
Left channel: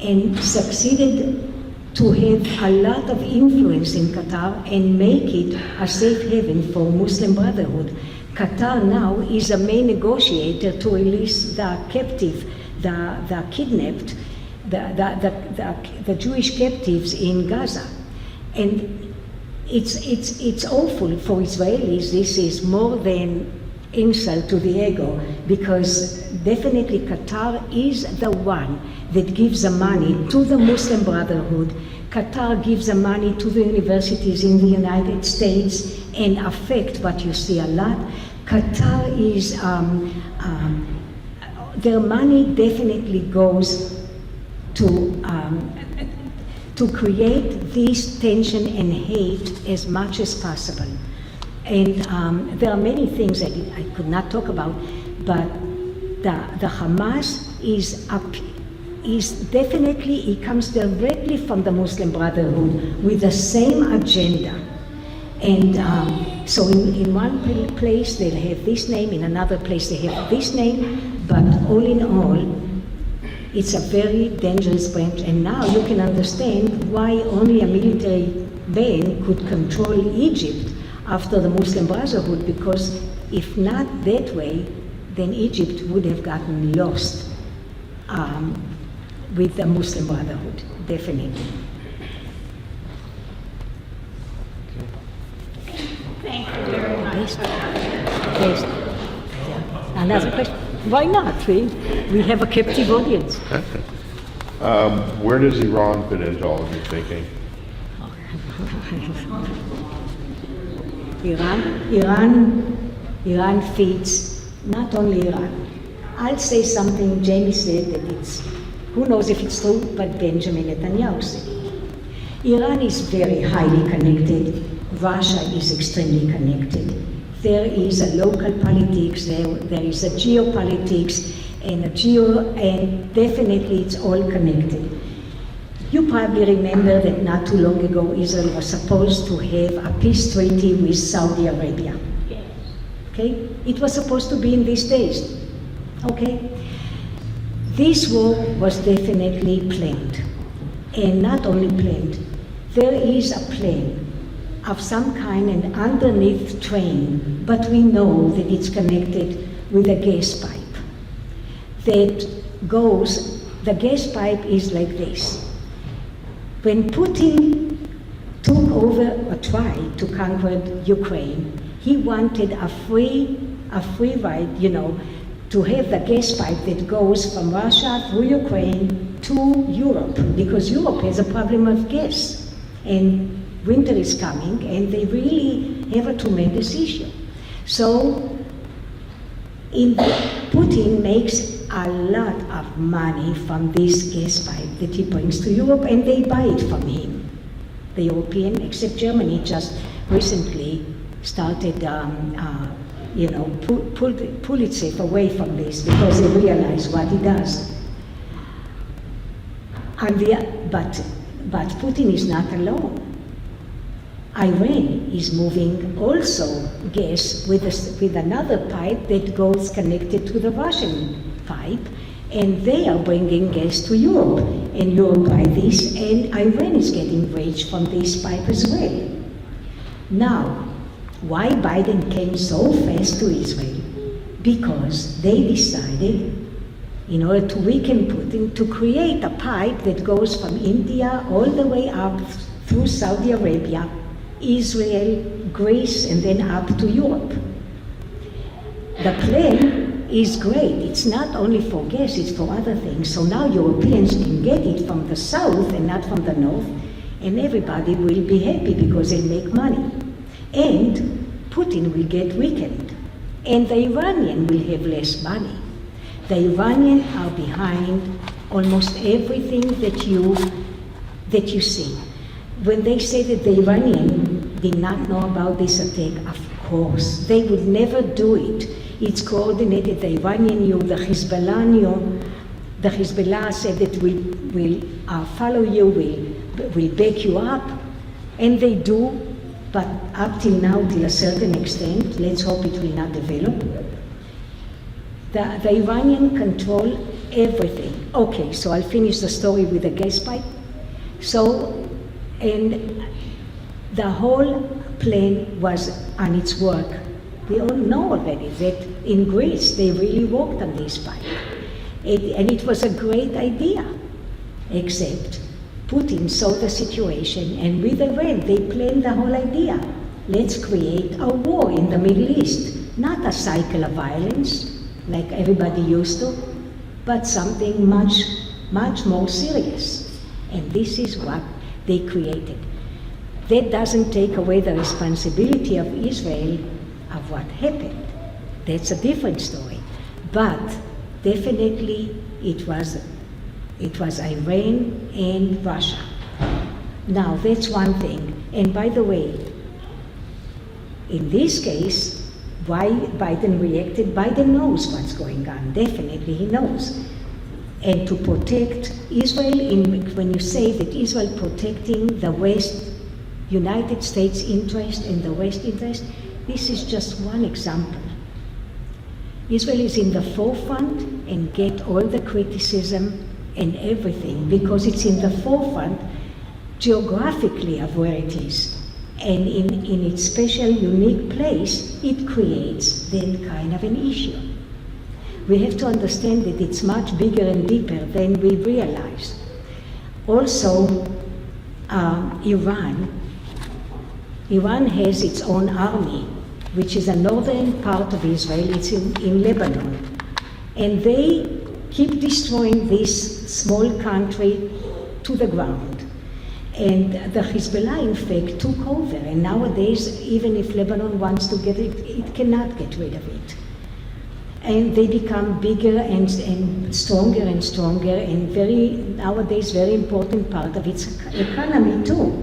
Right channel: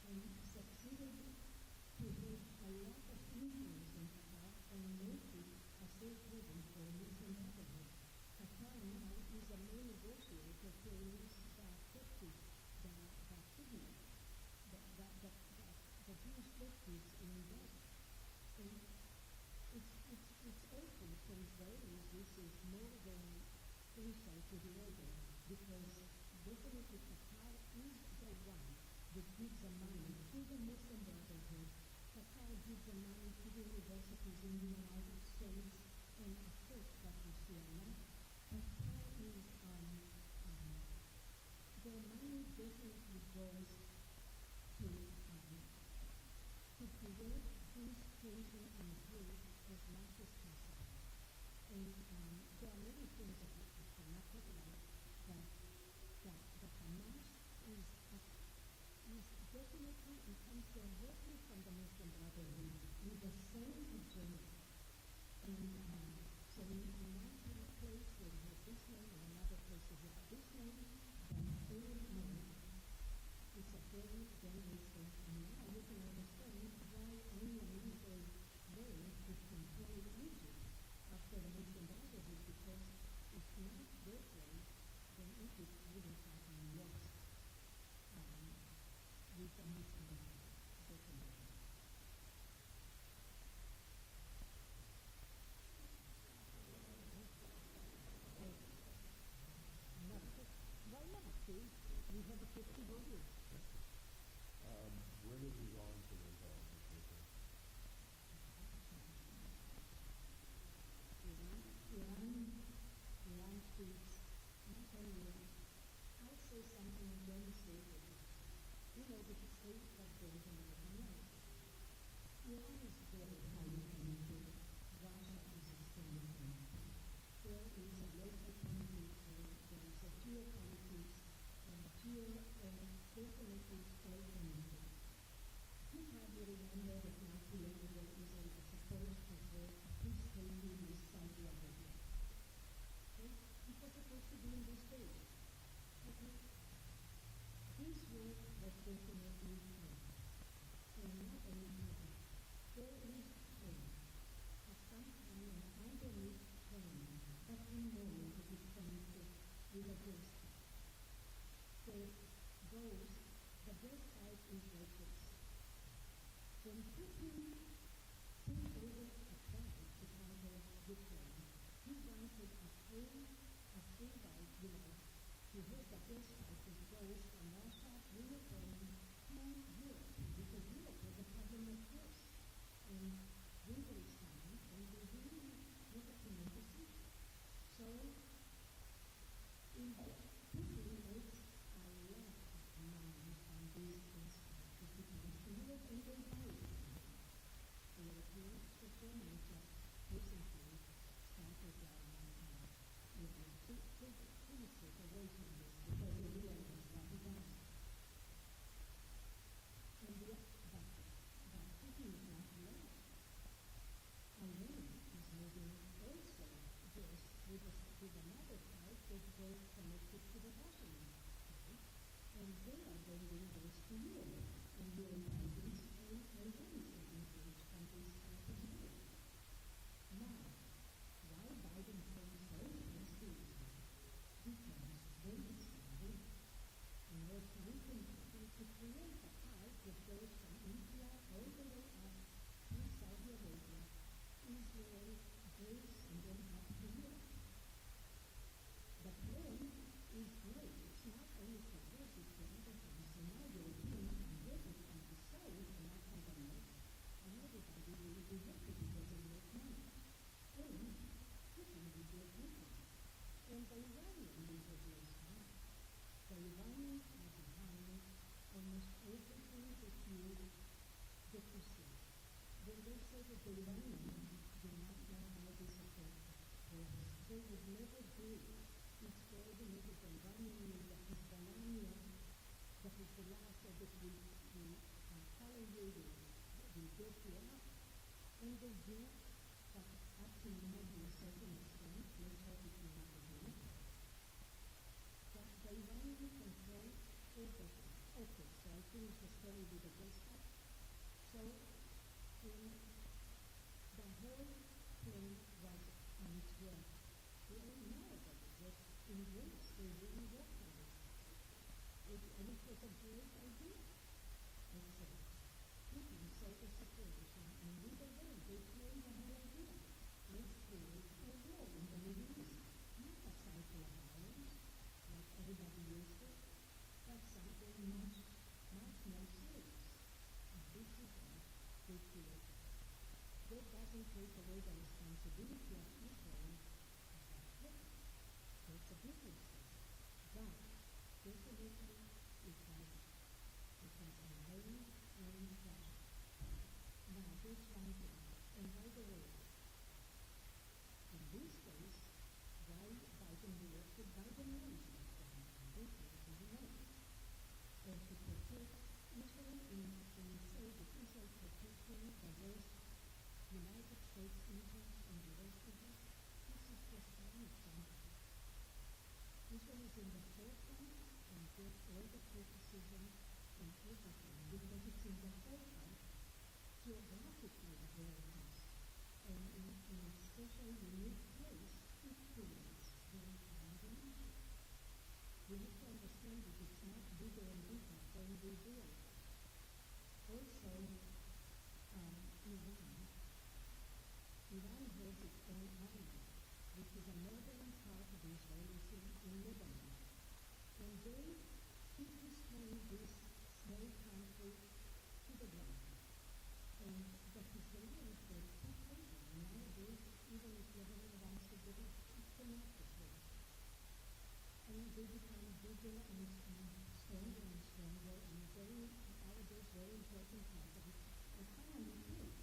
and succeeded to have a lot of influence in Qatar and make it a safe haven for Muslim Brotherhood. Qatar now is a main negotiator to release the captive, the kidnapped, the Jewish captives in Gaza. And it's awful for Israelis. This is more than insult to the ego, because definitely Qatar is the one that gives the money to the Muslim Brotherhood. Qatar gives the money to the universities in the United States, and affect what you see a lot. Qatar is, their money definitely goes to create this tension and hate as much as possible. And there are many things that I could not talk about, but the Hamas is definitely, it comes directly from the Muslim Brotherhood with the same agenda. And so in one place they'll have this name, in another place they have this name, but all in all, it's a very dangerous branch. And now you can understand why only a military man could control Egypt after the Muslim Brotherhood, because if not that way, then Egypt would have gotten lost with the Muslim Brotherhood, definitely. Thank you very much. Yes. Another question? Why not? We have a captive audience. Where does Iran fit into all of your thinking? Iran feeds not only Iran. I'll say something Jamie said that it's, who knows if it's true, but Benjamin Netanyahu said. Iran is very highly connected. Russia is extremely connected. There is a local politics, there is a geopolitics, and definitely it's all connected. You probably remember that not too long ago Israel was supposed to have a peace treaty with Saudi Arabia. Yes. Okay? It was supposed to be in these days. Okay? This war was definitely planned. And not only planned, there is a plan of some kind, an underneath train, but we know that it's connected with a gas pipe that goes, the gas pipe is like this. When Putin took over or tried to conquer Ukraine, he wanted a free ride, to have the gas pipe that goes from Russia through Ukraine to Europe, because Europe has a problem of gas. And winter is coming, and they really have a tremendous issue. So Putin makes a lot of money from this gas pipe that he brings to Europe, and they buy it from him. The European, except Germany, just recently started, pull itself away from this because they realize what it does. But Putin is not alone. Iran is moving also gas with another pipe that goes connected to the Russian pipe, and they are bringing gas to Europe, and Europe buy this, and Iran is getting rich from this pipe as well. Now, why Biden came so fast to Israel? Because they decided, in order to weaken Putin, to create a pipe that goes from India all the way up through Saudi Arabia, Israel, Greece, and then up to Europe. The plan is great. It's not only for gas, it's for other things. So now Europeans can get it from the south and not from the north, and everybody will be happy because they'll make money. And Putin will get weakened, and the Iranian will have less money. The Iranians are behind almost everything that you see. When they say that the Iranian did not know about this attack, of course, they would never do it. It's coordinated. The Iranian knew, the Hezbollah knew. The Hezbollah said that we'll follow you, we'll back you up, and they do but up till now, to a certain extent, let's hope it will not develop. The Iranian control everything. Okay, so I'll finish the story with the gas pipe. So, and the whole plan was on its work. We all know already that in Greece they really worked on this pipe. And it was a great idea, except Putin saw the situation, and with Iran they planned the whole idea. Let's create a war in the Middle East, not a cycle of violence like everybody used to, but something much, much more serious. And this is what they created. That doesn't take away the responsibility of Israel of what happened. That's a different story. But definitely it was Iran and Russia. Now, that's one thing. And by the way, in this case, why Biden reacted, Biden knows what's going on. Definitely he knows. And to protect Israel, when you say that Israel protecting the West, United States interest and the West interest, this is just one example. Israel is in the forefront and get all the criticism and everything because it's in the forefront geographically of where it is. And in its special, unique place, it creates that kind of an issue. We have to understand that it's much bigger and deeper than we realize. Also, Iran has its own army, which is a northern part of Israel. It's in Lebanon. And they keep destroying this small country to the ground. And the Hezbollah, in fact, took over. And nowadays, even if Lebanon wants to get it, it cannot get rid of it. And they become bigger and stronger and nowadays, very important part of its economy too.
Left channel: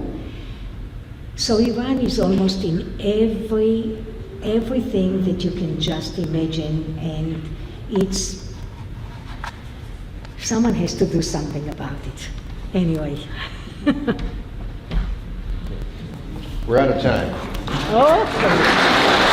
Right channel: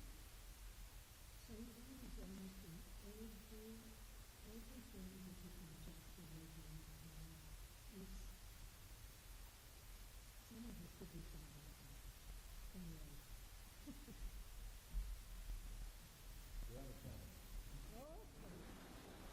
So Iran is almost in everything that you can just imagine, and someone has to do something about it. Anyway. We're out of time. Okay.